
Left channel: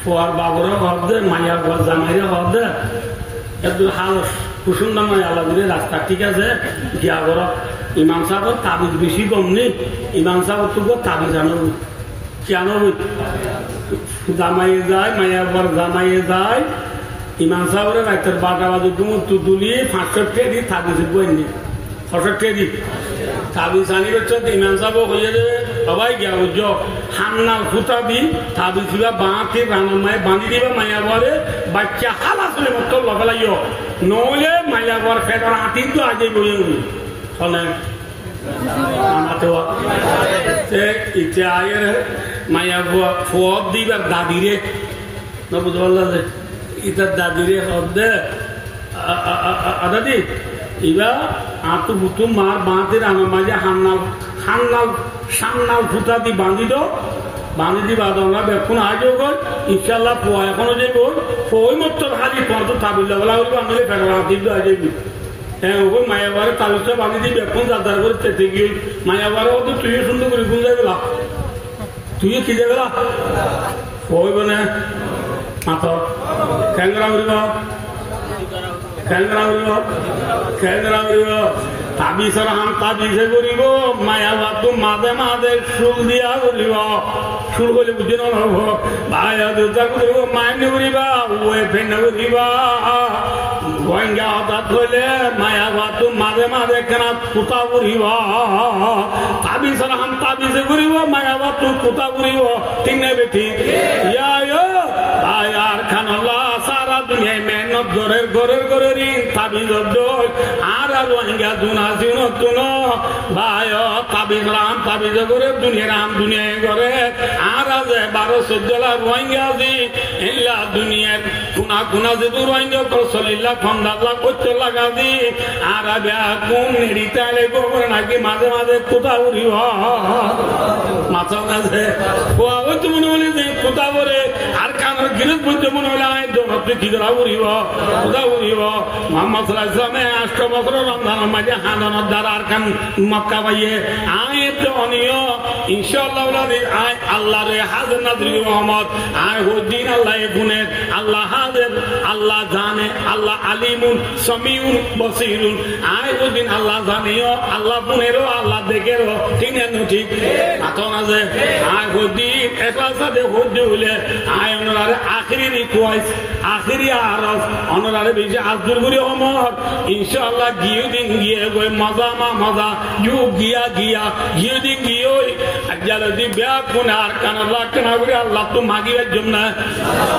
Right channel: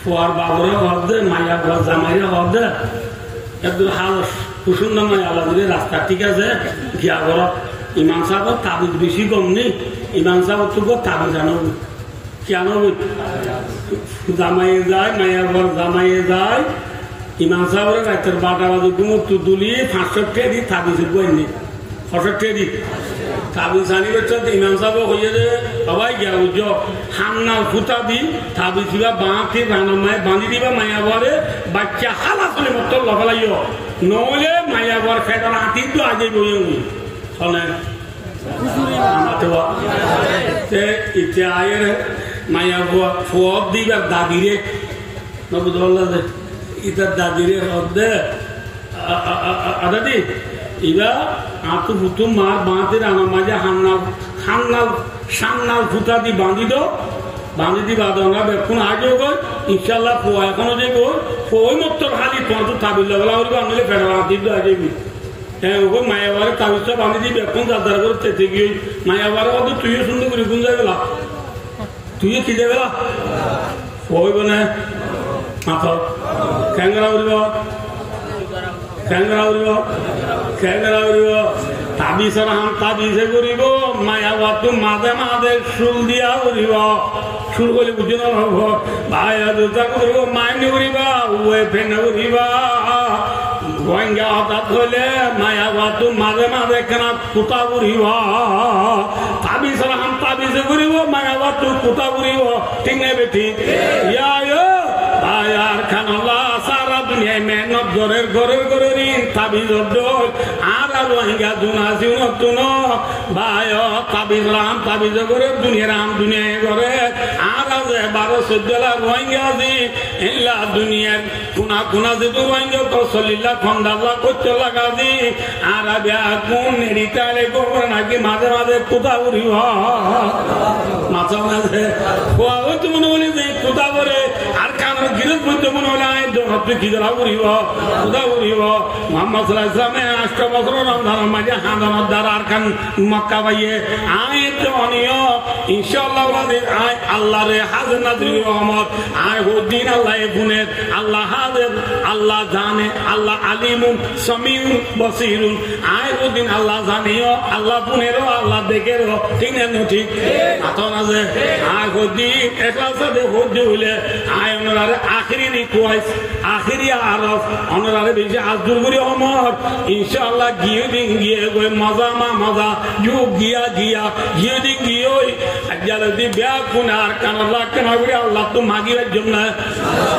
ফোয়ার বাবুরা হব দে মায়া জামাইরা হব দে একদম হাল কুসুন্দর মায়া লাগবে রাস্তা ঠিক আছে গিয়া ঘর ইমাম সাহেব তাবিজ বেশি কম নেই ইমাম সাহেব তো তাবিজ আনো কেন জামাইয়ে যায় মায়ার ঘর জামাইয়ে যায় ইমাম সাহেবের রাতের 12টা বাজে ঘুমো তুলিয়ে 500 টাকা দি তাবিজ বইনি 600 টাকা দি তাবিজ আনিবে তো ইমাম সাহেব হয়ে যাবে সবাই গিয়া বুঝ হান্নাল ফুটা দি তাবিজ বাঁধে মায়ে বাঁধি দিবা মায়া ঘরে বাচ্চা হালা তুলে মত লফালাইও নহলে মায়া ঘর ফেটার হাতি তো আজে বইয়ে শোনে আমাতে ইচ্ছা আয়ের মায়া ফোয়াব দিবার দাদিরে না বুঝতে পারলাম যে ইতার দাদিরে হদ্দে দাদি ইবা আতু বুতু মার বাঁধে রান্না মাঝে সান্নাল ফুটা দি বাঁধি বাঁধনা বেক্ষণ আজও গই ইনশাল্লাহ ফোয়া এখনো যে গই ফোই মত হালি তন্ত তাবিল্লা বলা হইব আনলে ফেটার হাতি তো আজে হ্যাঁ ওই মায়াবারে তাবিজটা বাঁধি দি বেক্ষণ দাদার করে চেতে গিয়ে মায়াবারে হতো তুইও সুন্দর করে গুন যাই গেলা তুইও খিদে গেলা হইব না মাথা কেন্দ্রা উড়িব কেন্দ্রা উড়িব কেন্দ্রা উড়িব তাবিজের হান তাবিজে করিব মায়াবাতু মাঝে মাঝে সুর দিয়া উড়িব সুর বলে বুঝে নহব ভাই দুটা করিব মাইনে উড়িবা ওয়ে ফেনে উড়িবা গোয়েঙ্গা হঠাৎ হইলে মায়াবাতু মাঝে মাঝে কেনা কুতা উড়িব তাবিজের হান তাবিজে করিব মায়াবাতু কুতা উড়িব ঠিক নেবে ঠিক ইয়া ভাই আর খানাল্লাহ সারা দুনিয়ায় মেহনত ঘরের ঘরের ঘরের তাবিজ আর রোহিঙ্গা দুনাসি নতুন ভাই তাবিজ রাম তাবিজ করে দুনিয়া রাম দুনিয়ায় করে আর আছে 12-14 লাখ রোহিঙ্গা আছি এলা দুনিয়ার কোনা কোনা যেহেতু রোহিঙ্গা 40 লাখ 50 লাখ 70 লাখ আছি আর কোন নেড়িতালে গোবর নাকি মাঝে মাঝে কোথা উড়িব মাথা মাঝে খোয়া হচ্ছে মনে হলে যে কোথা করে আর কানের গিরত বলতে মনে হলে আমি দোকান কি করা উড়িব কোথা উড়িব মোহাম্মদ সাল্লাল্লাহু আলাইহি ওয়াসাল্লাম 8 বছর রমজানের মাঝে হাজানোর দ্বারা আর কান মক্কা পাইয়ে আই তো অনিয় ইনশাআল্লাহ আই আল্লাহ রে হাজির নাজির রহমত আই দিন আল্লাহ গুনের আল্লাহ হাজির আল্লাহ জানে আল্লাহ আলিমুন সামিউন বসিরুন আই দিন আল্লাহ জানিও আল্লাহ গুনেরও আল্লাহ দেখেরও ঠিক না ঠিক আতন আছে আই দিন একলা সাথে হজ্জ হইলে আই ওনারে আখিরি রিকোয়েস্ট আখিরি আরজ ওনারে বেশি আজদুর করি হমর ইনশাআল্লাহ গিয়ে দিন গিয়ে গই মজা মা মজা ইউ গিয়া গিয়া গিয়ে দিন গিয়ে ওই আজ্জালে দি ব্যাগ কোন আর কান আল্লাহ কেন করি আল্লাহ তো মাগিবার জন্য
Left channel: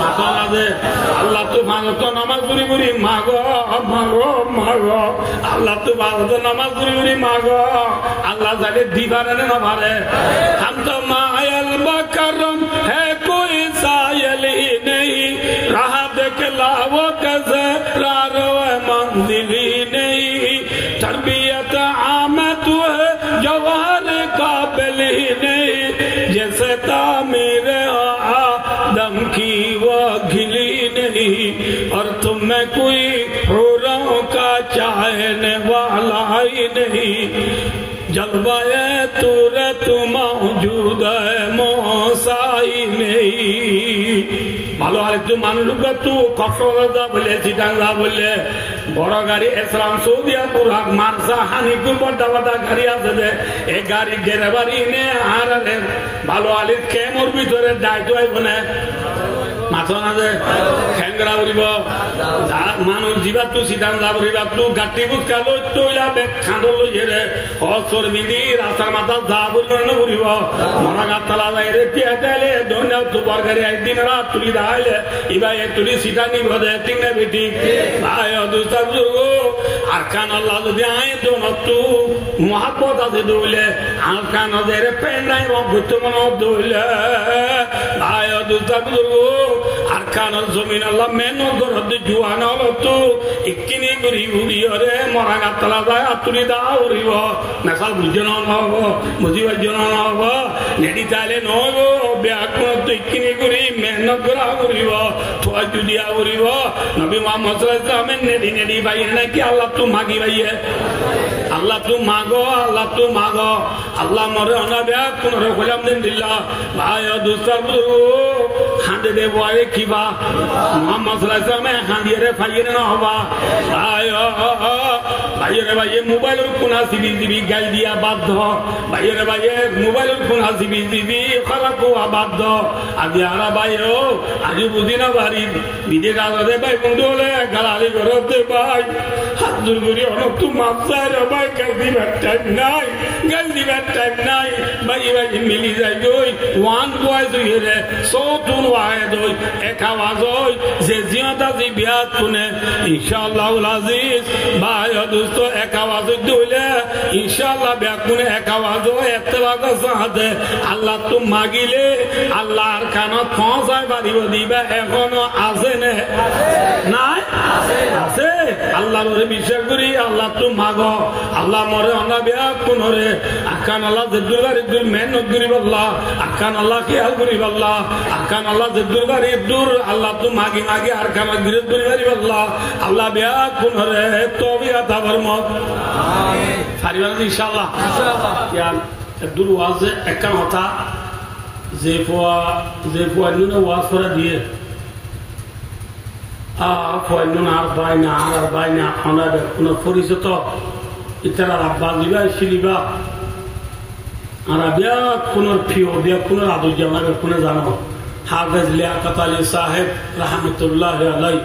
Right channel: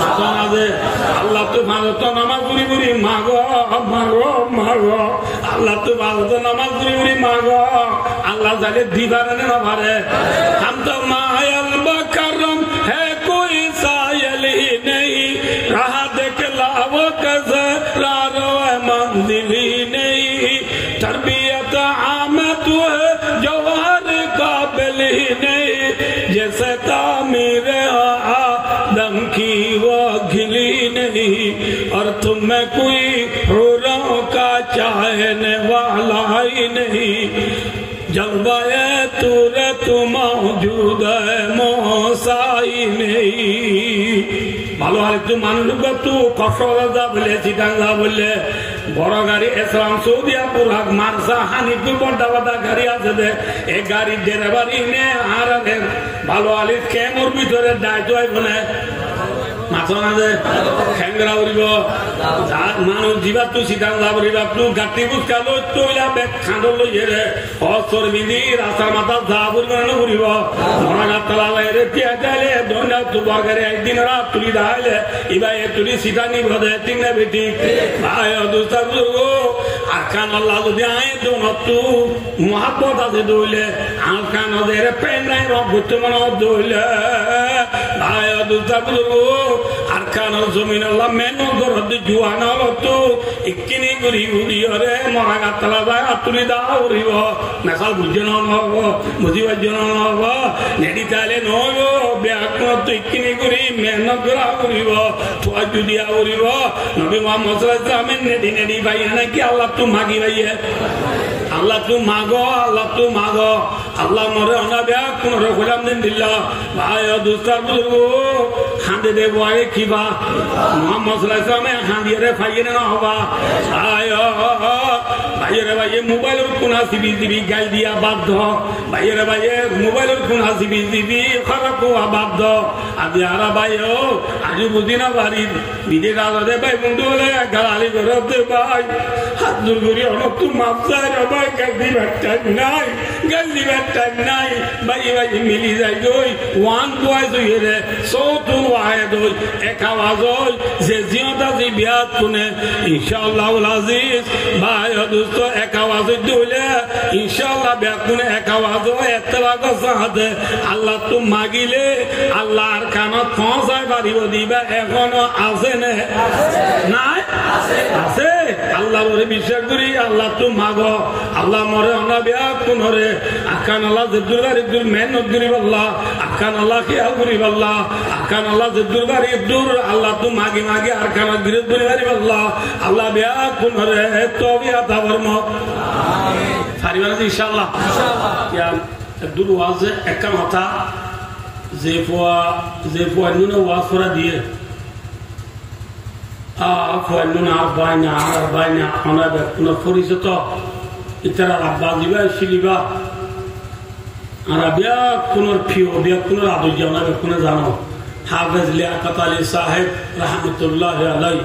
আতন আছে আল্লাহ তো ভালো তো নামাজ করি করি মাগো মাগো মাগো আল্লাহ তো ভালো তো নামাজ করি করি মাগো আল্লাহ জালে দিবারে না পারে हम तो मायल बकरम है कोई सायल ही नहीं रहा देख लावो कैसे रारो मंजिल ही नहीं तरबियत आमद है जवान काबिल ही नहीं जैसे तामीर आदम की वो घिली नहीं और तुम में कोई हुरों का चाहने वाला ही नहीं जलवाए तूरे तू मौजूद है मोसाई नहीं ভালো আর একটু মানুষ তু কক্সবাজার বলে চিটাঙ্গা বললে বড় গাড়ি ইসলাম সৌদিয়াপুর মার্সা হানিপুর বড্ডা বড্ডা গাড়ি আছে যে এই গাড়ির ড্রাইভার ইনে আর ভালো আলির কেমোর ভিতরে দায়িত্ব হইব না মাথা না যে খেঙ্গরা উড়িব মানুষ জীবাত তো চিটাঙ্গা উড়িবা তু গাটি বুঝকা লই তৈলা বেগ খাঁদর লই হেরে হসর মিলি রাস্তার মাথা যা বুঝবে উড়িব মরা গাতলা বাইরে টিয়া চাইলে দৈন্য তু বর্গারে একদিন রাত তুলি দাইলে ইবা এ তুলি সিটা নিব দে ঠিক না বেটি ভাই দুস্তা দুর্গ আর কান আল্লাহ যদি আয় তো তু মহাব্বত আছে দইলে আর কান ওদের পেন নাই রঘুত্ব মনে দইলে ভাই দুস্তা দুর্গ আর কান জমিন আল্লাহ মেনু গরদ জুয়ান হলো তো ইকিনি গুরি উড়িয়রে মরা গাতলা যায় আতুরি দা উড়িব মেসাল বুঝন হব বুঝিবার জন্য হব নেড়ি চাইলে নহব ব্যাগ তো ইকিনি গুরি মেহনত করা উড়িব থোয়া জুদিয়া উড়িব নবী মোহাম্মদ সাল্লাল্লাহু আলাইহি ওয়াসাল্লাম নেড়ি নেড়ি ভাই নাকি আল্লাহ তু মাগি ভাইয়ে আল্লাহ তু মাগো আল্লাহ তু মাগো আল্লাহ মরে অনা ব্যাগ কোন রকম দিন দিল্লা ভাই দুস্তার হাঁটে দে বয়ে কিবা মোহাম্মদ সাল্লাল্লাহু আলাইহি ওয়াসাল্লাম হাঁড়িয়ে ফাইয়ে না হবা ভাইয়ের ভাইয়ে মোবাইলের কোনা সিবি দিবি গাই দিয়া বাধ্য ভাইয়ের ভাইয়ে মোবাইলের কোনা সিবি দিবি খারাপ হওয়া বাধ্য আজি হারা ভাই ও আজি বুঝি না বাড়ি বিদে রাজে ভাই বন্ধু হলে গাড়ি করতে ভাই হাত দূর করি অনেক তু মাপসার ভাই গাই দিবার টাইম নাই গাই দিবার টাইম নাই ভাই ভাই মিলি যাই দই ওয়ান দোয়াই দই রে সৌতুন ওয়াহে দই এক আওয়াজ ওই যে জিয়াদা জি বিয়াত কোনে ইনশাআল্লাহ আজিজ ভাই দোস্ত এক আওয়াজ দইলে ইনশাআল্লাহ বিয়াত কোনে এক আওয়াজ ওই এতলাগ সাথে আল্লাহ তু মাগিলে আল্লাহর কানত পৌঁছায় বাড়িও দিবা এখনো আছে না নাই আছে আল্লাহরে বিশ্বাস করি আল্লাহ তু মাগো আল্লাহ মরে অনা বিয়াত কোনরে আকান আল্লাহ জেদুরবারি দূর মেহনত করি আল্লাহ আকান আল্লাহ খেয়াল করি আল্লাহ আকান আল্লাহ জেদুরবারি দূর আল্লাহ তু মাগি মাগি আর কান বিরোধ করি আল্লাহ আল্লাহ বিয়াত কোনরে তওবিয়া তাবরম আমিন সারিবান ইনশাআল্লাহ ইয়া দূর ওয়াজে একটা কথা যে পোয়া নুনে ওয়াজ করা দিয়ে আর বাইনা আর বাইনা আমাদের কোন পরিচিত ইতারা রাব্বা দিবা শিলিবা আর বিয়া কোন প্রিয় বিয়া কোন আদর জানাবে কোন জানো হাফেজ লিয়াকত আলী সাহেব রহমতুল্লাহ আলাই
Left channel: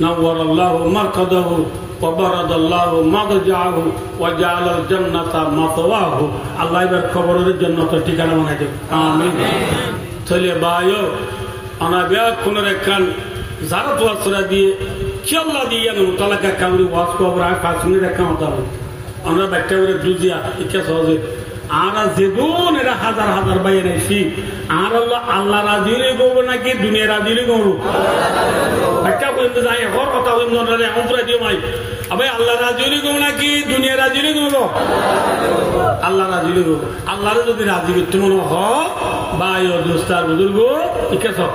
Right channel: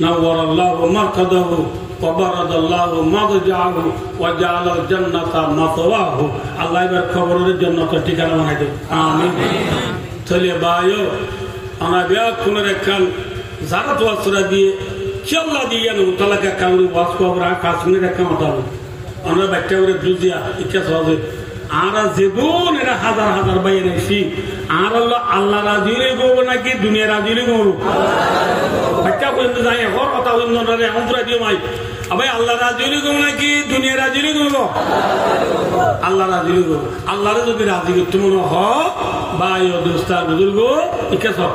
نور الله مرقده وبرد الله مضجعه وجعل الجنة مثواه الله يبارك خبر الجنة ঠিকানা বানাই দেব আমিন তাহলে ভাইও আমরা বিয়া কোন রেখান যারা তো আসরা দিয়ে চল্লা দিয়ে না তালাকা কাউরি ওয়াজ কবর আর 5 মিনিট রাখা হতো আমরা বাচ্চা করে দুজিয়া ইচ্ছা সহজে আর জীবন এরা হাজার হাজার বাইরে নাইছি আর আল্লাহ রাজিরে গো নাকি দুনিয়া রাজিরে গো বাচ্চা পর্যন্ত যাই হর কথা হইল না অন্তরা দিয়ে মাই আবার আল্লাহ রাজিরে গো নাকি দুনিয়া রাজিরে গো আল্লাহ রাজিরে গো আল্লাহরে যদি রাজি করতে মনে হ ভাই ও দোস্তার বুজুর্গ ইচ্ছা সব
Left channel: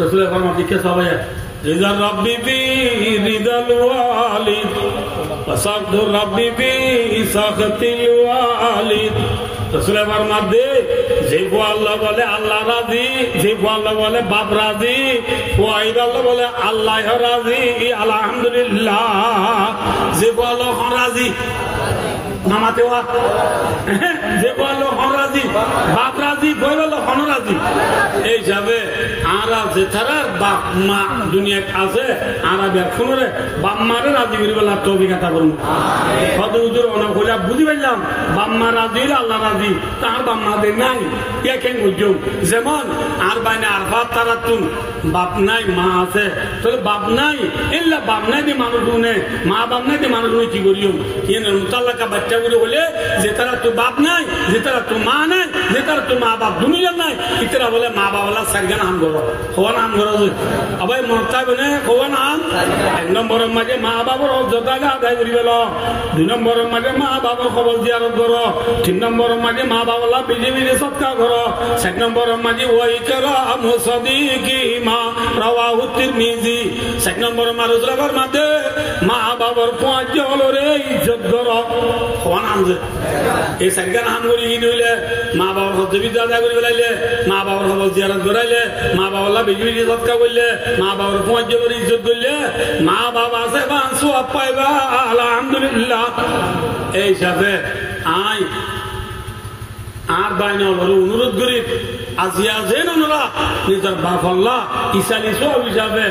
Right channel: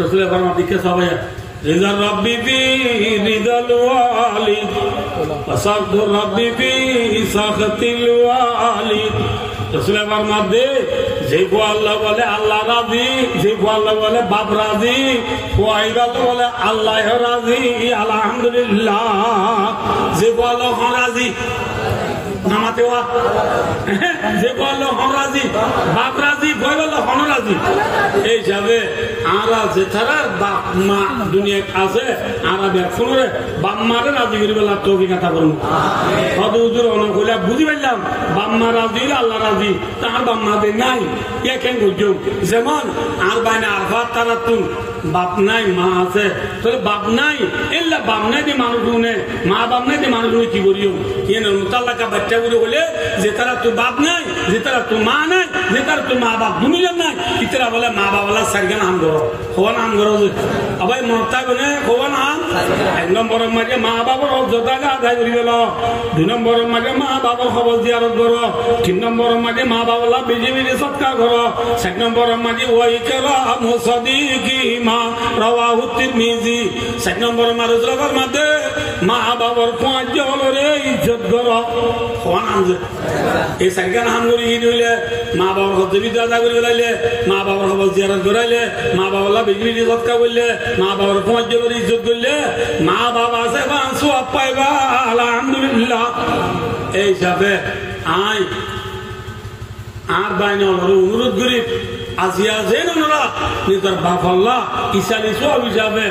রসুলের ফরমান ইচ্ছা সবাই رضا ربي بي رضا الوالد وسخط ربي بي سخط الوالد رسول فرمان دے যে আল্লাহ বলে আল্লাহ রাজি যে আল্লাহ বলে বাপ রাজি ওয়াইদ আল্লাহ বলে আল্লাহ রাজি আলহামদুলিল্লাহ যে আল্লাহ রাজি নামাতে ওয়া যে আল্লাহ রাজি বাপ রাজি বই বলে হন রাজি এই যাবে আরা যে তারার বাপ মা দুনিয়া আছে আরা ব্যাখ্যা করে বাপ মারে রাজি করি বলে অভিজ্ঞতা করুন হদ হুজুর অনেক হইলে বুঝি পাইলাম বাপ মা রাজি হইলে আল্লাহ রাজি তার বাপ মাদের নাই কেন বুঝছো যেমন আর বাইনে আর ভাত তারা তুন বাপ নাই মা আছে তাহলে বাপ নাই এলা বাপ নাই দিয়ে মানুষ শুনে মা বাপ নাই দিয়ে মানুষ কি করিও মুতাল্লাকা বাচ্চা গুলো বলে যে তারা তো বাপ নাই যে তারা তো মা নাই যে তারা তো মা বাপ দুনিয়া নাই ইতরা বলে মা বাবা সারিগান আম করো হওয়া নাম করো আবার মরতা বলে হওয়া নাম 1 নম্বরের মাঝে মা বাবার অযোগ্যতা আদায় করি গেল 2 নম্বরের মাঝে মা বাবার খবর জিয়ারত করো 3 নম্বরের মাঝে মা বাবা বেজে বেজে সৎকার করো 4 নম্বরের মাঝে ওই কেরাম সাদিকি মা রাওয়াহু তিরমিজি 4 নম্বরের মারুজরাবার মাঝে মা বাবার পাঁচ জলরে ইজ্জত করো হওয়া নাম যে এই সারিগান হাম করি হইলে মা বাবার হজবিদা আদায় করে বেলাইলে মা বাবার খবর জিয়ারত করাইলে মা বাবা বেজে বেজে সৎকার করলে মা বাবার পাঁচ জলরে ইজ্জত করলে মা বাবা আছে বাঁচু পাইবা আলহামদুলিল্লাহ এই হিসাবে আই আর বাইনে অনুরোধ করি আজিয়া যেন ওনারা নিজের বাপ আল্লাহ ইসালি সব হিসাবে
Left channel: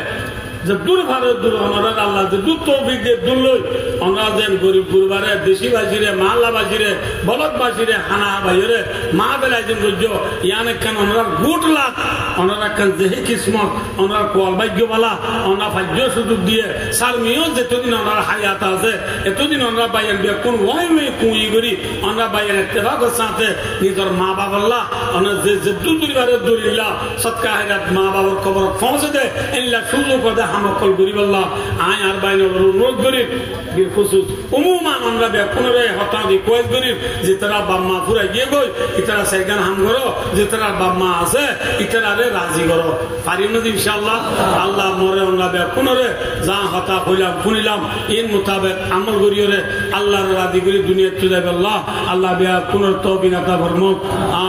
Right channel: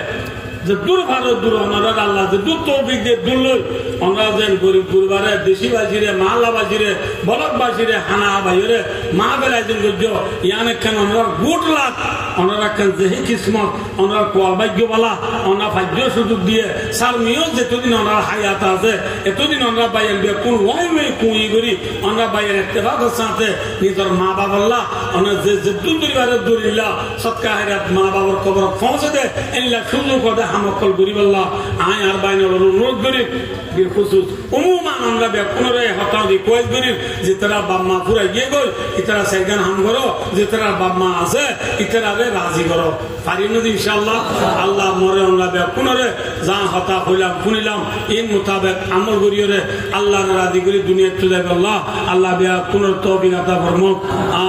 যে দূর ভারত দূর ওনারা আল্লাহ যে দূর তৌফিক দিয়ে দূর লই ওনারা যেন গরিব গুরবারে বেশি বাজিরে মাল্লা বাজিরে বলক বাজিরে হানা বাজিরে মা বেলা যেন গজ্য ইয়ান একখান ওনারা গুট লাখ ওনারা একখান যেহি কিসমত ওনারা কোয়াল ভাগ্যবালা ওনারা ভাগ্য সুযোগ দিয়ে সার মেয়েও যেতদিন ওনারা হায়াত আছে এতদিন ওনারা বাইয়ের বিয়ে কোন ওয়াই মেয়ে কুঁই করি ওনারা বাইয়ের এত্তেফাকের সাথে নিজের মা বাবাল্লাহ ওনারা যে দূর দুইবারের দূরিল্লা সৎকা হেরাত মা বাবার খবর পৌঁছে দেয় এনিলা সুযোগ করে হামকল গরিবাল্লাহ আয় আর বাইনের অনুরোধ গরিব বিখুসুস উমুমান আমরা ব্যাকুণরে হতাদি কয়েক গরিব যে তারা বাম্মা পুরা গিয়ে গই ইতারা সাইগান হাম করো যে তারা বাম্মা আছে ইতারারে রাজি করো পারি নদী ইনশাআল্লাহ আল্লাহ মরে আমরা ব্যাকুণরে যা হতা হইলাম শুনিলাম ইন মোতাবেক আমল করিয়রে আল্লাহর রাজি করি দুনিয়া তুলে আল্লাহ আল্লাহ বিয়া পুনর তৌফিক আতা ফরমাক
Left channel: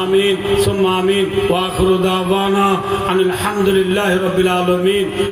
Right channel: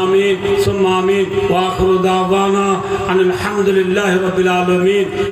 আমিন সুম্মা আমিন ওয়া আখিরু দাওয়ানা আলহামদুলিল্লাহি রাব্বিল আলামিন।